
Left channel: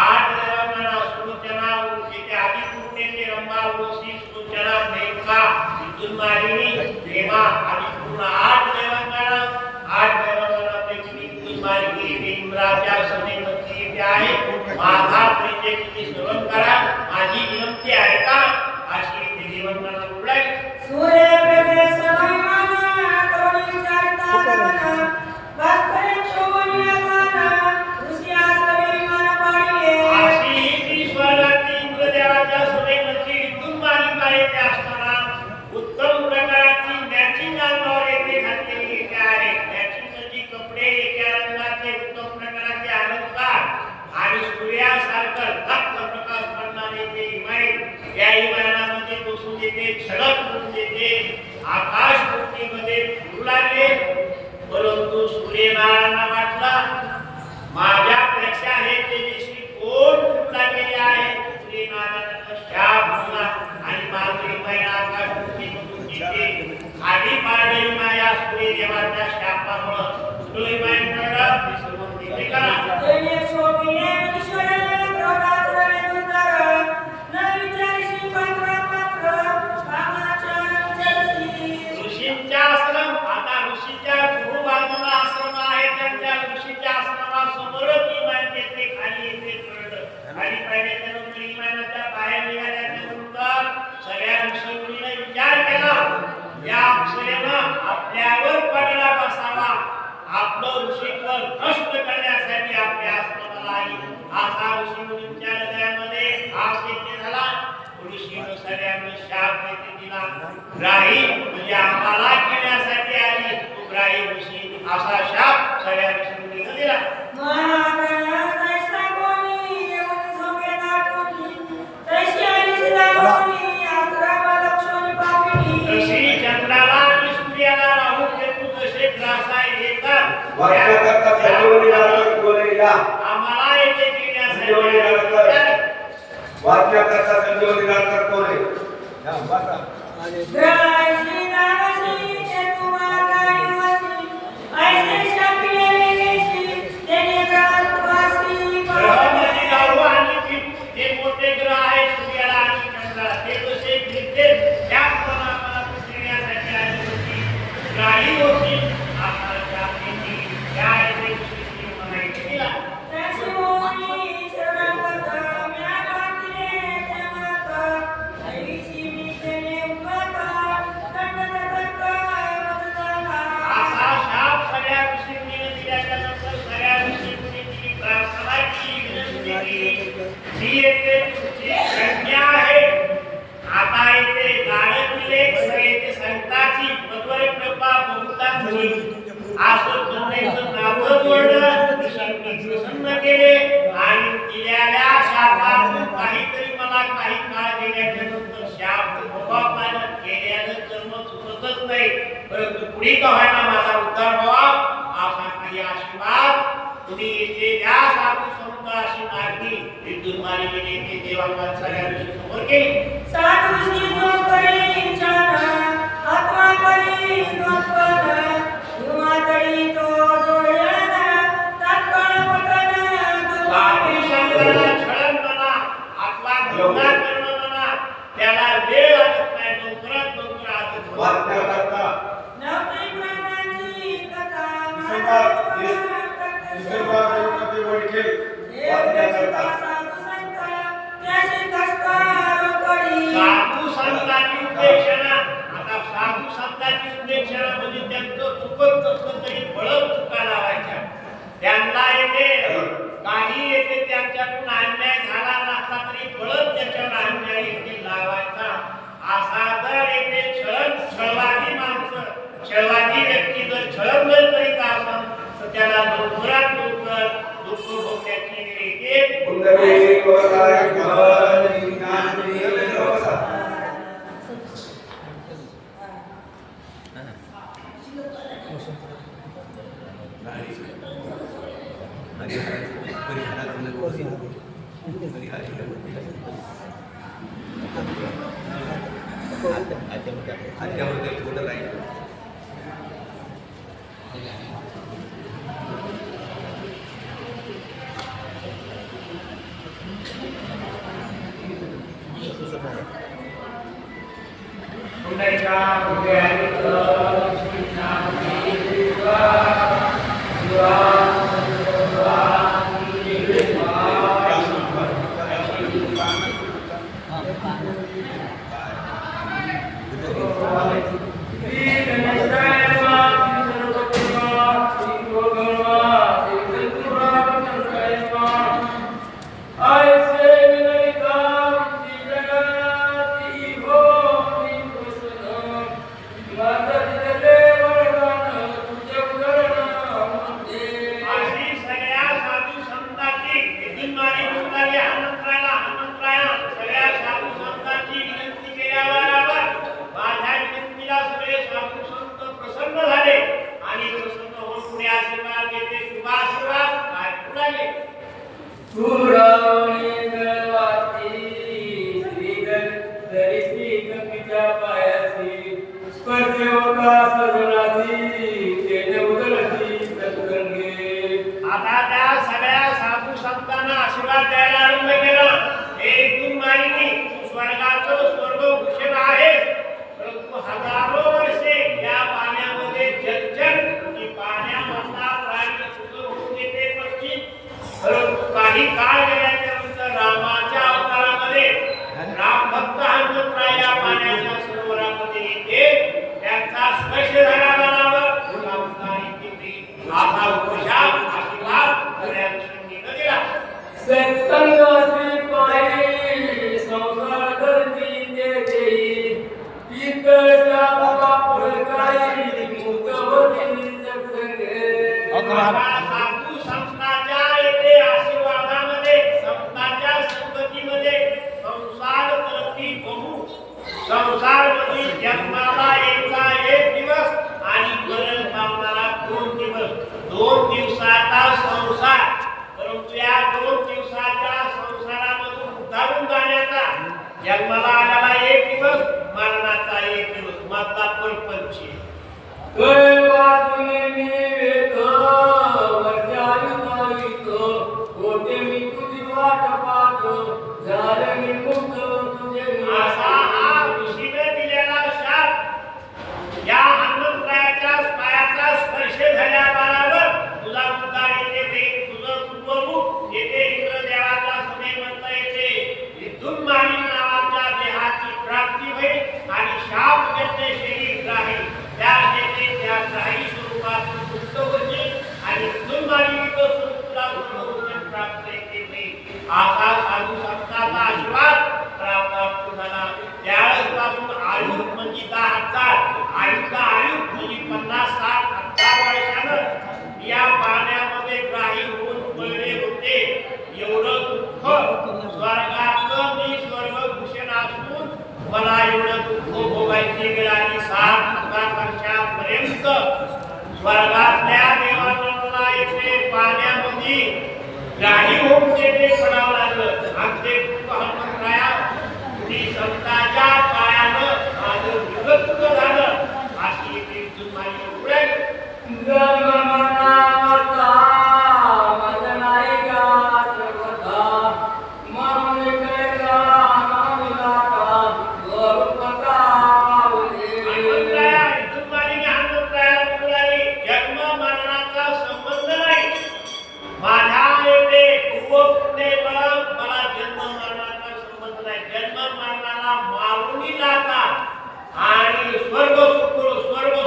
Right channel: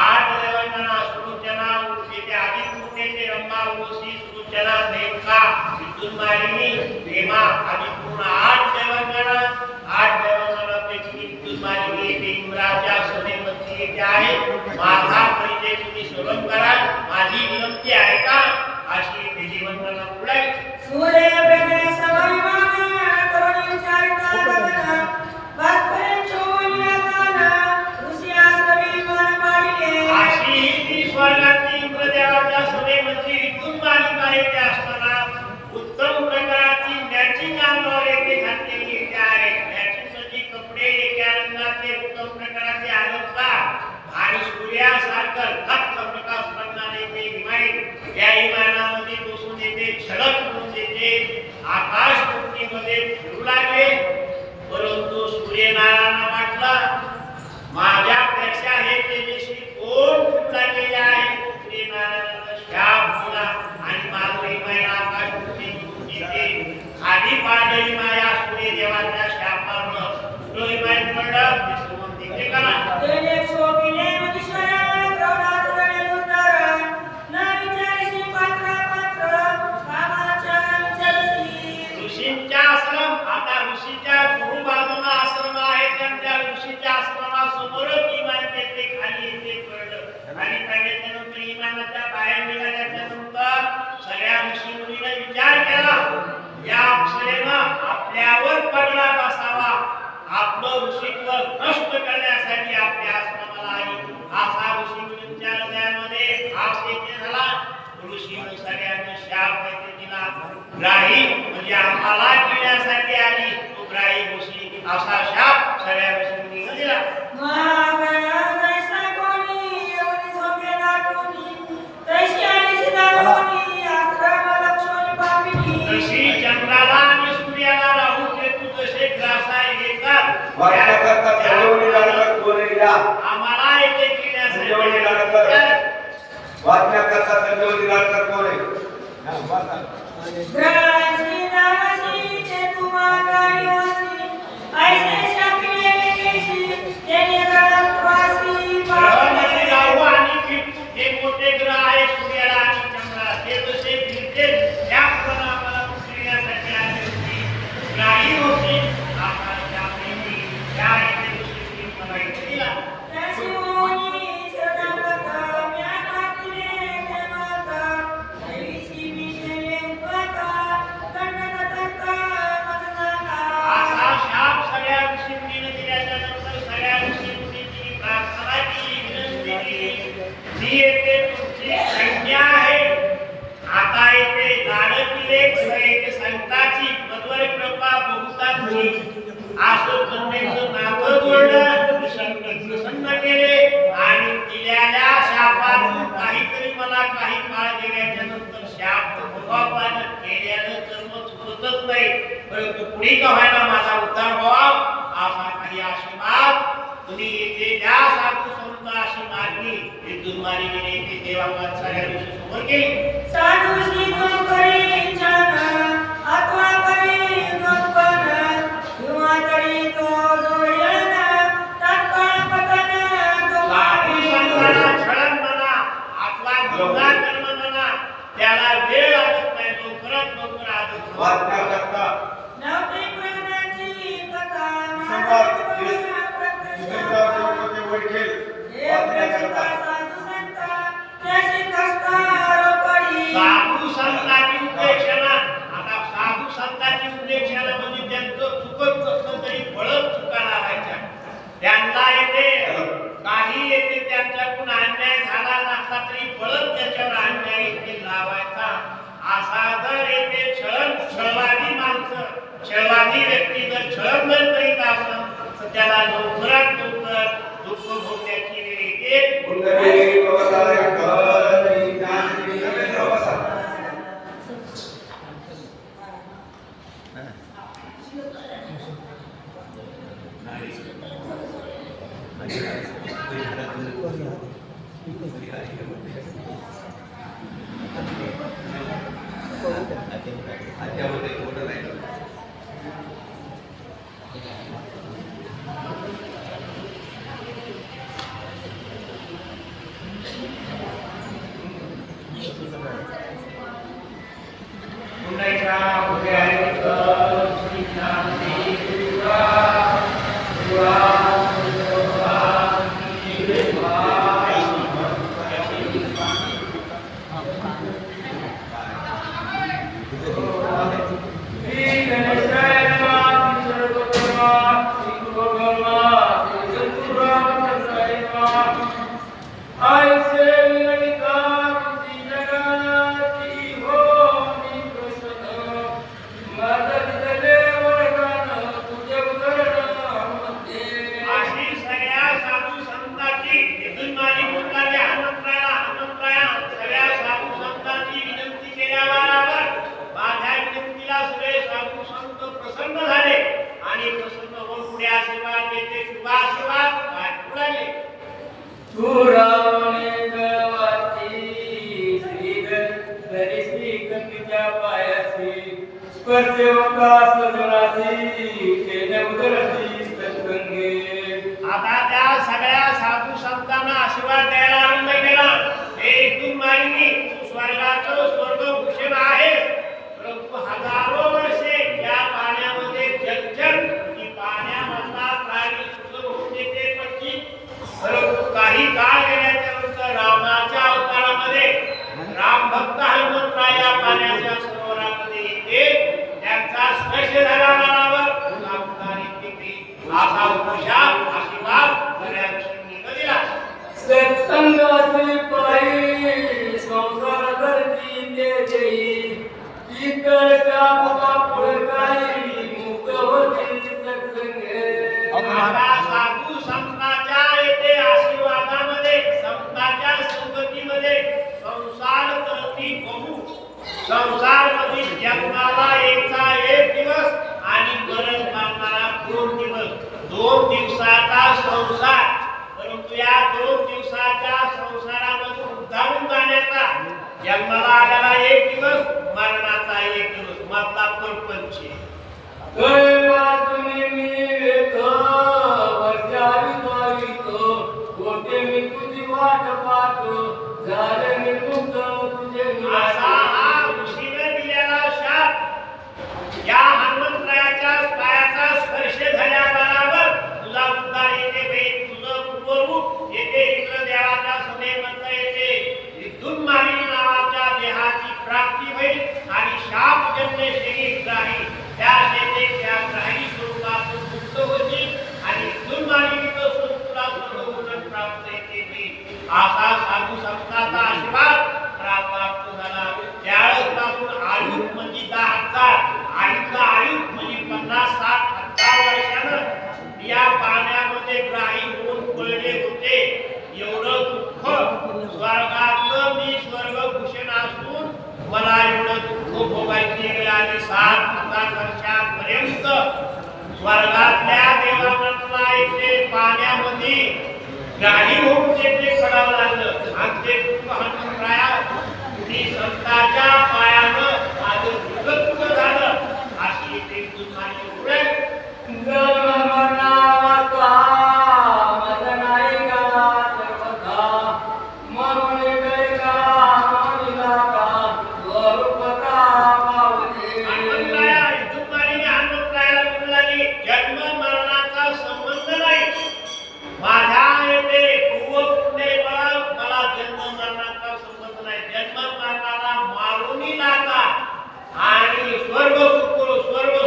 8 देवांगना सुलोचना येथे आदिपूर्ण येथे रंभा उर्वशी सुलोचना मेनका विद्युत मालिनी हेमा आदिपूर्ण 8 देवांगना. 8 देवांगनापैकी विद्युत मालिनी येथे इंद्राच्या सभेमध्ये येथे आहे. माझा परिचय तुम्ही श्रवण करा, माझी विनंती ऐका. अशी येथे देवांगना उडाली. सूर्य प्रकाश सवयमान करुणी विचार ते आकाश वृत्तीमध्ये फिरू लागले. परंतु सूर्यनारायणा वाटला माझ्यापेक्षा हे तेजस्वी कोण फिरू लागलेले आहे. सूर्यनारायणाचा शाप दिला आणि माधुरी माया आकाश वृत्तीमधून येते खाली पाडली माया सूर्यदेवाच्या शापामुळे डोईमाई पडला. ते सर्व तिकडे करा. तेने शोभिले मनुष्य प्रौढातुरले दुर्धर न विचारशी पात्र कामाच्या विचारशी. ऋषींच्या आश्रम आता ऋषीच्या दोन बाजूला आश्रम आहे. त्यांच्या ऋषीच्या आश्रमासमोरच इमानचे खाली येते पडलं. खाली पाहिल्याच्या नंतर इमानाच्या बाहेर निघाल्याच्या नंतर सगळ्या ऋषी मुनीने विचार केला या अप्सरेनं आपल्यावर पगडा बसावा. आपलं ऋषीत्व नष्ट करण्यासाठी आपल्या आश्रमाला आली. असा ऋषी मुनींच्या हृदयामध्ये भाव देते झाला. ऋषीनं सगळ्यांना शाप देते दिला. ग्राही म्हणजे आम्हाला घेण्यासाठी आली तो ग्राही ऋषी असा शाप सगळ्या ऋषी मुनींना दिला. ऋषी चंद्राला आणि सूर्याला राहू केतू जसे ग्रासाय येतात आम्हाला येथे घेण्यासाठी वाचण्याकरता संजीवनी निराकर कोण आहे? ग्रहामध्ये राहू आणि हे मोठे ग्रह आहे सूर्याला आणि चंद्राला ते जसे फिरते त्याप्रमाणे आम्हाला फिरण्यासाठी आली होती. ग्राही होती आकाशाच्या प्रेमी त्या येथे ऋषींनी मला इथे दिला. असा शाप सगळ्या ऋषी मुनीने दिल्याच्या नंतर सगळ्या ऋषी मुनींनी प्रार्थना केली विनंती केली. मी येथे तुमची संज्ञा आहे. आता येथे लाडकी लेख येथे संताची मध्वर कृपा बहुतांची असं कन्येचं नाव जोडलं. ऋषी मुनी प्रसन्न केले आणि दिलेल्या शापातून काहीतरी मला काही काळ गेल्याच्या नंतर शाप भोगावं केल्यानं कर्म चुकतच नाही परंतु पुढे का व्हायला माझा उद्धार व्हावा असा काही आशीर्वाद कुणी येते द्या साधू संत अशी मागणी विद्युत मालिकेने येते देवांना सगळ्या ऋषी समोर केली. साधूशी जो करी चरण अथवा करी नोपन किंवा करी तो जोडण तत्काळ पतन साधू संतांना छळण म्हणा अथवा निंदा करणं म्हणा त्याला वेळ लागत नाही. लवकरात लवकर आदत वाचण्याकरता नवती प्राणांची कथा देवते ओळखेल. वाचण्याकरता साधू संत त्याशी कष्टार पडी साधू संतांची उपेक्षणा आता साधू संतांची उपेक्षणा म्हणजे त्यांचं चुकत नसलं तरी फळत चुका लावायच्या. त्यांना येते काही येते त्यांच्याकडून अन्याय झाला नसला तरी फळत त्याच्यावर अन्याय येते लावायचा. असा जर येते छळवादी माणसं छळवादी व्यक्ती जर छळण जर करीत असेल तर त्याला लवकरात लवकर दुःख भोगण्याची वेळ येते. कुंडली कोलाय घरी ज्ञानी नवसा. पुंडलिका उदयानिक श्रीनाथी सगळे साधू संत प्रसन्न झाले आणि प्रसन्न होऊन पुढे आशीर्वाद देते. शुभ आशीर्वाद काय पुढे सुरावणे गवाती श्री गतीच्या पायाची स्पर्शेवका सजनाची केले उदरती सत्संगे. आता त्या सगळ्या साधू संतांना आशीर्वाद द्यायला आरंभ केला. हे इथून मागणी स्वर्गाचं स्वर्गभूषण आहे, परंतु हजारो वर्षे या पाण्यामध्ये जलचर की पाण्यामधला प्राणी सुरू होऊन येते पक्षी. परंतु काही काळ गेल्याच्या नंतर रामाच्या अवतारामध्ये राम भक्त हनुमंतराय या पाण्याच्या सरोवरामध्ये येते. त्यांचा स्पर्श झाला मनावर तुला उद्धारी केली. असा उपशाप आशीर्वाद सगळ्या कृष्णांनी दिला. सत्संगाची पायी संसार करती ते देई इतका फळकाई मुक्त होती सत्संगे. आता साधू संतांच्या येथे आशीर्वादामध्ये संतांच्या संगतीमध्ये संसार करती बहु. संसार मध्ये जन्माला यायचा एक दिवस आणि मरण पावणारा 2 दिवस. 2 दिवसाचा संसार, परंतु या 2 दिवसाच्या संसारामधून उद्धारून जाण्याचा जन्माला आलेला 1 दिवस, मरणाचा 1 दिवस, मधला परपंच. वाचून मी येतो वर्षायु नावितो होते मी तुझी वाट पाहतो झाले मी मुक्त तुझे असा हा ऋषीने दिलेला शाप. या हनुमंतरायाच्या पायाचा स्पर्श झाल्याबरोबर तुला उद्धार येते बाई. तुझं पूर्वरूप येथे इंद्रदेवाच्या सभेमधलं येते. इथून मागील नावाच्या देहाची प्राप्ती होईल आणि शाप जन्य शरीर राहील. त्या शेते त्या ग्राही स्वरूपातून मुक्त होतील आणि इथून मागील स्वरूप तुला स्वर्गभूषण प्राप्त येते बाई. असा साधू संतांचा आशीर्वाद प्राप्त झाला. त्यावेळेस पासून आयु म्हणजे 10,000, आयुचा आयु म्हणजे 50-60,000 वर्षानं या पाण्यामध्ये ग्राही होऊन पडले होते. एवढं दुःख स्वर्गातलं मी स्वर्गभूषण असून मला एवढं दुःख भोगायची वेळ आली. 7,000 वर्षापर्यंत स्वर्गातल्या देवांना येथे पाण्यामध्ये ग्राही होऊन तेथे पडावं लागलं आणि ते दुःख हनुमंतराया ती संतांच्या पायानं माझं विभक्त झालं. अशी एक जुन्मानी पुढे मला जन्म मरणाचा संबंध नाही. जन्म मरणाला मारून टाका आणि स्वर्ग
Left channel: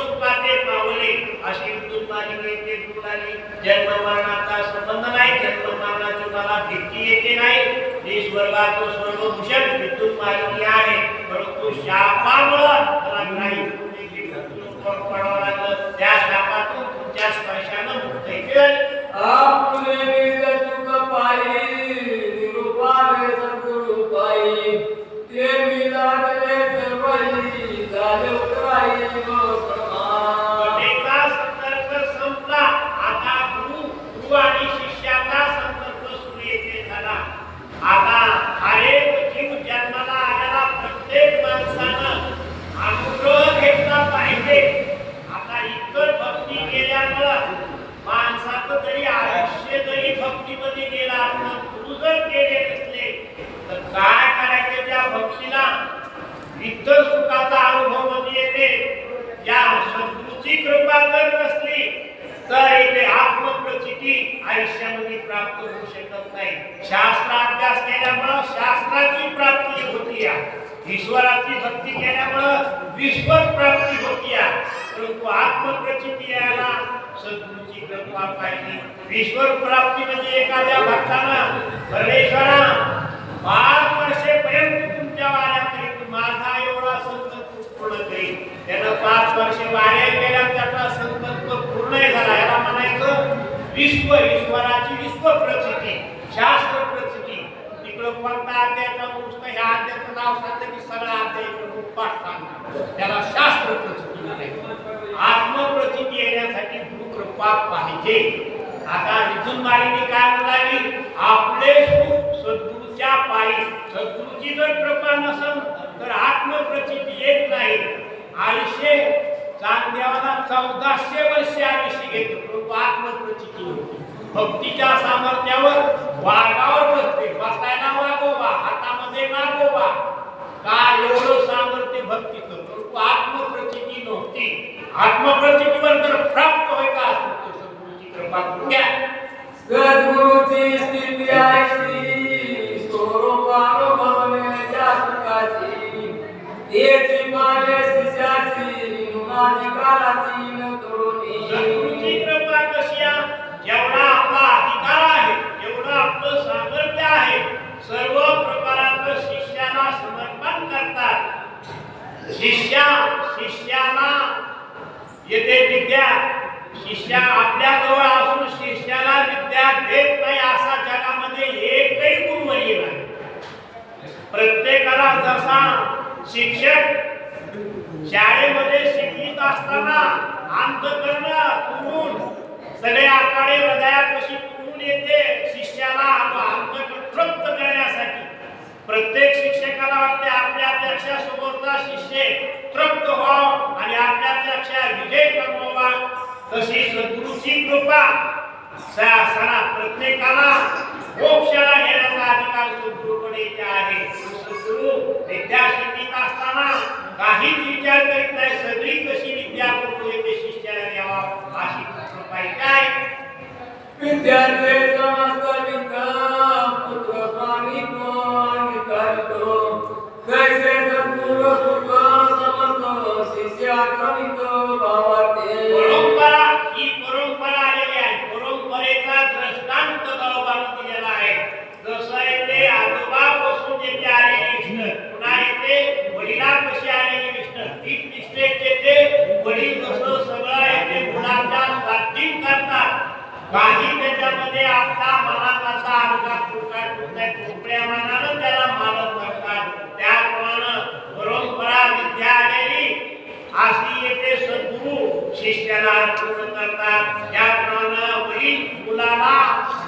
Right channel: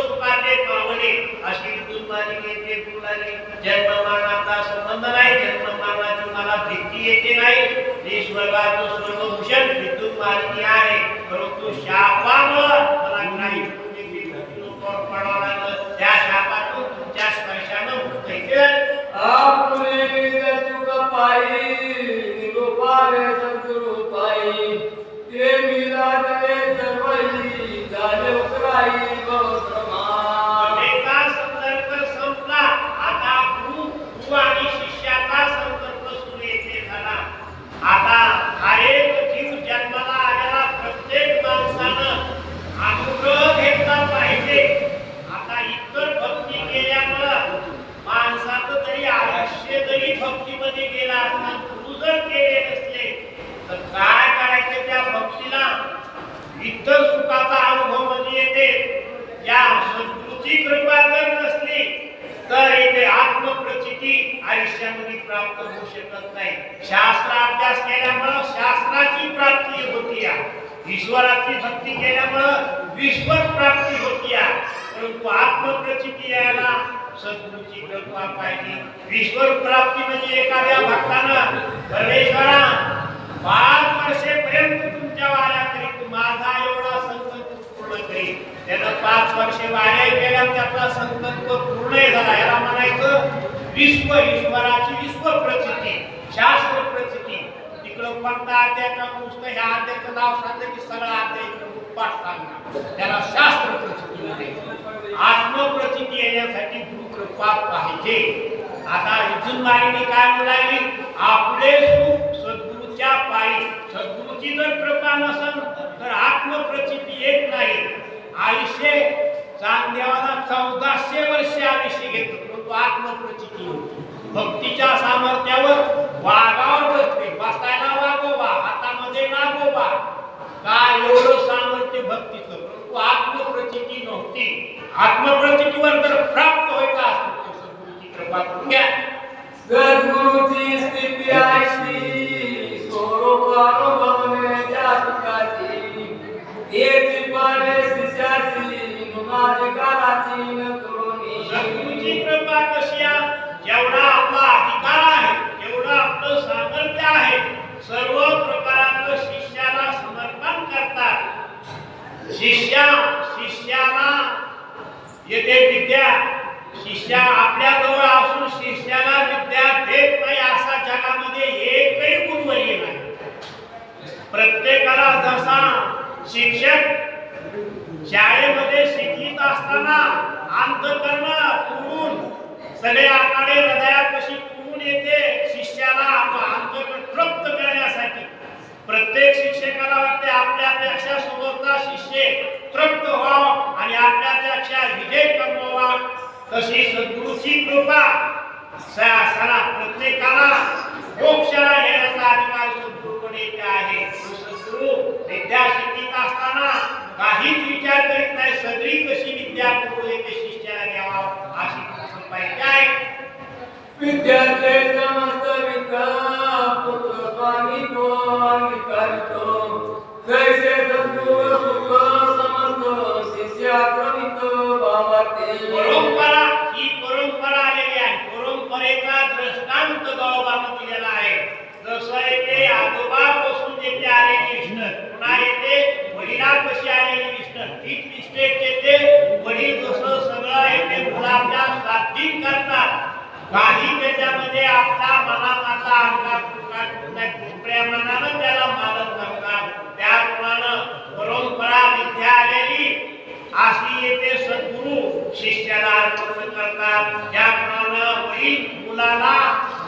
सुखाचे पावले अशी विद्युत मालिके ते बोलाले. जन्म मरणाचा संबंध नाही. जन्म मरणाची मला भीती येते नाही. हे स्वर्गाचं स्वर्गभूषण विद्युत मालिके आहे, परंतु शापामुळं मला काही पडावं लागलं. त्या शापातून तुमच्या स्पर्शानं मुक्त केलं. आणि शिष्याचा संकल्प सुरू येथे झाला. आता हर एक जीव जन्माला आलेला प्रत्येक माणसानं अनुग्रह घेतला पाहिजे. आता इतर भक्ती केल्यामुळं माणसाचं तरी आयुष्य जरी भक्तीमध्ये गेला असता, गुरु जर केले नसले तर काय करायचं त्या भक्तीला. इतर सुखाचा अनुभव मध्ये येते. या सद्गुरूची कृपा जर नसली तर इथे आत्मप्रचिती आयुष्यामध्ये प्राप्त होऊ शकत नाही. शास्त्र अभ्यास केल्यामुळं शास्त्राची प्राप्ती होती. ईश्वराची भक्ती केल्यामुळं विश्वर प्राप्ती होती. परंतु आत्मप्रचिती यायला सद्गुरूची कृपा पाहिजे. ईश्वर प्राप्ती म्हणजे एखाद्या भक्तानं परमेश्वरा 5 वर्षेपर्यंत तुमच्या वाऱ्या करीत माझा एवढा संकल्प पूर्ण करील. त्यानं 5 वर्षे वाऱ्या केल्या, त्याचा संकल्प पूर्ण झाला. याला म्हणायचं विश्व. ईश्वराची विश्व प्रचिती, शास्त्र प्रचिती. तिकडं कोणता अध्यायाचा पुस्तक ह्या अध्यायाचं नाव सांगतं की सगळा अध्याय पाठ सांगणार, त्याला शास्त्र प्रचिती. देण्यासाठी गुरुकृपा पाहिजे. आता इथून मालिनी काय म्हणाली, आपले सुख सद्गुरूच्या पायी. सद्गुरूची जर कृपा नसेल तर आत्मप्रचिती येत नाही. आयुष्य चांगदेवाना 1400 वर्ष आयुष्य घेतो, परंतु आत्मप्रचिती होती. भक्तीच्या सामर्थ्यावर वाघावर बसते, बसायला वागोबा, हातामध्ये नागोबा. काय एवढं सामर्थ्य भक्तीचं, परंतु आत्मप्रचिती नव्हती. आत्मप्रचितीवर जर प्राप्त व्हायचा असतो तर सद्गुरूची कृपा करून घ्या. सद्गुरूची स्थिती ऐशी स्वरूपानुभवण्याच्या सुखाची, तेची पाले शिष्याची मुनाची कालाची न करुणी. सद्गुरूची कृपा कशी आहे, जेवढा आपला अधिकार आहे, जेवढं आपलं सामर्थ्य आहे, सर्व प्रकाराचं शिष्याला समर्पण करतात. शिष्याला येते विद्या, शिष्या आपल्या जवळ असून शिष्याला विद्या देत नाही असा जगामध्ये एकही गुरुवर्य नाही. प्रत्येकाला जसा शिक्षक शाळेमध्ये शिकवीत असताना अंतःकरण तुडून सगळे आकडे हृदयापाशी तुडून येते, शिष्याला अंतःकरण तृप्त करण्यासाठी. प्रत्येक शिक्षकाला वाटते आपल्यापेक्षा समोरचा शिष्य तृप्त व्हावा आणि आपल्यापेक्षा विजय कमवावा. तशी सद्गुरूची कृपा सणा प्रत्येकाला मोक्षाला नेण्याचा अधिकार सद्गुरूकडे आहे. सद्गुरू विद्या शिकवीत असताना काहीच विचार करीत नाही, सगळी कशी विद्या करून येते शिष्याला द्यावा अशी कृपा आहे. विद्यार्थी समस्त विद्या पुत्र स्वामी कोणी करतो, कैसे सद्गुरू सुख समर्थ शिष्याक्रमित भावाते. ही परंपरा आलेली आहे. परंपरेचा दृष्टांत गावोबानं दिलेला आहे. जसं येते आजोबा पासून येते आलेली विष्णू, पुन्हा येते वडिलांपाशी आलेली विष्णू. तीच विष्णू येते वडील जसं सगळं येते मुलांच्या स्वाधीन करतात. काही त्याच्यामध्ये आपला मनाचा अंगात मोकळ्या मनानं त्याला मालक करतात. त्याप्रमाणे परंपरा विद्या आलेली अशी येते सद्गुरू शिष्याला अर्पण करतात. त्याप्रमाणे वडील मुलाला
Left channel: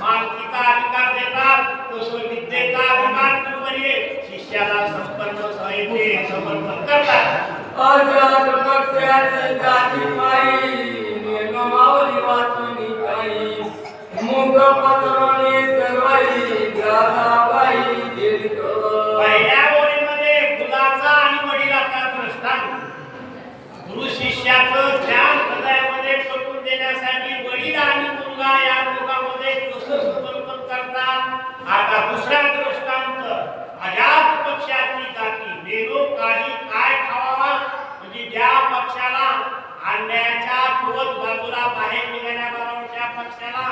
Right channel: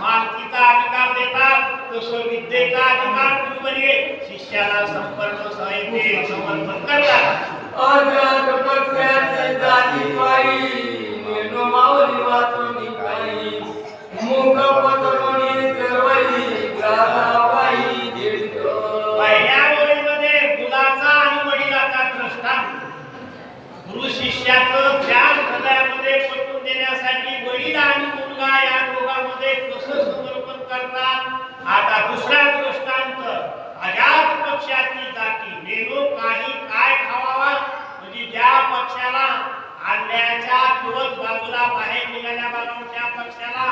मालकीचा अधिकार देतात, तसं विद्येचा अधिकार गुरुवर्य शिष्याला समर्पण करतात. अजात पक्षाची जाती पायी मेनो मावली वाचूनी काही, मुख पत्रोनी सर्वई ग्रासा पायी दीडतो. पहिल्या ओळीमध्ये मुलाचा आणि वडिलाचा दृष्टांत. गुरु शिष्याचं ज्ञान हृदयामध्ये पटवून देण्यासाठी वडील आणि मुलगा या दोघांमध्ये कसं समर्पण करतात. आता दुसरा दृष्टांत, अजात पक्षाची जाती. मेनो काही काय खावावा, म्हणजे ज्या पक्षाला अंड्याच्या चोच बाजूला बाहेर निघाल्या बरोबरच्या पक्षाला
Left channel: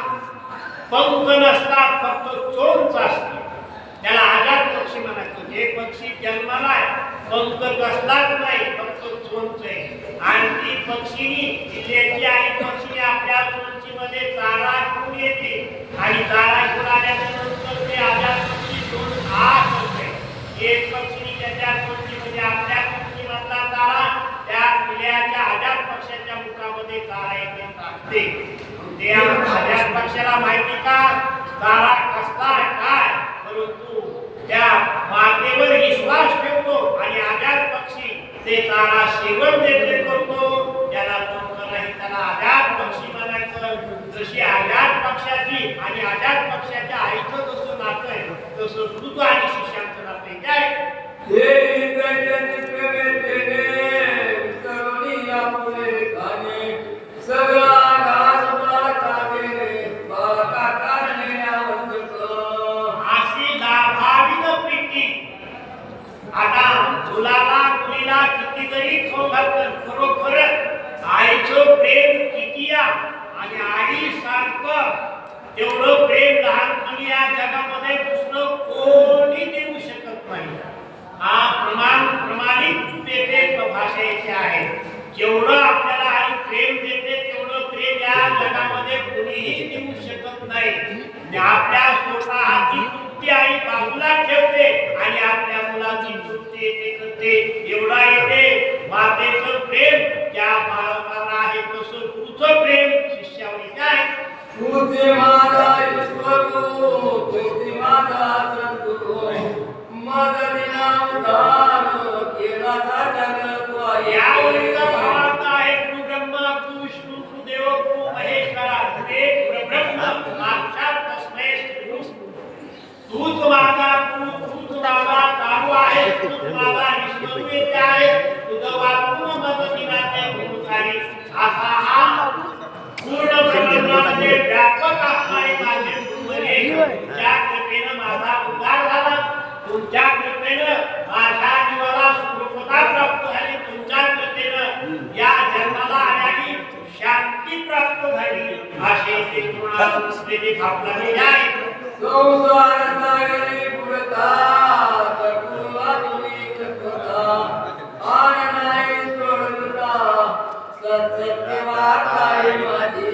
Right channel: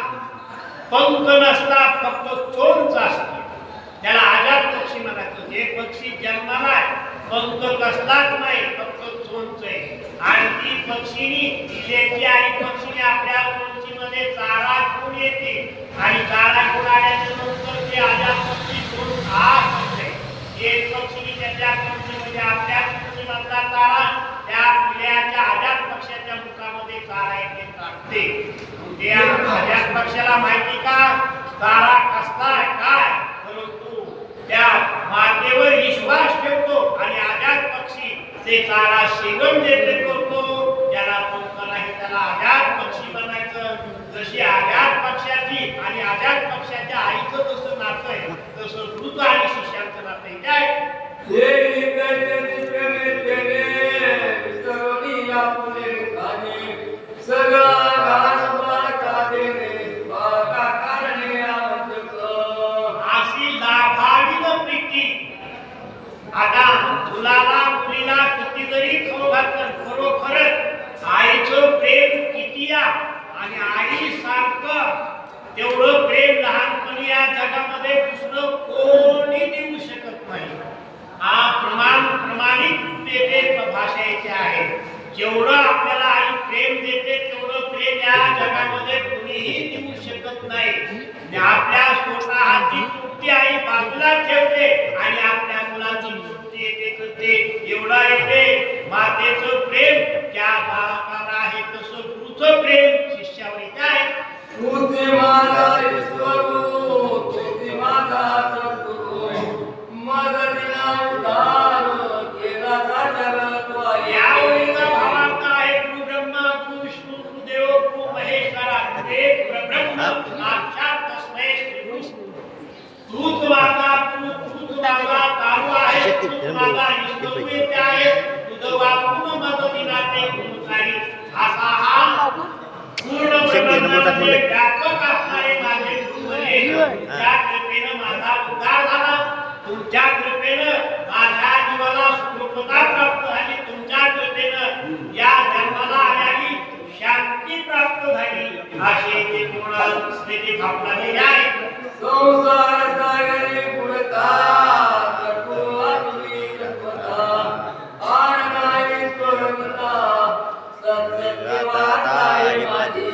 पंख नसतात, फक्त चोच असते, त्याला अजात पक्षी म्हणायचं. जे पक्षी जन्माला आहे पंख कसलाच नाही, फक्त चोच आहे. आणि ती पक्षीनी तिची आई पक्षीने आपल्या चोचीमध्ये चारा घेऊन येते आणि चारा घेऊन आल्याच्या नंतर ते अजात पक्षी चोच करते. एक पक्षीने त्याच्या चोचीमध्ये आपल्या चोचीमधला चारा त्या पिल्ल्याच्या अजात पक्षाच्या मुखामध्ये चारा येते टाकते. त्या अजात पक्षाला माहिती का चारा कसला आहे काय, परंतु त्या मातेवर विश्वास ठेवतो आणि अजात पक्षी ते चारा सेवन देखील करतो. त्याला पंख नाही, त्याला अजात पक्षी म्हणायचं. जशी अजात पक्षाची आणि अजात पक्षाच्या आईचं जसं नातं आहे, तसं गुरु आणि शिष्यांचं नातं आहे. काय सगळा अशी लाभावीन प्रीती. आता मुलाला मुलीला किती जरी खाऊ घातलं, खरोखरच आईचं प्रेम किती आणि आईसारखं तेवढं प्रेम लहानपणी या जगामध्ये दुसरं कोणी देऊ शकत नाही. हा प्रमाणित तेथे भाषेचे आहे. जेवढं आपल्याला आई प्रेम देते तेवढं प्रेम या जगामध्ये कोणीही देऊ शकत नाही. आपल्या स्वतःची तृप्ती आई बाजूला ठेवते आणि आपल्या मुलाची तृप्ती येते करते. एवढा येते मातेचं प्रेम त्या बाळकाला आहे, तसं गुरु तुझं प्रेम शिष्यावर येते आहे. तुझे माझा ईश्वरू, तुझे माझा सद्गुरू, मदतीला उद्धार केला जगत्वारी. या ओळीचा भावार्थ आहे गुरु ब्रह्मा गुरु विष्णू गुरु देव गुरु महेश्वरा एक ब्रह्म साक्षात तस्मै श्री गुरु. तूच माझा तूच माझा तारू आहे, तूच माझा निष्ठुर आहे, तुझं वाचून मदतीला ते गुरुकारी. असा हा पूर्ण ब्रह्मांडामध्ये व्यापक असणारे माझे गुरुवरे, तुमच्या कृपेनं माझा उद्धार झाला, तुमच्या कृपेनं माझ्या जीवाला सुखता प्राप्त झाली, तुमच्या कृपेनं या जन्माला आल्याची शांती प्राप्त झाली. असे ते गुणाला स्मृती भावनाने आहे. संसार सागरी पुरता सद्गुरू आपुली कृपा, आन नाही सोडता सत्य वार्ता आहे माझी.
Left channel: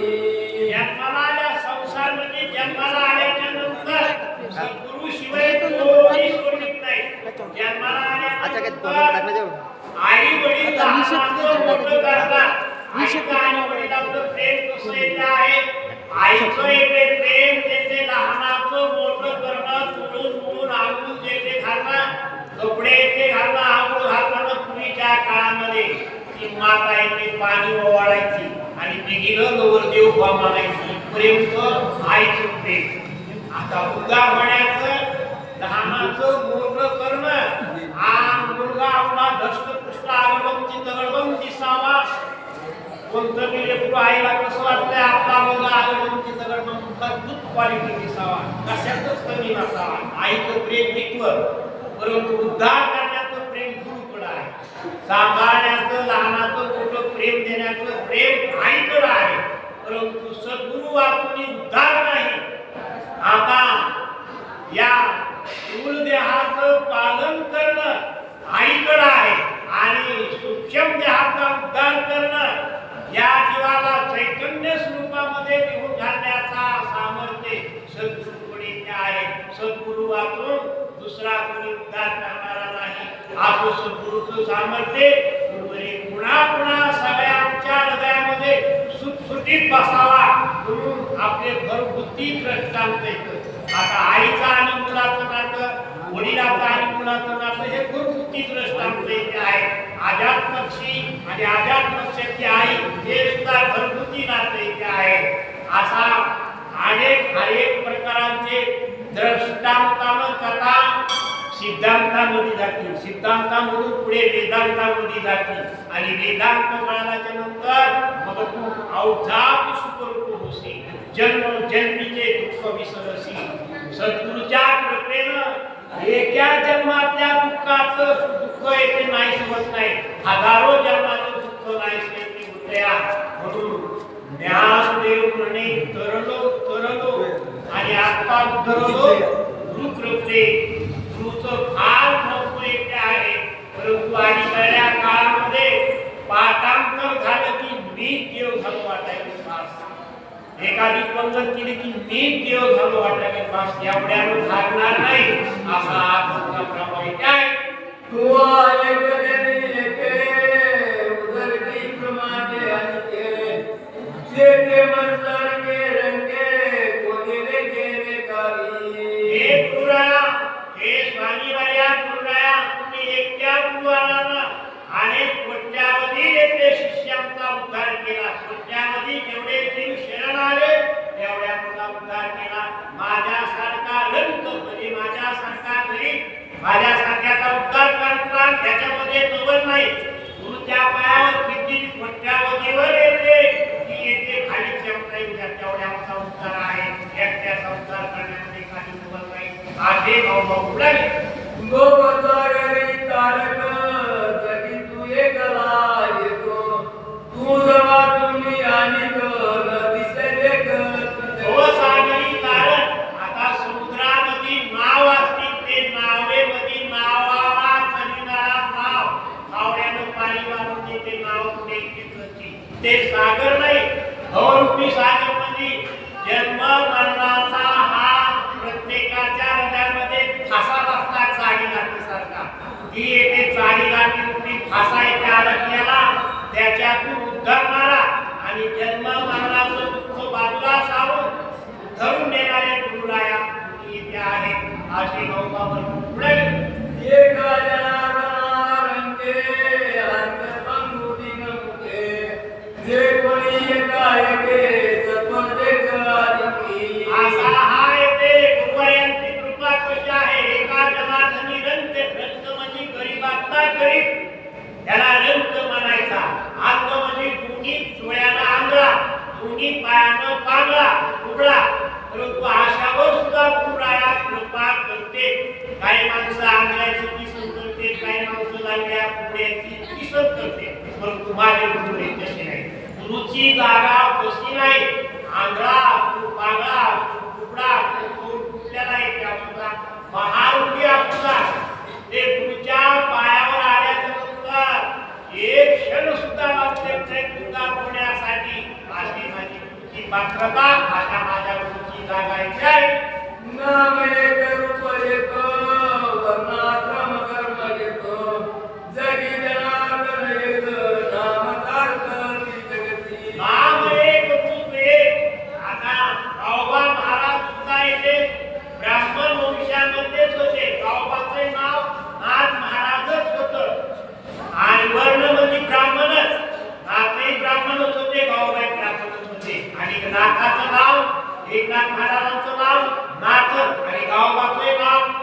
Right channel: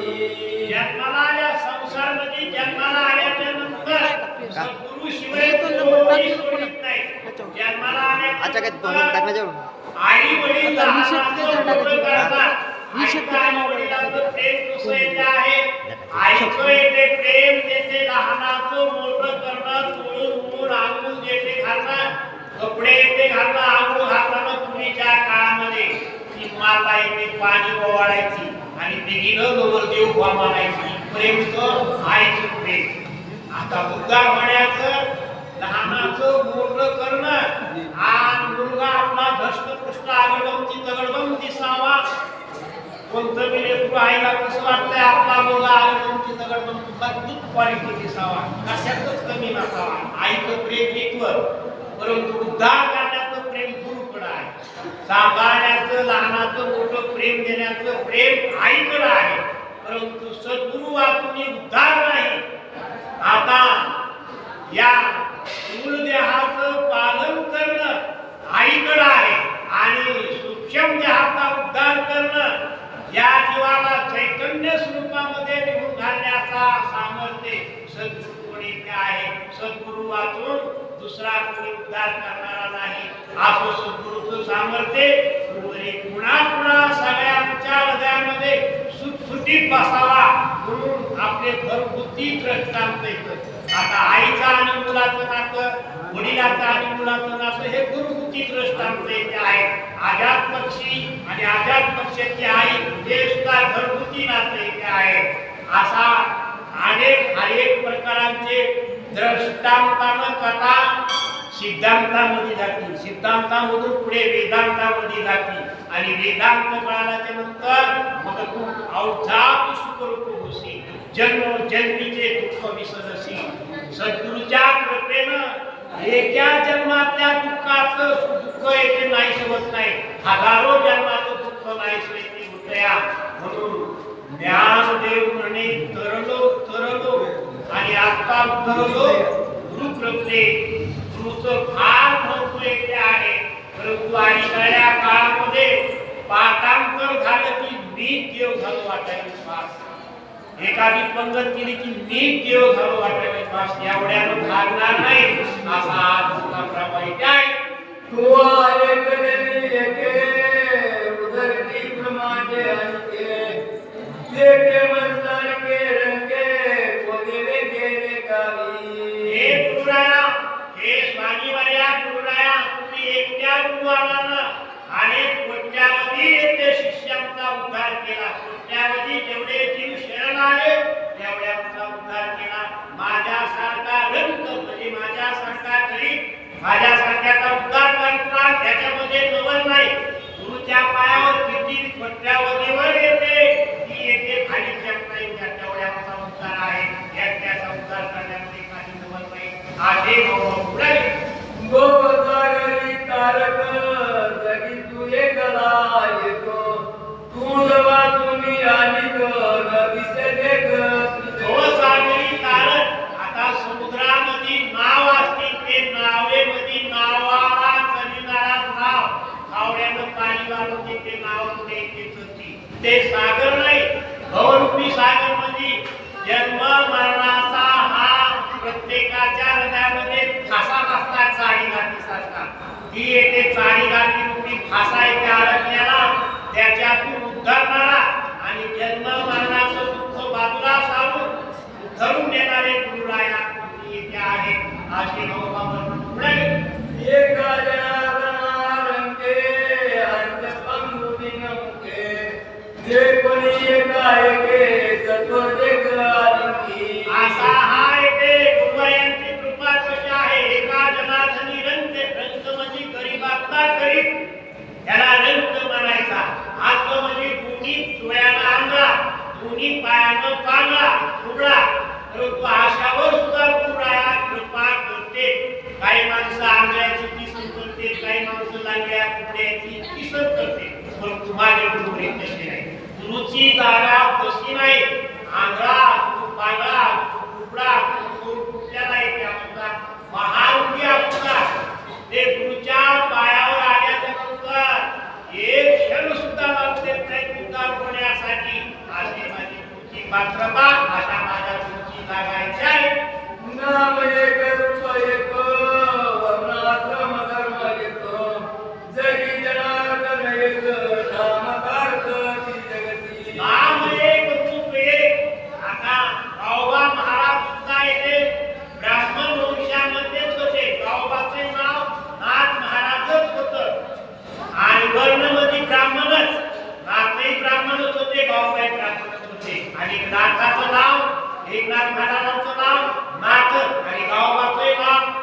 जन्माला आल्या संसारमध्ये जन्माला आल्याच्या नंतर सद्गुरु शिवाय कोणी सोडित नाही. जन्माला आल्यानंतर आई वडील लहानाचं मोठं करतात. आईचं आणि वडिलांचं प्रेम कसं येते आहे. आईचं येते प्रेम त्याचे लहानाचं मोठं करणं, तुळून आंघोळ येते घालणं, कपडे येते घालणं, आंघोळ घालताना पूर्वीच्या काळामध्ये ती माता येते पाणी ओवाळायची आणि ते गेलं नवरदेव उभा मानायची. प्रेम तर आईचं प्रेम. आता उद्धार होण्याचं लहानाचं मोठं करणं, हा मुलगा आपला धष्टपुष्ट आगळबंती तगडबंद दिसावा. कोणतं बी लेकरू आईला कसं वाटतंय आपला मुलगा आगळबंती तगडबंद अद्भुत क्वालिटी दिसावा, कशातच कमी नसावा. आईचं प्रेम निकवत, परंतु उद्धार करण्याचं प्रेम गुरुकडं आहे. सांभाळण्याचं लहानाचं मोठं प्रेम देण्याचं प्रेम आईकडं आहे, परंतु सद्गुरु वाचून उद्धार नाही. आता या स्थूल देहाचं पालन करणं आईकडं आहे आणि सूक्ष्म देहाचा उद्धार करणं या जीवाला चैतन्य स्वरूपामध्ये निघून घालण्याचा सामर्थ्य सद्गुरूकडे आहे. सद्गुरू वाचून दुसरा कोणी उद्धार करणारा नाही. असं सद्गुरूचं सामर्थ्य गुरुवरे पुन्हा पुन्हा सगळ्यांच्या हृदयामध्ये सुटसुटीत बसावा म्हणून आपले घरगुती दृष्टांत येतं. आता आईचं आणि मुलाचं नातं, वडिलाचं आणि मुलाचं नातं हे घरगुती दृष्टांत येते आहे. आजाद पक्षी आणि आजाद पक्षाची आई हे सुद्धा घरगुती नातं येते आहे. असा अनेक प्रकारांचे दृष्टांतानं कथा सिद्धांतामध्ये जातील, सिद्धांतामधून पुढे वेदांतामध्ये जातील आणि वेदांत कळाल्याच्या नंतर मग तू अवघात सुखरूप होशील, जन्मजन्मीचे दुःख विसरशी. सद्गुरूच्या कृपेनं एका जन्मातल्या दुःखाचं दुःख येते नाही सोबत नाही, हजारो जन्माचं दुःख नाही सोबत होतया. म्हणून ज्ञानदेव म्हणे तरलो आणि आता उतरलो गुरु कृपे. गुरुचं फार महत्व येते आहे, परंतु अलीकडल्या काळामध्ये पाठांतर झालं की मी देव झालो वाटायला पास, एखादी पंगत केली की मी देव झालो वाटायला पास, एवढ्यानं भागणार नाही. असा हा प्रमाणित आहे. तू ऐकले उदरती प्रमाणे अंके, जेते मनसार के रंगे कोणी रे गेले काही. हे गुरुराया, हे स्वामीवर्या गुरुराया, तुम्ही एकट्या गुरुवारानं अनेक कोट्यावधी येथे शिष्यांचा उद्धार केला. कोट्यावधी जेवढे जीव शरण आले तेवढ्या तुझा उद्धार केला. माझ्यासारखा रंग म्हणजे माझ्यासारखा गरीब, माझ्यासारख्याचा उद्धार करता त्याच्यामध्ये नवल नाही. गुरुच्या पायावर किती कोट्यावधीवर येते ती येते खाली जमता येईल तेवढ्या मोठा उद्धार आहे. एकट्याचा उद्धार करण्यामध्ये काही नवल नाही. आधी भाऊ उडाली गोपसागरी तारक जगी तू एकला येतो, तू जवा तुम्ही आणि दिसे देख. भवसागरी तारण. आता समुद्रामध्ये नाव असतील, ते नावेमध्ये नावाला चलिणारा नाव, फावड्यानं पाणी वाहून ते नाव कुठे येते ते सागर नाही. भवरूपी सागर म्हणजे जन्म मरणाचा हा प्रत्येकाच्या हृदयामध्ये फासा बसला चाळी गाठीसारखा. ती येते चाळी गाठी रूपी फासा येते अडकल्याला, त्याच्यातून उद्धारणारा आणि आणि जन्म मरणाचं दुःख बाजूला सारून धरून देणारे गुरुराया इथे आहे असे गौबावर पुढे एका जनार्दनारंगे अंतपंगुदीन मुखे जे कोणी एकाएके सपदे करारी असा हा येते गुरुवाऱ्यांची कृपा कशी आहे एका जनार्दनी रंग म्हणजे गरीबातला गरीब त्याला रंग म्हणायचा अंत म्हणजे दोन्ही डोळ्याला आंधळा दोन्ही पायानं पांगळा उघडा परंतु आशावर सुद्धा गुरुराया कृपा करते काही माणसं आंधळ्याची किसन करते काही माणसं लागल्या कुकड्याची किसन करते परंतु माझे गुरुवरे तसे नाही गुरुची जागा तशी नाही आंधळा पांगळा कुकडा कुठल्याला येते सुद्धा महारुगी सुद्धा ते गुरुच्या पायावर आल्यानंतर एक क्षण सुद्धा लागते नाही उद्धार होण्यासाठी अशी माझी गुरुची पात्रता अशा माझ्या गुरुची जागा इथे आहे नाम एक रूप एक वर्णाश्रम कर्म एक जगी जनार्दन एक नाम सार्थकी जगती नाम एक रूप एक आता गावबा महाराज सुद्धा येते ब्राह्मण वंशामध्येच होते गावबाचे नाव नाथ महाराजच होतं आणि वर्णमध्ये ब्राह्मणच नाथही ब्राह्मणच होते गावबाई ब्राह्मणच होते आणि नाथाचं नाव एकनाथ महाराजांचं नाव नाथ आणि गावबाचे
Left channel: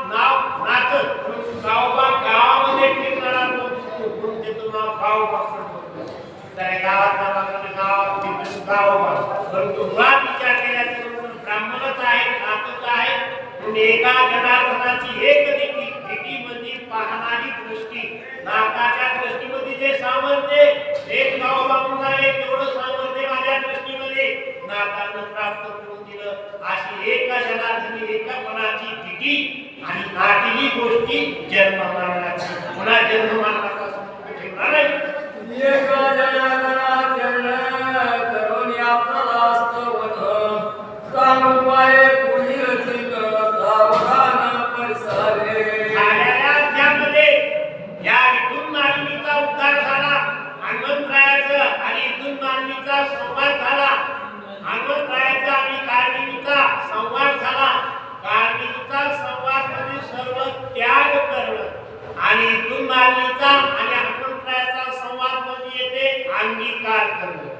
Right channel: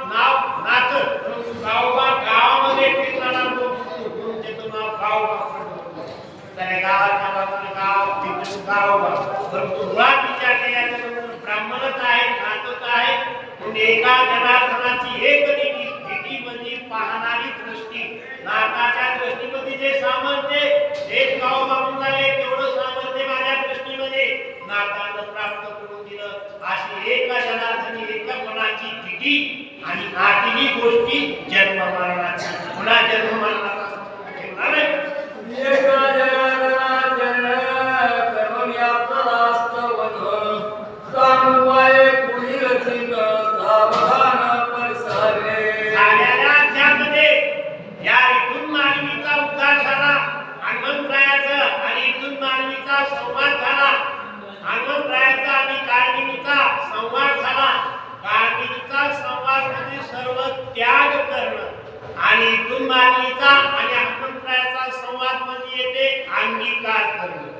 नाव नाथ परंतु गावबा गावामध्ये फिरणारा म्हणून त्याचं नाव गावबा पडलं त्या गावात नावाचं गाव तिकडे गावबा परंतु मुळात विचार केल्याच्या नंतर ब्राह्मणच आहे नाथच आहे म्हणजे एका जनार्दनाची एक भेटी म्हणजे पाहणारी दृष्टी नाथाच्या दृष्टीमध्ये जे सामर्थ्य एक गाव बाबून झाले तेवढं सामर्थ्य माझ्या दृष्टीमध्ये नाथानं प्राप्त करून दिलं अशी एका जनार्दनी एकापणाची भेटी आणि नाटीली गोष्टी जन्म मरणाची पुन्हा जन्म मरणाचा संबंध ठेवला नाही एका जनार्दन करुणी आपला स्तवन सांगवाये पुढील सिंग सावधान परिसारे झालेल्या त्यामध्ये या इथून मानवीचा उद्धार झाला हनुमंतरायाचं आणि इथून मानवीचा संवाद झाला हनुमंतरायाचा आणि काळनिमीचा संवाद झाला काळनिमीचा संवाद म्हणजे सर्व त्याग करणं आणि इथून मानवीचा आणि हनुमंतरायाचा संवाद म्हणजे येते अंगीकार करणं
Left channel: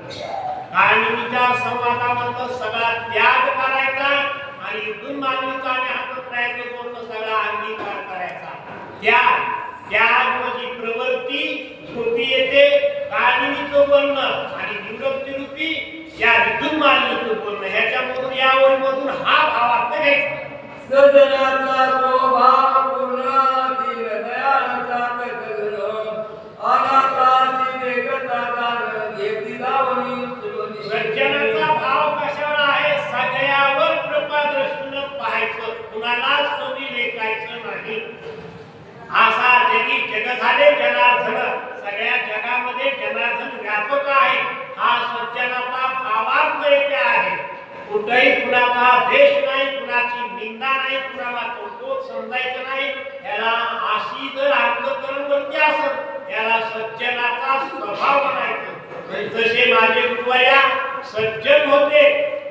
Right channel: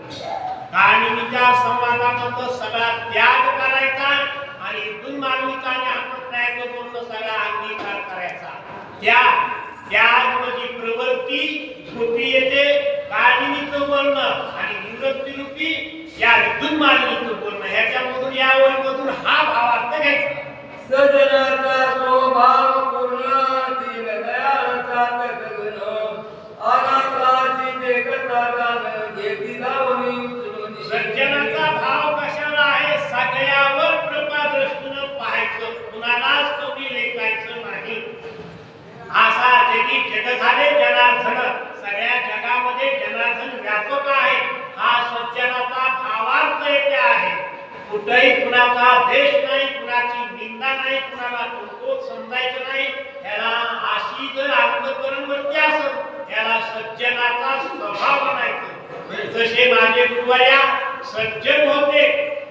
काळनिमीच्या संवादामध्ये सगळा त्याग करायचा आणि इथून मानवीचा आणि हनुमंतरायाचं बोलणं सगळा अंगीकार करायचा त्याग म्हणजे प्रवृत्ती रूपी येते काळनिमीचं बोलणं आणि निवृत्ती रूपी या विद्युत मानवीचं बोलणं ह्याच्यामधून या ओळीमधून हा भावार्थ घ्यायचा सजनाचा स्वभाव पूर्ण दीनदयाळाचा तकन अनाथाची देखता जाण घेती लावणी तुझी सज्जनाचा भाव कशावर आहे सगळ्यावर कृपा दृष्टीनं पाहायचं कुणालाच कधी लेखायचं नाही असा जगी जग झाले जनार्दन सगळ्या जगामध्ये जनार्दन व्यापक आहे हा सज्जनाचा भावार्थ येथे आहे कुठेही कुणाचा देश नाही कुणाची निंदा नाही कुणाला कौतुक समजायचं नाही याला अशी जर अंतकरण वृत्ती असेल याला सज्जनाचा स्वभाव म्हणायचं जसे माझे गुरुवर्या सज्जन होते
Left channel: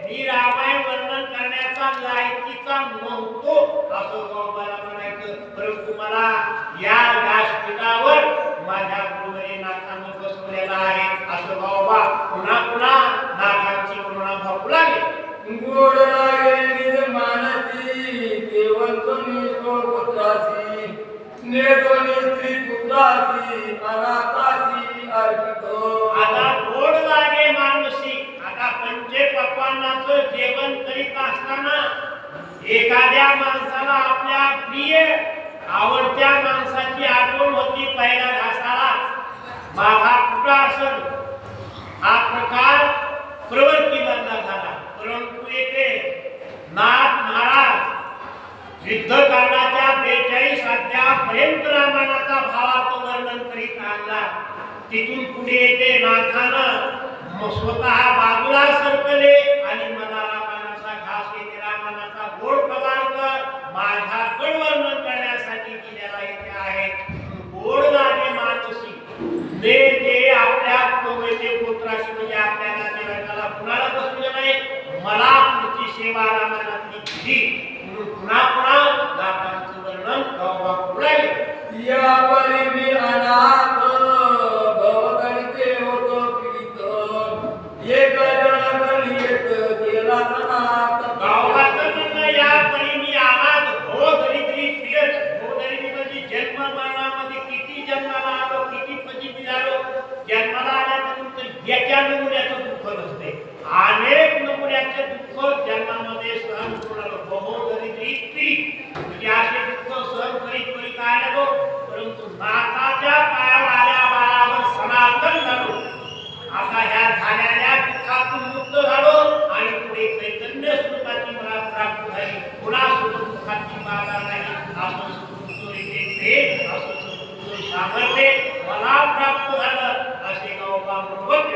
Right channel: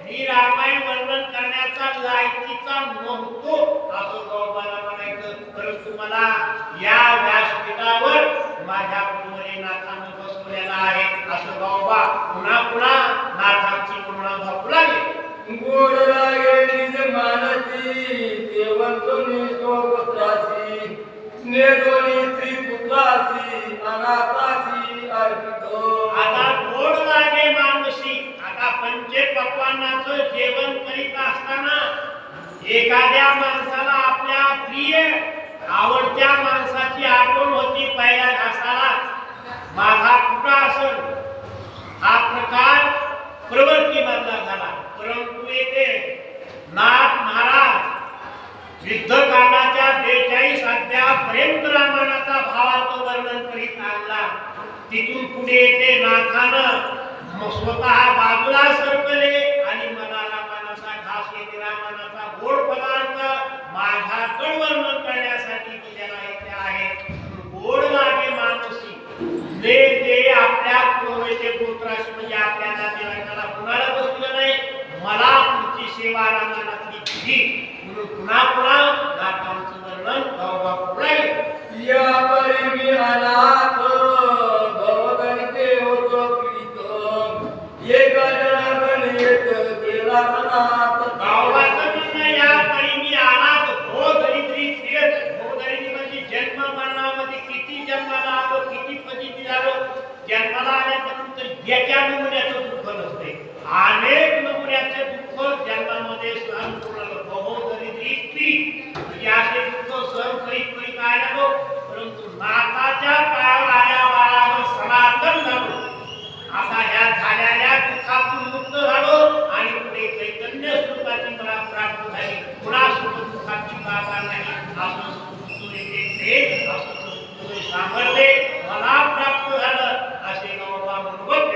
मी रामायण वर्णन करण्याचा लायकीचा नव्हतो असं गौबाला म्हणायचं परंतु मला या व्यासपीठावर माझ्या गुरुवरे नाथानं बसवलेला आहे असं गौबा पुन्हा पुन्हा नाथांची पुन्हा भाऊ लागले गोड लागे निज मानसी देवंतनी स्वपुत्राची नेदोनी स्त्री पुत्राची अनाथाची अर्पितो आता गोड लागे मानसी आता पंचे पक्वान्नाचं जेवण करीत असताना एखाद्या माणसाला आपल्या प्रिय आवडत्या माणसाची आठवण होती पहिल्या घासालाच माझा कुठं असेल हा प्रकार प्रवृत्तीमधला झाला परंतु येथे नाथ महाराज युद्धकांडाच्या 42 अध्यायापर्यंत रामायणाचा भावार्थ वर्णन करीत आणला तिथून पुढे येते नाथानं स्वतः बाजूला सरकले आणि मला रामायणाचा घास येते रामायणाचा गोड पदार्थ माझ्याकडे वर्णन करण्यासाठी दिलेला येथे आहे गोड लागे मानसी ने जे आपल्या पुत्राशी म्हणजे आपल्या नातेवाईकांना कुणाला बसलं नाही मला पुढची सेवा रामानातली दिली म्हणून पुन्हा पुन्हा नाथांचं वर्णन गावोगाव राहिले या परी मी अनाथ भवदलिते होतो पीडित एक जणाकडे येत केला सनाथ गावाचं म्हणणं या परी मी अनाथ भोदरिद्री फिरत भोदरिद्री म्हणजे जन्म मरणामध्ये किती जन्माला आलो किती फजिती झालो जन्माला आल्यानंतर एका नमुन्याचं दुःख नसते अनेक नमुन्याचं दुःख जन्मामध्ये सहन करून आलो भोदरिद्री पीडित म्हणजे असे दुःख सहन करीत करीत आलो परंतु नाथाच्या पायावर आल्या बाळावर सनातन झालो आता ह्या झालेल्या दुःखातून मुक्त झालो आणि पुढे चैतन्य स्वरूपाची मला प्राप्त झाली पुन्हा सुख दुःखाची बाधा नाही असं असं सामर्थ्य मला प्राप्त झालं असे गावोबा म्हणून व्यक्त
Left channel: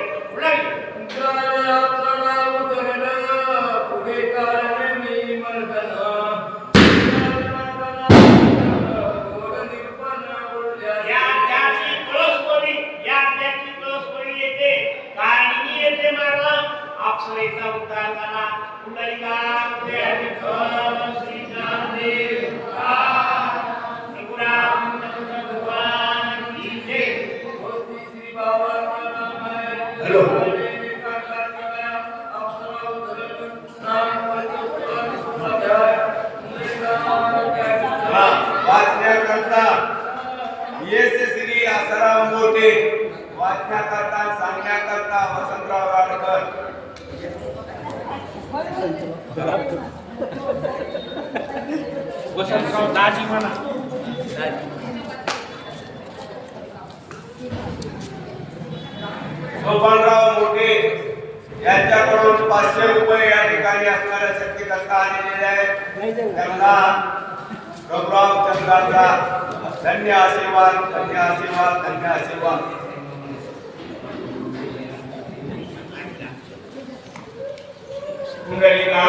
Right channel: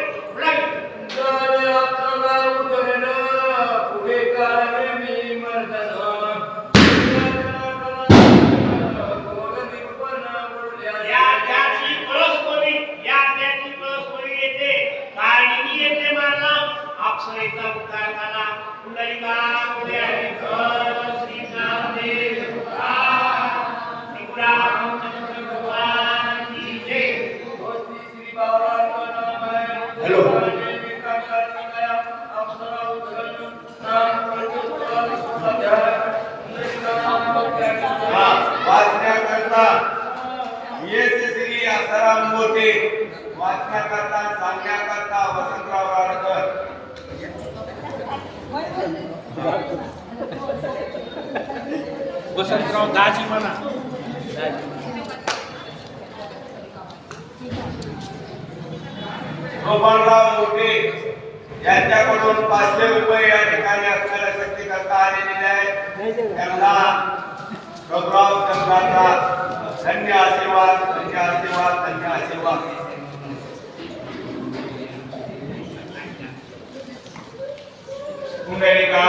पुढे काय मी मर्दन या त्याची कळसवडी या त्याची कळसवडी येते कारणीनी येते मला अप्सरेचा उद्धार झाला कुंडलिका मुळे श्री ज्ञानदेव रघुराम चंद्र भगवान की जय श्री बाबा वाचण्याकरता येस श्री आसाराम मोठे वाचण्याकरता सांगण्याकरता वसंतराव राडकर वसंतराव दाजी म्हणा सोपानराव मोठे यांच्याकडून 500 रुपये या ठिकाणी असणाऱ्या शक्तीकरता आलेले आहेत त्यांना प्रभुराव चंद्राचा धन्य आशीर्वाद धन्य आशीर्वाद धन्य आशीर्वाद कुंडलिका